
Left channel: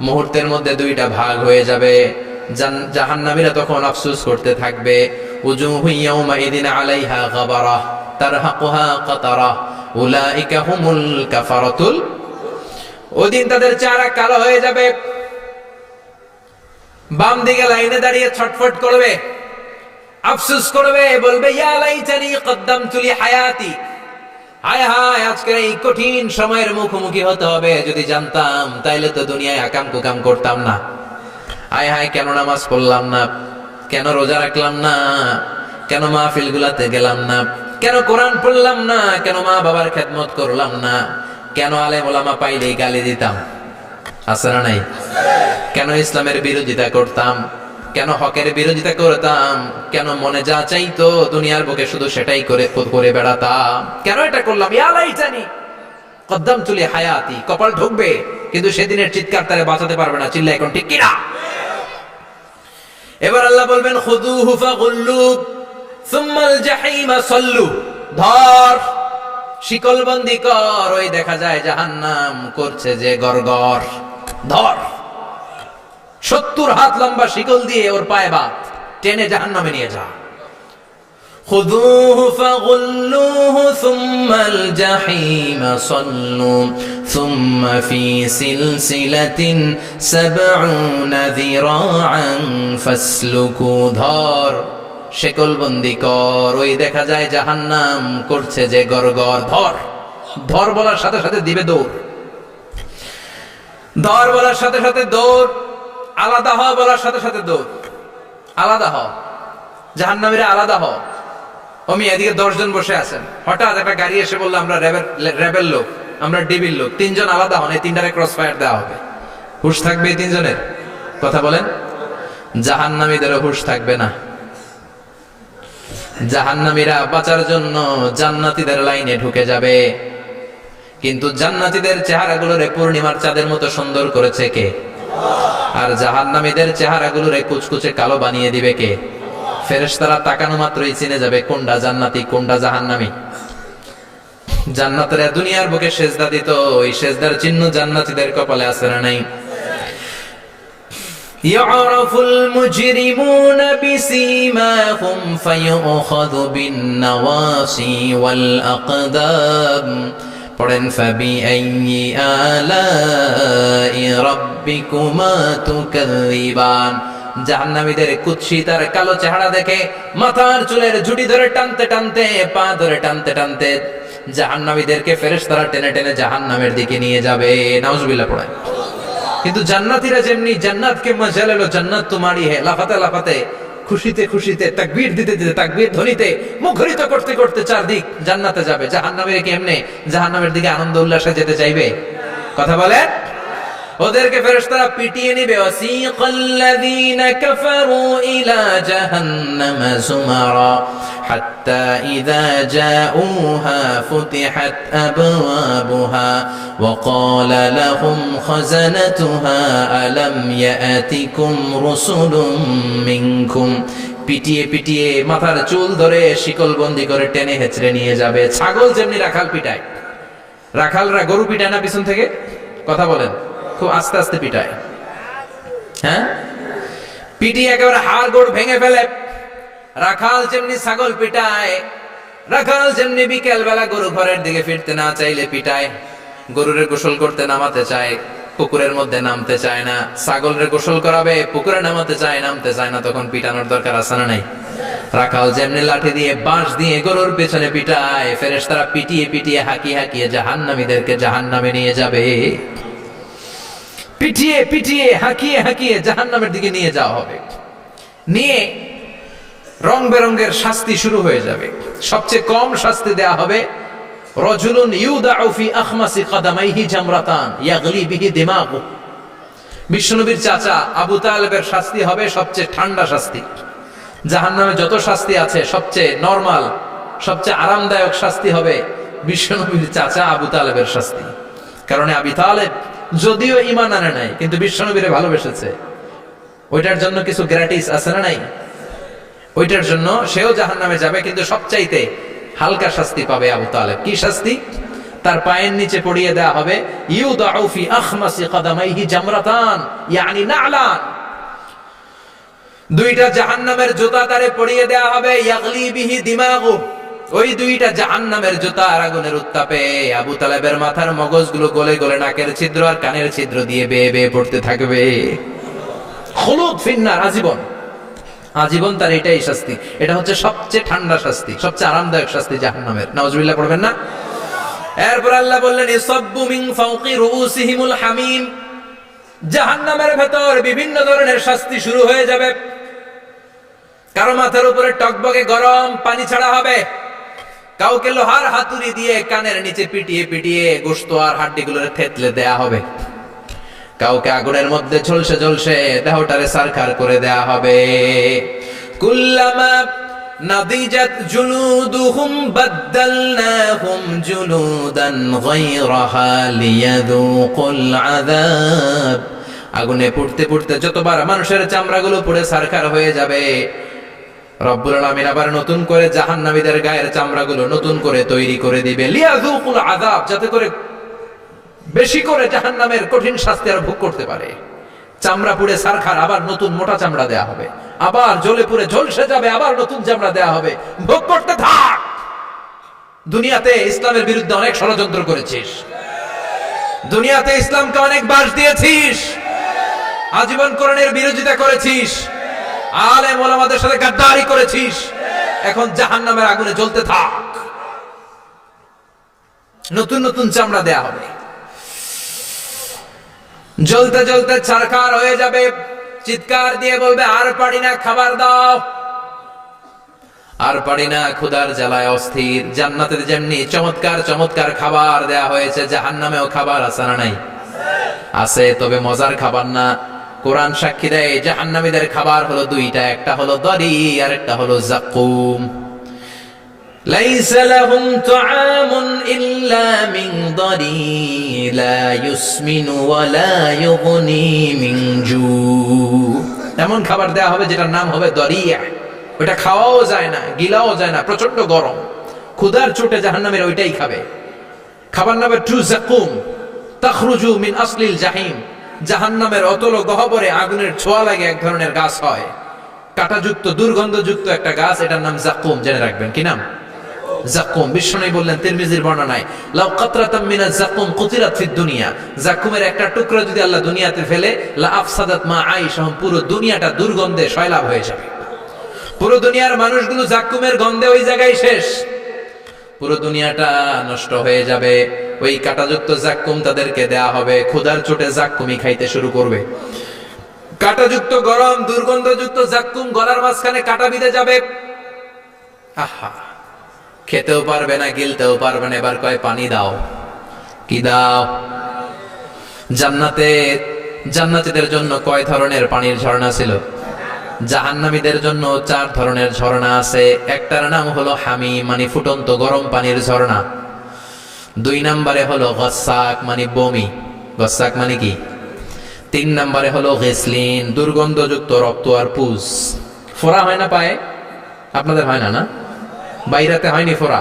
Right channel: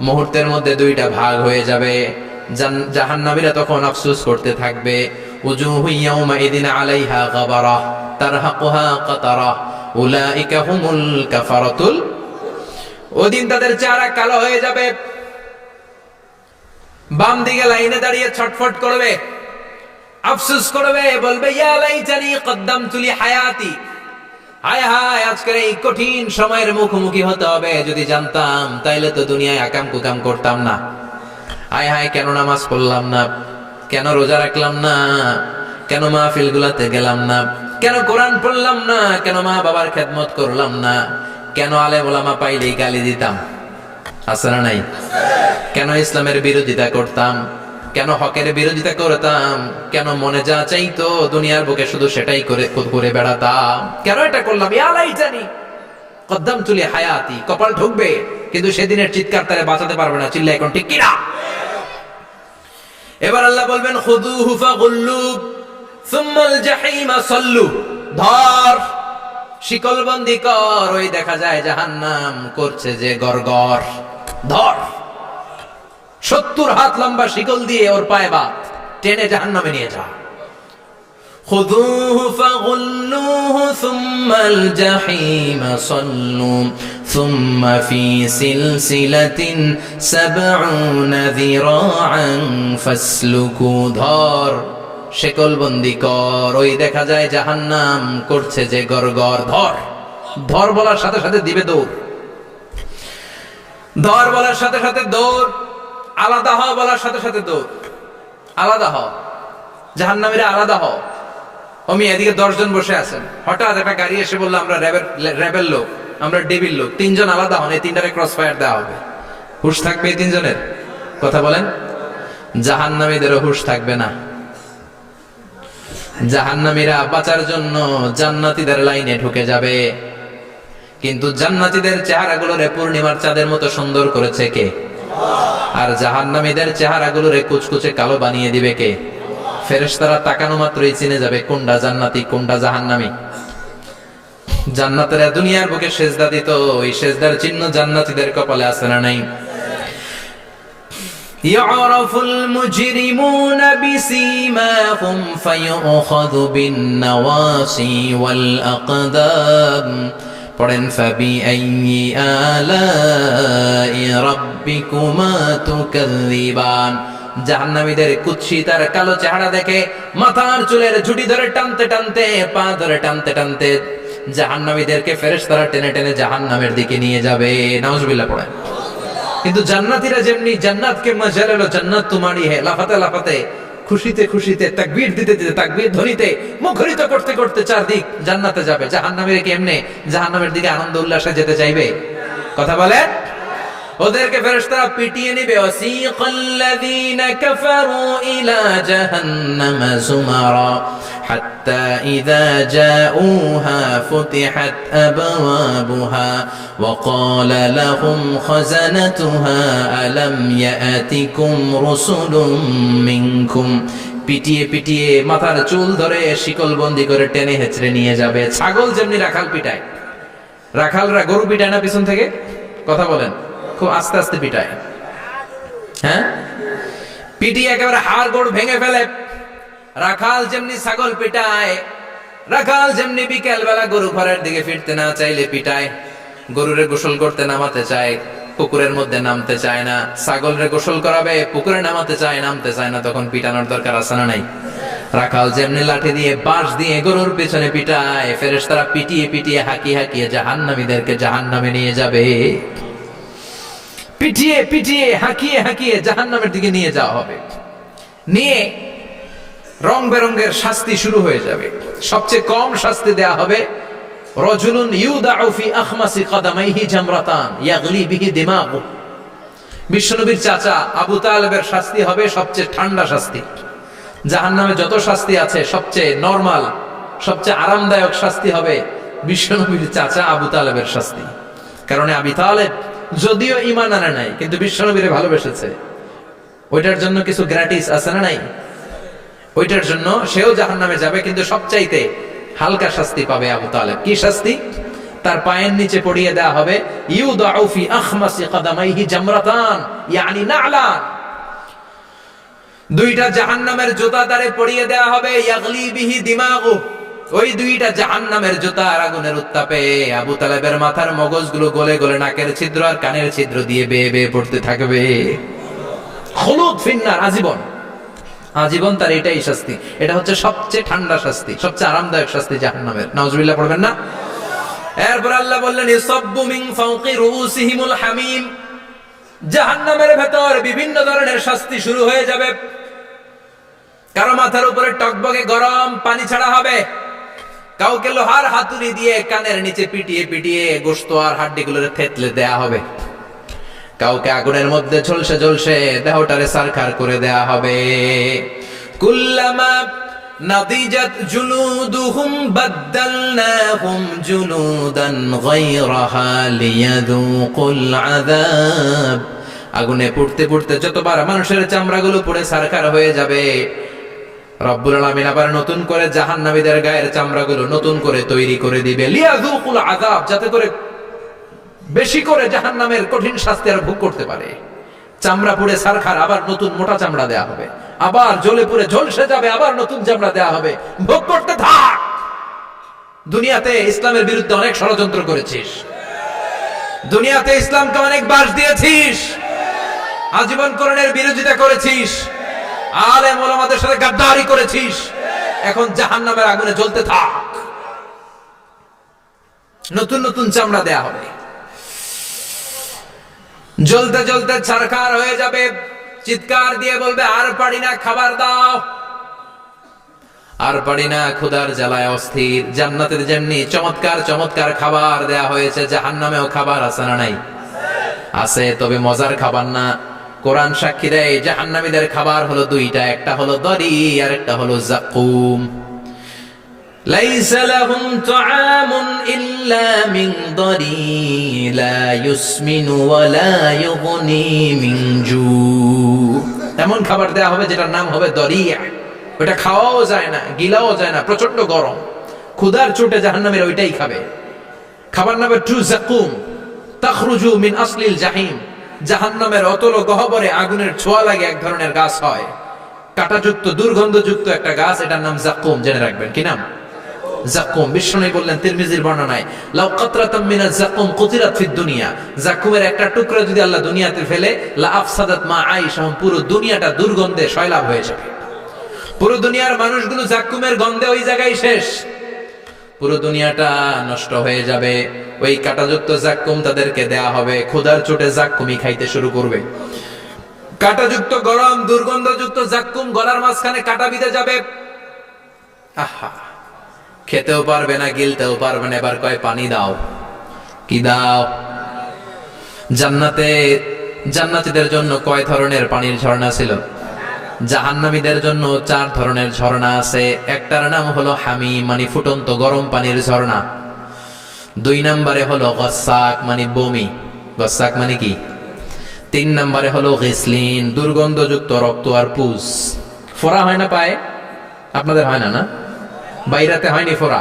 মুহূর্তের মধ্যে দুইটা ভাগ হয়ে যাবে। জাহান্নামীরা তখন আফসোস করতে থাকবে, উজুহু ইয়াউমাইদিন আলাইহা গাবারা তারহাকুহা কাতারা উলাইকা হুমুল কাফারাতুল। ওদিন তাদের চেহারা কালো হয়ে যাবে। বাম দিকে লাইনে দাঁড়িয়ে ছটফট করবে, আফসোস করবে, বলবে, ইয়া লাইতানি কদ্দামতু লি হায়াতি, হায় হায় আজকের এই কঠিন সময়ের মুখোমুখি হতে হবে, যদি জানতাম তাইলে তো দুনিয়ায় আকাম কুকাম করতাম না। হায় হায়, কেন নামাজ পড়লাম না, কেন রোজা রাখলাম না, কেন মাহফিল গুলাতে গেলাম না, কেন কোরআন পড়লাম না, কেন মা বাবার খেদমত করলাম না, কেন আলেম ওলামা পাইলেই গালি দিতাম, আছে না নাই? কেন ইসলামের বিরোধিতা করতাম, কেন হকের বিরোধিতা করতাম, কেন মনে যা চাইতো দুনিয়ার বুকে শুধু সেটাই করে বেড়াতাম, কেন এটা করলাম? ইয়া লাইতানি কদ্দামতু লি হায়াতি। কপাল ঢুকবে, কিন্তু সেদিনের চিৎকার তারে বাঁচাতে পারবে না। চিল্লা এখন ঠিক কিনা? এবার আল্লাহ বলবেন, খুযুহু ফাগুল্লু সুম্মাল জাহিমা সাল্লু, ধর, শিকলবন্দি কর। ওই দেখা যায় জাহান্নাম করছে যে গরগর, ধর, 70 হাত লম্বা শিকল দিয়ে ওর পায়ে বাঁধ, টেনে জাহান্নামে নিয়ে যা। খুযুহু ফাগুল্লুহু সুম্মাল জাহিমা সাল্লু সুম্মা ফি সিলসিলাতিন ৭০ যিরাআন ফাসলুকু, ধর, শিকলবন্দি কর। ওই দেখা যায় জাহান্নাম করছে যে গরগর, ধর। ধর বলার সাথে সাথে দিবে দৌড়, ধর বলার সাথে সাথে দৌড়, আলাদা হ বলার সাথে সাথে দৌড়, আলাদা হ, জাহান্নামীরা আলাদা হ। অমি এদিকে 10 জন বসে আছেন, হঠাৎ একটা গাড়ি এসে বললো, আমরা র্যাবের লোক, আমরা ডিবির লোক, 3 জন আলাদা হন, এই 3টারে ক্রস ফায়ার দেওয়া হবে। হুশ থাকবে এই 3 জনের? কথা বলেন। জাহান্নামীদেরও হুশ থাকবে না। জাহান্নামীরা বাঁচার জন্য জান্নাতীদের লাইনে ঢুকে যাবে, কিন্তু জান্নাতীদের চেহারাগুলোরে পূর্ণিমার চাঁদের মতো সুন্দর করেছে কে? আর জাহান্নামীদের চেহারাগুলোরে কুচকুচে কালো বানিয়ে দিবে কে? ফেরেশতারা তাকানো মাত্রই চিনে যাবে কোনটা জান্নাতি কোনটা জাহান্নামী। জান্নাতীরা দুনিয়ার বুকে সেজদা দিত, ওই সেজদার চিহ্ন জান্নাতীদের কপালে আছে না নাই? ইয়ারাফুল মুজরিমুনা বিসীমাহুম ফায়ুখাযু বিন-নাওয়াসি ওয়াল আকদাম। পড়েন ফাবিআইয়ি আলাই রাব্বিকুমা তুকাযযিবান। জাহান্নামীদের কুৎসিত আর কালো চেহারা দেখে মাথার চুলের ঝুঁটি ধরে টানতে টানতে, পা ধরে টানতে টানতে জাহান্নামীদেরকে ফেরেশতারা টেনে টেনে জাহান্নামের দিকে নিয়ে যাবে। নাউজুবিল্লাহ পড়েন। কিন্তু জান্নাতীরা যেমনি জান্নাতকে মজা লেলো, জান্নাত তোমারই হে, লাফাতে লাফাতে, খুশিতে খুশিতে, তাকবীর দিতে দিতে, তাকবীর ধ্বনিতে মুখরিত করতে করতে চারদিক জান্নাতে যাবে। জাহান্নামীরা কি এমনি জাহান্নামের দিকে আনন্দ উল্লাসে যেতে চাইবে? কথা বলে। ওদেরকে ফেরেশতারা পিটিয়ে নিবে। ওয়াসিকাল্লাযীনা কাফারু ইলা জাহান্নামা যুমারা হাত্তা ইযা জাউহা ফুতিহাত আবওয়াবুহা ওয়া ক্বালা লাহুম খাযানাতুহা আলাম ইয়াতিকুম রুসুলুম মিনকুম। পিটিয়ে পিটিয়ে মাথার চুল ধরে শিকলবন্দি করে টেনে হেঁচড়ে নিয়ে যাবে। ছাগল যেমনি রাখাল পিটায়, রাখালরা গরু পিটায় না পিছন থেকে? কথা বলেন। খুব আস্তে আস্তে পিটায়, হ্যাঁ, পিটিয়ে একেবারে হাড় গোড় ভেঙে ফেলে। রাখাল যেমনি ছাগল পিটায়, রাখাল যেমনি বিকেল বেলা গরু ঘরের দিকে ফিরতে না চাইলে পিটায়। গরুরে গোসল করতে নামাতে চায়, পুকুরের মধ্যে নামতে চায় না। ছাগলের গোসল করাবে, পুকুরে নামাতে চায়, নামতে চায় না, তখন পিটানোর দরকার আছে না নাই? রাখাল যেমনি লাঠি দিয়ে বাঁশ দিয়ে গরুর পেছনে পিটায়, ফেরেশতারা পিটিয়ে পিটিয়ে হাঁকিয়ে হাঁকিয়ে জাহান্নামীদেরকে জাহান্নামে নিয়ে যাবে। পিটিয়ে পিটিয়ে হাঁকিয়ে হাঁকিয়ে জাহান্নামের দিকে নিয়ে যাওয়া হবে। নিয়ে রং বেরঙ্গের শাস্তি শুরু হয়ে যাবে। সবচেয়ে কম শাস্তি দেয়া হবে রাজুলুন ইউদাউ ফি আখমাসি কদামাইহি জামরাতান ইয়াগলি বিহি দিমাগু। বিশ্বনবীর চাচা আবু তালেবের শাস্তি হবে সবচেয়ে ঠান্ডা শাস্তি। জাহান্নামে যত শাস্তি আছে সবচেয়ে নরমাল, সবচেয়ে আরামদায়ক শাস্তি হবে বিশ্বনবীর চাচা আবু তালেবের শাস্তি। কারণ আবু তালেব যদিও ঈমান আনে নাই, কিন্তু বিশ্বনবীরে ভালোবেসেছে। ওইটার জন্য কিছু গ্র্যাটিস আছে না নাই? ওইটার জন্য সেও জাহান্নামে যাবে, কিন্তু সবচাইতে হালকা শাস্তি পাবে আবু তালেব। কি শাস্তি? তার পায়ের নিচে পড়িয়ে দেয়া হবে ইউদাউ ফি আখমাসি কদামাইহি জামরাতান ইয়ানি নালান। দুইটা জাহান্নামের জুতা তারে পড়িয়ে দেয়া হবে, ইয়াগলি বিহি দিমাগু। ওই দুইটা জাহান্নামের জুতা আর আগুনের উত্তাপে আবু তালেবের মাথার মগজগুলো গলে গলে নাকের ছিদ্র আর কানের ছিদ্র দিয়ে বেয়ে বেয়ে পড়তে থাকবে। খুলুদ ফিন্নার, আজীবন, আজীবন তার এটাই শাস্তি। এটা হচ্ছে সবচেয়ে ঠান্ডা শাস্তি, সবচেয়ে আরামদায়ক শাস্তি জাহান্নামের। নাউজুবিল্লাহ পড়বেন না? এরপর আল্লাহ বললেন ইসাব্বু মিন ফাওকি রুউসিহিমুল হামিম। জাহান্নামের ভেতর বিভিন্ন ধরনের শাস্তি শুরু হয়ে যাবে। কারো মাথার উপরে টকবগে গরম পানি ছাড়া হবে, কাউকে লোহার হাতুড়ি দিয়ে কানের নিচে পিটিয়ে পিটিয়ে গোশত আর হাড্ডিগুলোরে থেতলে দেয়া হবে, কাউকে আগুনের মধ্যে ঝলসে ঝলসে দেহটারে সারখার করে দেয়া হবে। কুল্লামা নাদিজাত জুলুদুহুম বাদদালনাহুম জুলুদান গায়রাহা লিয়াযুকুল আযাব। আগুনে পুড়তে পুড়তে যতবার মানুষের চামড়াগুলো পুড়ে সারখার হয়ে যাবে, রব্বুল আলামিন আবার নতুন করে জাহান্নামীদের গায়ের চামড়াগুলো নতুন করে তৈরি করে দিবে। লিয়াযুকুল আযাব, যাতে করে বেশি করে জাহান্নামের কঠিন শাস্তি আর ভোগ করতে পারে। চামড়া পুড়ে সারখার, আবার নতুন মোটা চামড়া দেয়া হবে, আবার জ্বলে পুড়ে ঝলসে যাবে, আবার নতুন চামড়া দেয়া হবে। ভোগ করতে থাক। দুনিয়াতে ইসলামের বিরুদ্ধে অনেক ষড়যন্ত্র করেছিস, দুনিয়াতে ইসলামকে অনেক বাস দিয়েছিস, আজীবন কোরআনের বিরোধিতা করেছিস, আলেম ওলামাদের সাথে গাদ্দারি করেছিস। এখন জাহান্নামের আগুনে জ্বলতে থাক। নতুন নতুন চামড়া দেয়া হবে, জ্বলতে জ্বলতে ছারখার হয়ে যাবে। চিৎকার দিয়ে বলবে আর পারি না, খাবার দাও। আর পারি না, ক্ষুধার জ্বালায় অস্থির। জান্নাতে যেমনি চমৎকার চমৎকার খাবার দেয়া হয়েছে, জাহান্নামেও খাবার আছে না নাই? আছে, তবে মজার খাবার না। কোরআন সাক্ষী দেয় জাহান্নামীদের খাবার হলো দুইটা, একটা হলো দরি আর একটা হলো যাকুম। লাইসা লাহুম তুআমুন ইল্লা মিন দরি লা ইউসমিনু ওয়া লা ইউগনি মিন জু। এমন খাবার দেয়া হবে যেটার নাম হবে দরিয়া। ওটা খাওয়াও যায় না, গিলাও যায় না, প্রচন্ড গরম। ক্ষুধার চোটে জাহান্নামীরা ওইটাই খাবে। খাবার নাম্বার 2, যাকুম তাখরুজু মিন আসলিল জাহিম। জাহান্নামের অতল গহ্বরে আগুনের ছোঁয়া লাগে এক ধরনের গাছ হয়, কাঁটাযুক্ত দুর্গন্ধযুক্ত একটা গাছ, এটার নাম যাকুম। জেনে রাখবেন, কি নাম? যাকুম। বিশ্বনবী বললেন তিরমিজির বর্ণনায়, লাউ কাতরাতাম মিনাজ যাকুম কুতিরাত ফিদ দুনিয়া। যাকুমের একটা টুকরা যদি আল্লাহ দুনিয়াতে ফেলে, লা আফসাদাত মা আইশাহুম, পুরো দুনিয়াটা দুর্গন্ধে সয়লাব হয়ে যাবে। পুরো দুনিয়ার মানুষগুলো যাকুমের গন্ধে ওই জায়গায় শেষ, পুরো দুনিয়াটা নষ্ট হয়ে যাবে। ওই কাঁটাযুক্ত যাকুম তাদেরকে দেয়া হবে, ক্ষুধার চোটে যাকুমই খাইতে শুরু করবে। কাঁটাযুক্ত গরম দুর্গন্ধযুক্ত যাকুম গলার মাঝখানে কাঁটা বিঁধে যাবে। আহা, খেতেও পারবে না, গিলতেও পারবে না। এবার কয় পানি দাও। কি দাও? জান্নাতীদের জন্য কয় ধরনের পানির ঝর্ণা ছিল? জাহান্নামীদের জন্য 4 ধরনের ঝর্ণা আছে। একটার নাম হলো হামিম, মানে ফুটন্ত গরম পানির ঝর্ণা। 2 নম্বরে হলো গসাক, মানে বমি। গসাক মানে কি? 3 নম্বরে হলো গিসলিন, দুর্গন্ধযুক্ত রক্ত আর পুজ। ফোড়া হয় না পায়ে? আপনাদের হয় না? না, বাইরাতে হয়নি ফোড়া?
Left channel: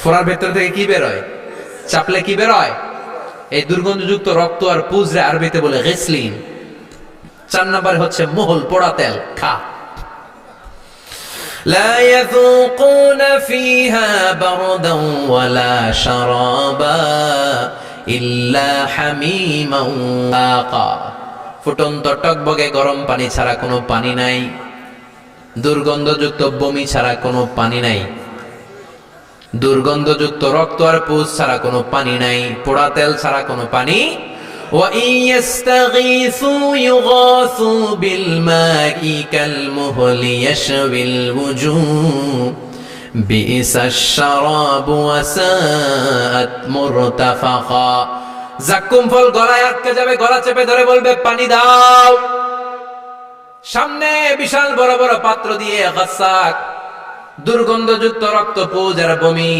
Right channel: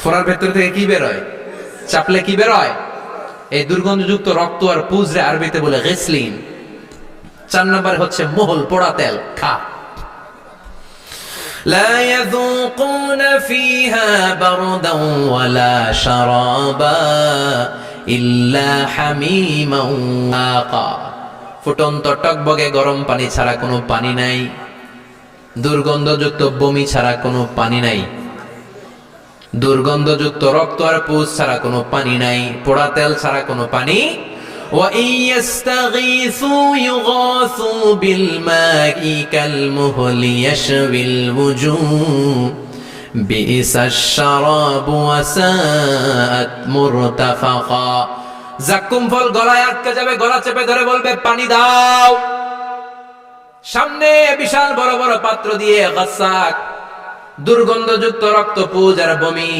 ফোড়ার ভেতর থেকে কি বেরোয়? চাপলে কি বেরোয়? এই দুর্গন্ধযুক্ত রক্ত আর পুজ রে আরবিতে বলে গিসলিন। 4 নম্বরে হচ্ছে মোহল, পোড়া তেল। খা। লা ইয়াযুকুনা ফিহা বারদান ওয়ালা শারাবা ইল্লা হামিমান ওয়াকা। ফুটন্ত টকবগে গরম পানি ছাড়া কোনো পানি নাই, দুর্গন্ধযুক্ত বমি ছাড়া কোনো পানি নাই, দুর্গন্ধযুক্ত রক্ত আর পুজ ছাড়া কোনো পানি নাই, পোড়া তেল ছাড়া কোনো পানি। وَإِن يَسْتَغِيثُوا يُغَاثُوا بِالْمَاءِ كَالْمُهْلِ يَشْوِي الْوُجُوهَ بِئْسَ الشَّرَابُ وَسَاءَتْ مُرْتَفَقًا। যাকুম ফল গলায় আটকে যাবে, গলা চেপে ধরে বলবে পানি দাও। সামনে বিশাল বড় বড় পাত্র দিয়ে গাসাক, দুর্গন্ধযুক্ত রক্ত, পুজ আর বমি,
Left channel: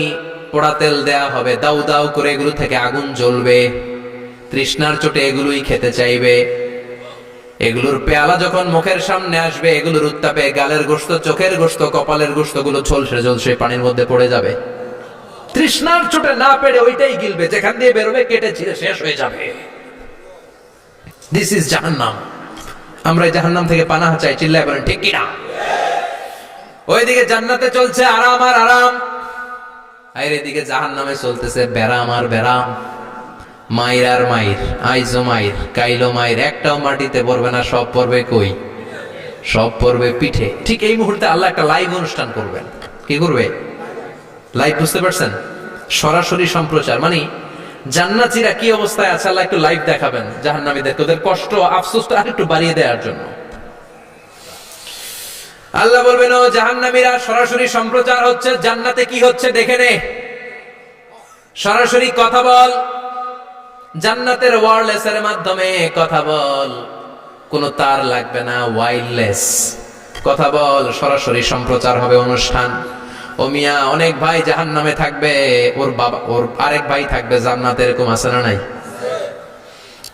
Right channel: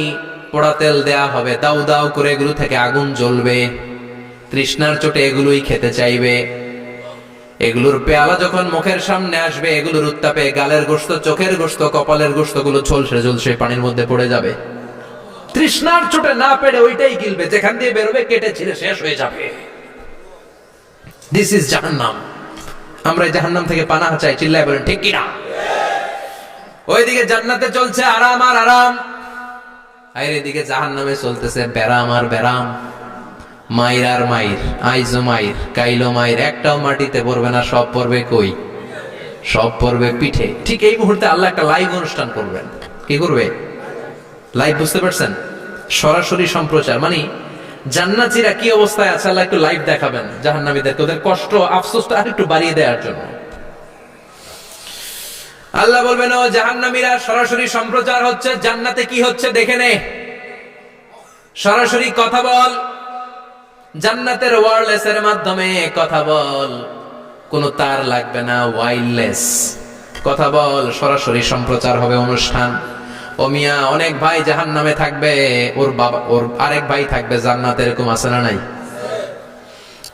পোড়া তেল দেয়া হবে। দাউ দাউ করে এগুলো থেকে আগুন জ্বলবে। তৃষ্ণার চোটে এগুলোই খেতে চাইবে। এগুলোর পেয়ালা যখন মুখের সামনে আসবে, এগুলোর উত্তাপে গালের গোশত, চোখের গোশত, কপালের গোশত গুলো ঝলসে ঝলসে পানির মধ্যে পড়ে যাবে। তৃষ্ণার চোটে না পেরে ওইটাই গিলবে, যেখান দিয়ে বেরোবে কেটে ছিঁড়ে শেষ হয়ে যাবে। দিস ইজ জাহান্নাম। আমরা এই জাহান্নাম থেকে পানাহ চাই। চিল্লায় বলেন ঠিক কিনা? ওইদিকে জান্নাতে চলছে আরাম আর আরাম, আর এদিকে জাহান্নামে চলতেছে ব্যারাম আর ব্যারাম, মাইর আর মাইর, আইজো মাইর, কাইলো মাইর। একটাও মাটিতে পড়বে না, সব পড়বে কই? সব পড়বে পিঠে। ঠিক এই মুহূর্তে আল্লাহ একটা লাইভ অনুষ্ঠান করবেন। কি করবে? লাইভ, বুঝতে পারছেন? সরাসরি সম্প্রচার, মানে জান্নাতীরা কি অবস্থায় আছে আল্লাহ একটু লাইভ দেখাবেন জাহান্নামীদেরকে, ওদের কষ্ট আফসোসটা আর একটু বাড়িয়ে দেওয়ার জন্য। আল্লাহ বলবেন, ও জাহান্নামীরা, সরাসরি সম্প্রচার হচ্ছে, জান্নাতে কি হচ্ছে দেখে নে, সরাসরি কথা বল, জান্নাতের ওয়্যারলেসের মাধ্যমে কথা বল, কোনো তার লাগবে না, ওয়্যারলেস কথা বল, সরাসরি সম্প্রচার হবে অনুষ্ঠান। ও মিয়া, অনেক ভাই জাহান্নামে থাকবে, ওর বাবা, ওর আরেক ভাই থাকবে জান্নাতে, এরকম আছে না নাই?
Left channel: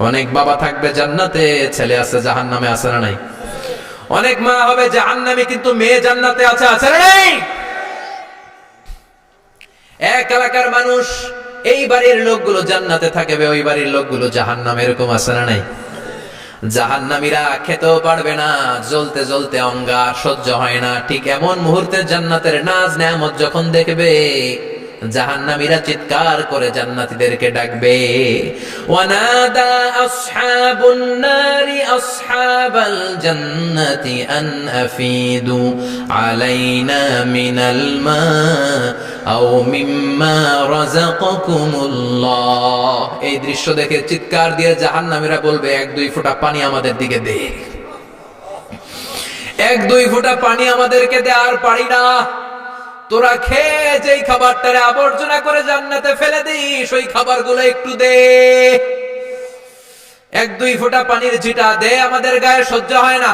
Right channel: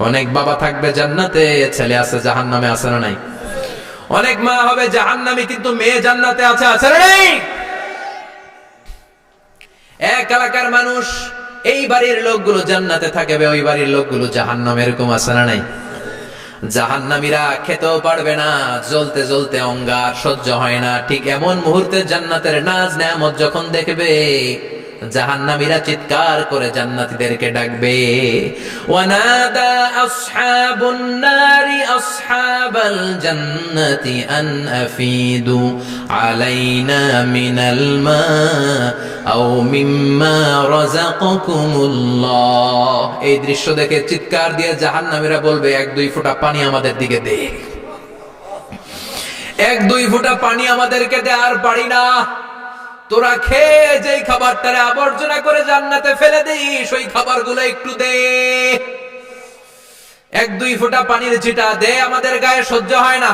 অনেক বাবা থাকবে জান্নাতে, ছেলে আছে জাহান্নামে, আছে না নাই? অনেক মা হবে জাহান্নামী কিন্তু মেয়ে জান্নাতে আছে, আছে না নাই? এক এলাকার মানুষ, এই বাড়ির লোকগুলো জান্নাতে থাকবে, ওই বাড়ির লোকগুলো জাহান্নামে, এরকম আছে না নাই? জাহান্নামীরা খেতেও পারবে না, জ্বলতে জ্বলতে অঙ্গার সহ্য হয় না। ঠিক এমন মুহূর্তে জান্নাতের নাজ নেয়ামত যখন দেখবে, জাহান্নামীরা চিৎকার করে জান্নাতীদেরকে ডাকবে, ওয়ানাদা আসহাবুন নারি আসহাবাল জান্নাতি আন আফিদু আলাইনা মিনাল মা আও মিম্মা রাযাকাকুমুল্লাহ। এই দৃশ্য দেখে চিৎকার দিয়ে জাহান্নামীরা বলবে, 1-2 ফোঁটা পানি আমাদের দিকে দে, 1-2 ফোঁটা পানি আমাদেরকে দে, আর পারি না। তোরা খেয়ে যেই খাবারটারে আবর্জনা করে জান্নাতে ফেলে দিস, ওই খাবারগুলো একটু দে, 1-2 ফোঁটা পানির ছিটা দে, আমাদের গায়ে সহ্য হয় না।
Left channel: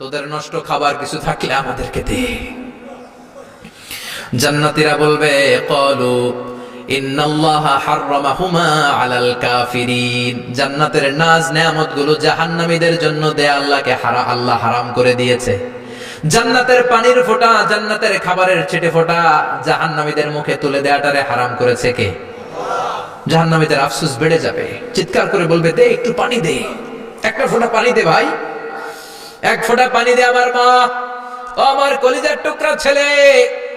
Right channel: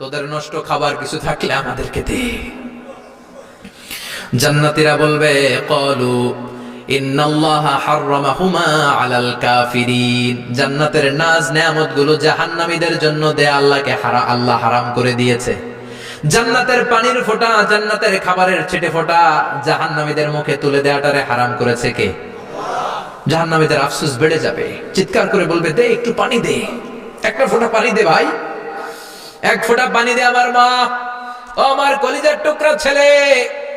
তোদের নষ্ট খাবার কিছু থাকলে আমাদেরকে দে। জান্নাতীরা বলবে, ক্বালু ইন্নাল্লাহা হাররামাহুমা আলাল কাফিরিন। জান্নাতের নাজ নেয়ামতগুলো জাহান্নামীদের জন্য দেয়া আল্লাহ হারাম করে দিয়েছে। জান্নাতের পানির ফোঁটা, জান্নাতের খাবারের ছিটে ফোঁটা জাহান্নামীদের মুখে তুলে দেওয়াটারে হারাম করেছে কে? জাহান্নামীদের আফসোস বেড়ে যাবে, চিৎকার করে বলবে, দে একটু পানি দে, একটা ফোঁটা পানি দে ভাই, এক ফোঁটা পানি দে আমার মা, ও আমার কলিজার টুকরা ছেলে,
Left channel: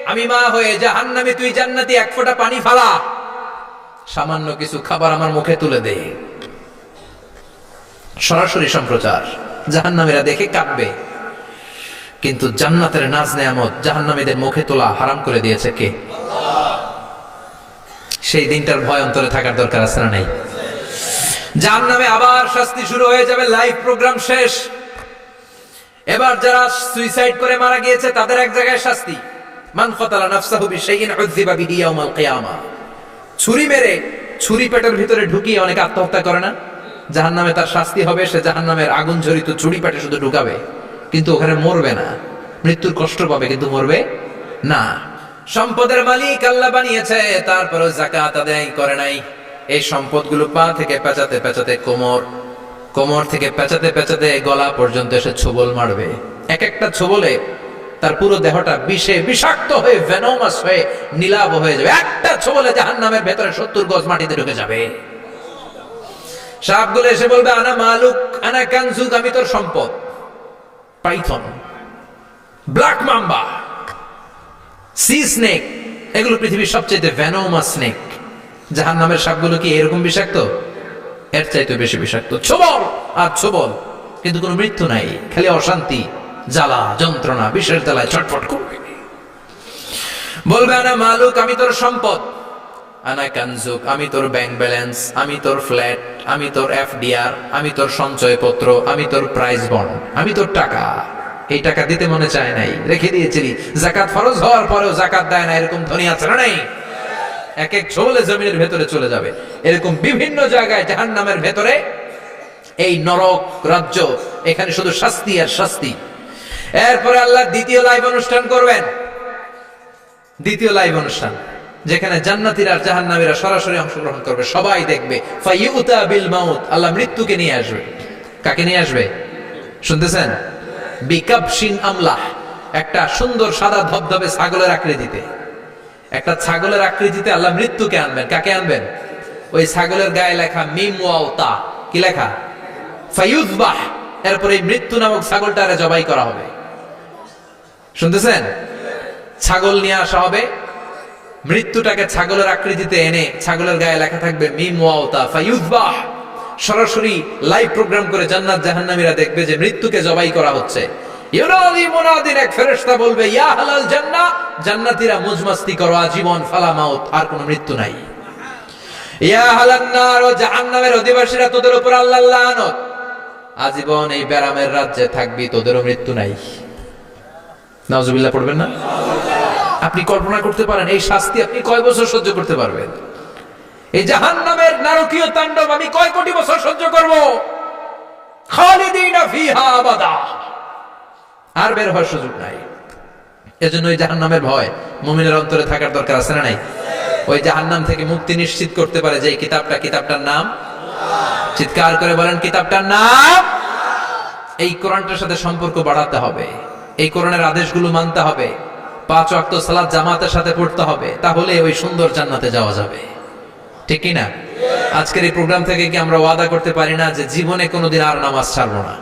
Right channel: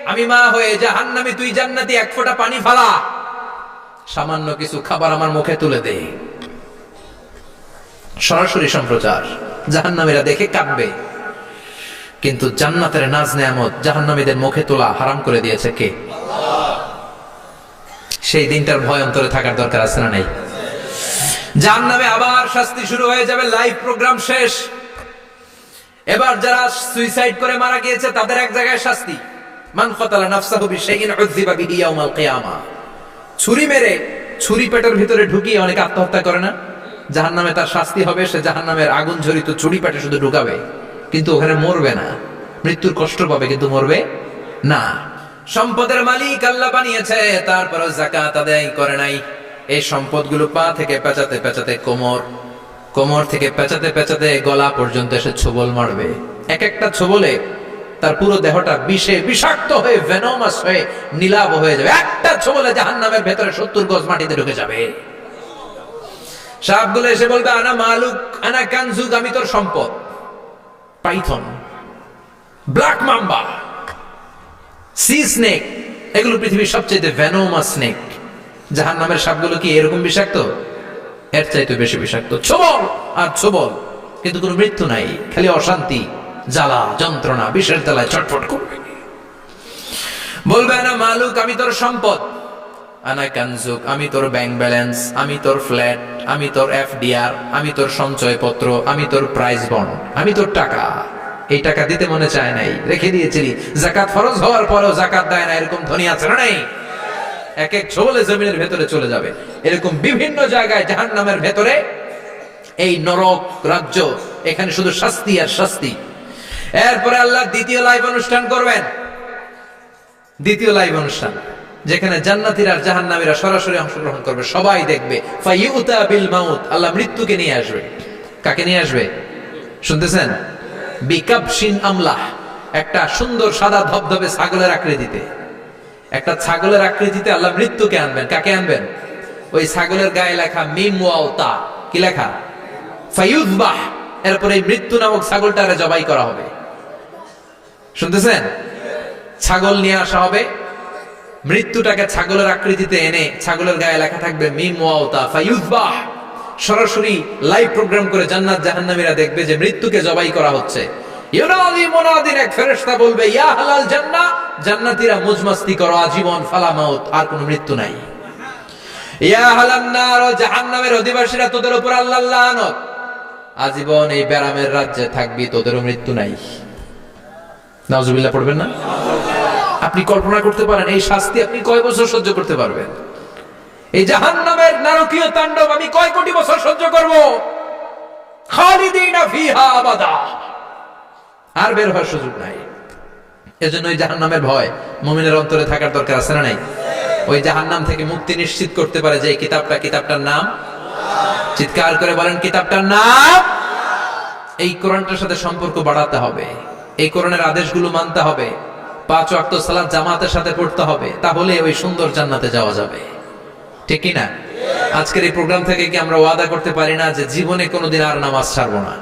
আমি মা হয়ে জাহান্নামী, তুই জান্নাতি, এক ফোঁটা পানি ফালা, সামান্য কিছু খাবার আমার মুখে তুলে দে। সরাসরি সম্প্রচার, জাহান্নামীরা দেখে কাঁদবে। কিন্তু জান্নাতের নাজ নেয়ামত জাহান্নামীদের মুখে তোলা হারাম করে দিয়েছে কে? সেই দিনটার ভয় অন্তরে থাকার দরকার আছে না নাই? জাহান্নামে আবার শাস্তি শুরু হয়ে যাবে, লাইভ প্রোগ্রাম শেষ। এবার যারা সুইসাইড করে মারা গিয়েছে তাদের এক জায়গায় শাস্তি, মান কাতালা নাফসাহু বিশাইইন উযযিবা বিহি ইয়াউমাল কিয়ামা। ছুরি মেরে ছুরি পেটের ভিতরে ঢুকিয়ে অনেকে আত্মহত্যা করে না? জাহান্নামে তার শাস্তি হবে, সে জাহান্নামের আগুন ঝরিত ছুরি পেটে শুধু ঢুকাবে, কিন্তু ওখানে মরবে না, মৃত্যুর কষ্ট পাবে কিন্তু মরবে না। সম্পদের মালিক আল্লাহ বানিয়েছে, তারপরেও যাকাত আদায় করে নাই। এই সম্পদগুলো পা থেকে পেঁচাতে পেঁচাতে কোমর থেকে পেঁচাতে পেঁচাতে গলা পর্যন্ত এসে ছোবল মারবে। এক একটা ছোবলে তার পুরো দেহটা বিষে বিষাক্ত হয়ে ভেনোমাস হয়ে নীলাভ হয়ে যাবে। একটা ছোবলে জাহান্নামের ভেতরে 70 গজ মাটিতে ঢুকে যাবে। সাপগুলো এসে বলবে, আনা মালুক আনা কানজুক, আমি তোর সম্পদ। Python, black mamba, C snake, এগুলো পৃথিবীর সবচেয়ে ভেনোমাস স্নেক। জাহান্নামের সাপগুলো কি এরকম বিষাক্ত? এর চাইতে বেশি বিষাক্ত। ছোবল আর ছোবল, কিন্তু কোনো মৃত্যু নাই, খালি অশান্তি, জ্বালা যন্ত্রণা, বিষের জ্বালায় ছটফট করবে। বলবে, আনা মালুক, আমি তোর সম্পদ। আনা কানজুক, আমি তোর ব্যাংক ব্যালেন্স, আমি তোর ফ্ল্যাট, আমি তোর এফডিআর, আমি তোর সঞ্চয়পত্র, আমি তোর প্রাইজ বন্ড, আমি তোর টাকা। এই টাকা দিতে মনে চায় নাই, রেখে দিয়েছিলি, জাকাত ফরজ হওয়ার পরেও জাকাত দেয় না, এরকম ধনী আছে না নাই? এক এক ছোবলে জমিনের ভেতরে চলে যাবে। এরকম বিভিন্ন জায়গায় জাহান্নামের ভেতরে এই নরক রাজ্য, এখানে শুধু শাস্তি আর শাস্তি। এরপরে আল্লাহ দ্বিতীয় লাইভ অনুষ্ঠান করবেন, দ্বিতীয় লাইভ অনুষ্ঠান, যেখানে জান্নাতীরা আর জাহান্নামীরা সরাসরি অংশগ্রহণ করবে, সবাই দেখবে। ফাইউতা বিল মাউত, আল্লাহ মৃত্যুকে নিয়ে আসবে। কাকে নিয়ে আসবে শুনতেছেন? বিকাবশিন আমলাহ, একটা সুন্দর সাদা ধবধবে ছাগলের আকৃতিতে, একটা ছাগলের আকৃতিতে আল্লাহ মৃত্যুকে আনবেন। কাকে আনবেন? ওই ছাগলের গায়ে লেখা মিম ওয়াও তা, কি লেখা? ফায়ুযবাহ। এরপরে এই মৃত্যু নামক ছাগলটারে জবাই করা হবে। শুনতেছেন? ছাগল নিয়ে আসা হবে, মৃত্যুটাকে ছাগলের আকৃতিতে এনে ছাগলের গায়ে লেখা থাকবে মিম ওয়াও তা ফায়ুযবাহ। সরাসরি লাইভ প্রোগ্রাম করে জান্নাত জাহান্নামীরা দেখবে যে মৃত্যুকে জবাই করা হচ্ছে। ইউনাদি মুনাদিন, এক ফেরেশতা বলবে, ইয়া আহলাল জান্নাহ, জান্নাতীরা মুজমাস্তি করো আজীবন, ফালা মাউত, আর কোনো মৃত্যু নাই। ইয়া আহলান নার, ও জাহান্নামের অধিবাসীরা, তোদের উপর আল্লাহর লানত, আজীবন এই ব্যারামের রাজ্যে থাকবি, তোদেরও মৃত্যু নাই। নাউজুবিল্লাহ পড়বেন না? আপনি কল্পনা করতে পারেন এই শাস্তি আপনি কয় বছর সহ্য করতে পারবেন? এই জাহান্নামের নারকীয় তাণ্ডব আমি কয় কোটি বছর সহ্য করব? খালিদিনা ফিহা আবাদা, আর বের হওয়ার সুযোগ নাই। এজন্য ওই জাহান্নামের ভয় মুমিনের অন্তরে থাকার দরকার আছে না নাই? ওই জাহান্নাম থেকে মুক্তি নিশ্চিত করতে পারে যে কিতাবটার নাম, চিৎকার করে বলেন, কিতাবটার নাম। এই কোরআনটার সাথে সম্পর্ক বাড়াতে হবে, এই কোরআনের আদেশগুলো মানতে হবে, 5 ওয়াক্ত সালাত জামাতের সাথে পড়তে হবে, তাহলে ওই সুন্দর জান্নাতে যাওয়া যাবে। ঠিক কি না? আজকের এই প্রোগ্রাম থেকে কি আমরা ওয়াদা করতে পারি না যে জীবনে কোনোদিন আর নামাজ ছাড়বো না,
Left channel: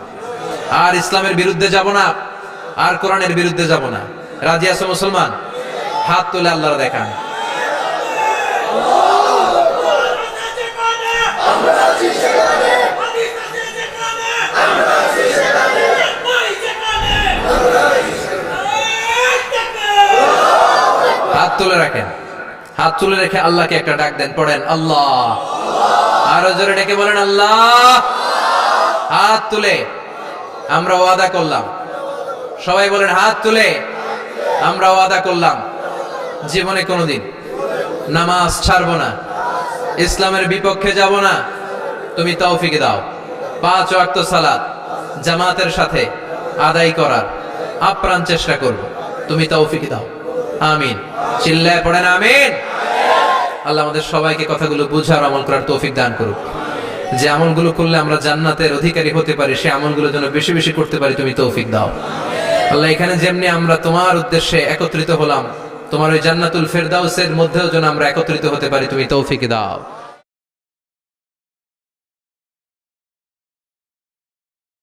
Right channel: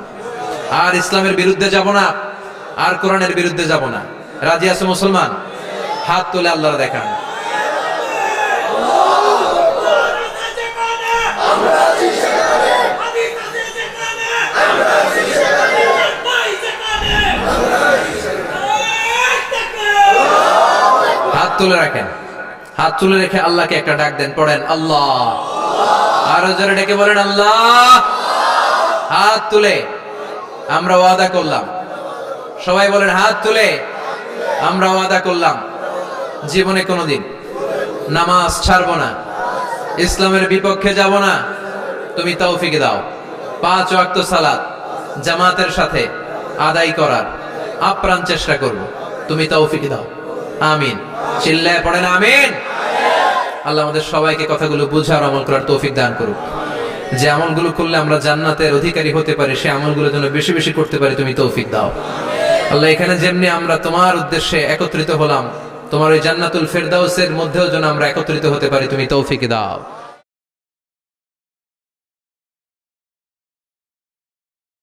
আর ইসলামের বিরুদ্ধে যাব না, আর কোরআনের বিরুদ্ধে যাব না? রাজি আছো মুসলমান? হাত তুলে আল্লাহর দেখান। হাত তুলে রাখেন, হাত তুলে রেখে আল্লাহকে একটা ডাক দেন, পড়েন আল্লাহ। আরো জোরে ডেকে বলেন আল্লাহ। হাত তুলে আমরা ওয়াদা করলাম, সবাই বলেন হাত তুলে আমরা ওয়াদা করলাম জীবনে কোনোদিন নামাজ ছাড়বো না, ইসলামের বিপক্ষে যাব না। তুমি তৌফিক দাও, 5 ওয়াক্ত সালাত জামাতের সাথে আদায় করার আপ্রাণ চেষ্টা করব, তুমি তৌফিক দাও। আমিন। চিল্লায় পড়েন আমিন। আল্লাহ আমাদের সবাইকে কথাগুলো বুঝার আমল করার তৌফিক দান করুক। যে আমলগুলো করলে আমরা জান্নাতের অধিকারী হতে পারি, সে আমলগুলো যেন বেশি বেশি করতে পারি, তুমি তৌফিক দাও। আল্লাহ এখানে যেমনি আমরা তোমার উদ্দেশ্যে একত্রিত হলাম, তোমার ওই জান্নাতুল ফেরদাউসের মধ্যেও যেন আমরা একত্রিত হতে পারি, তুমি তৌফিক দাও।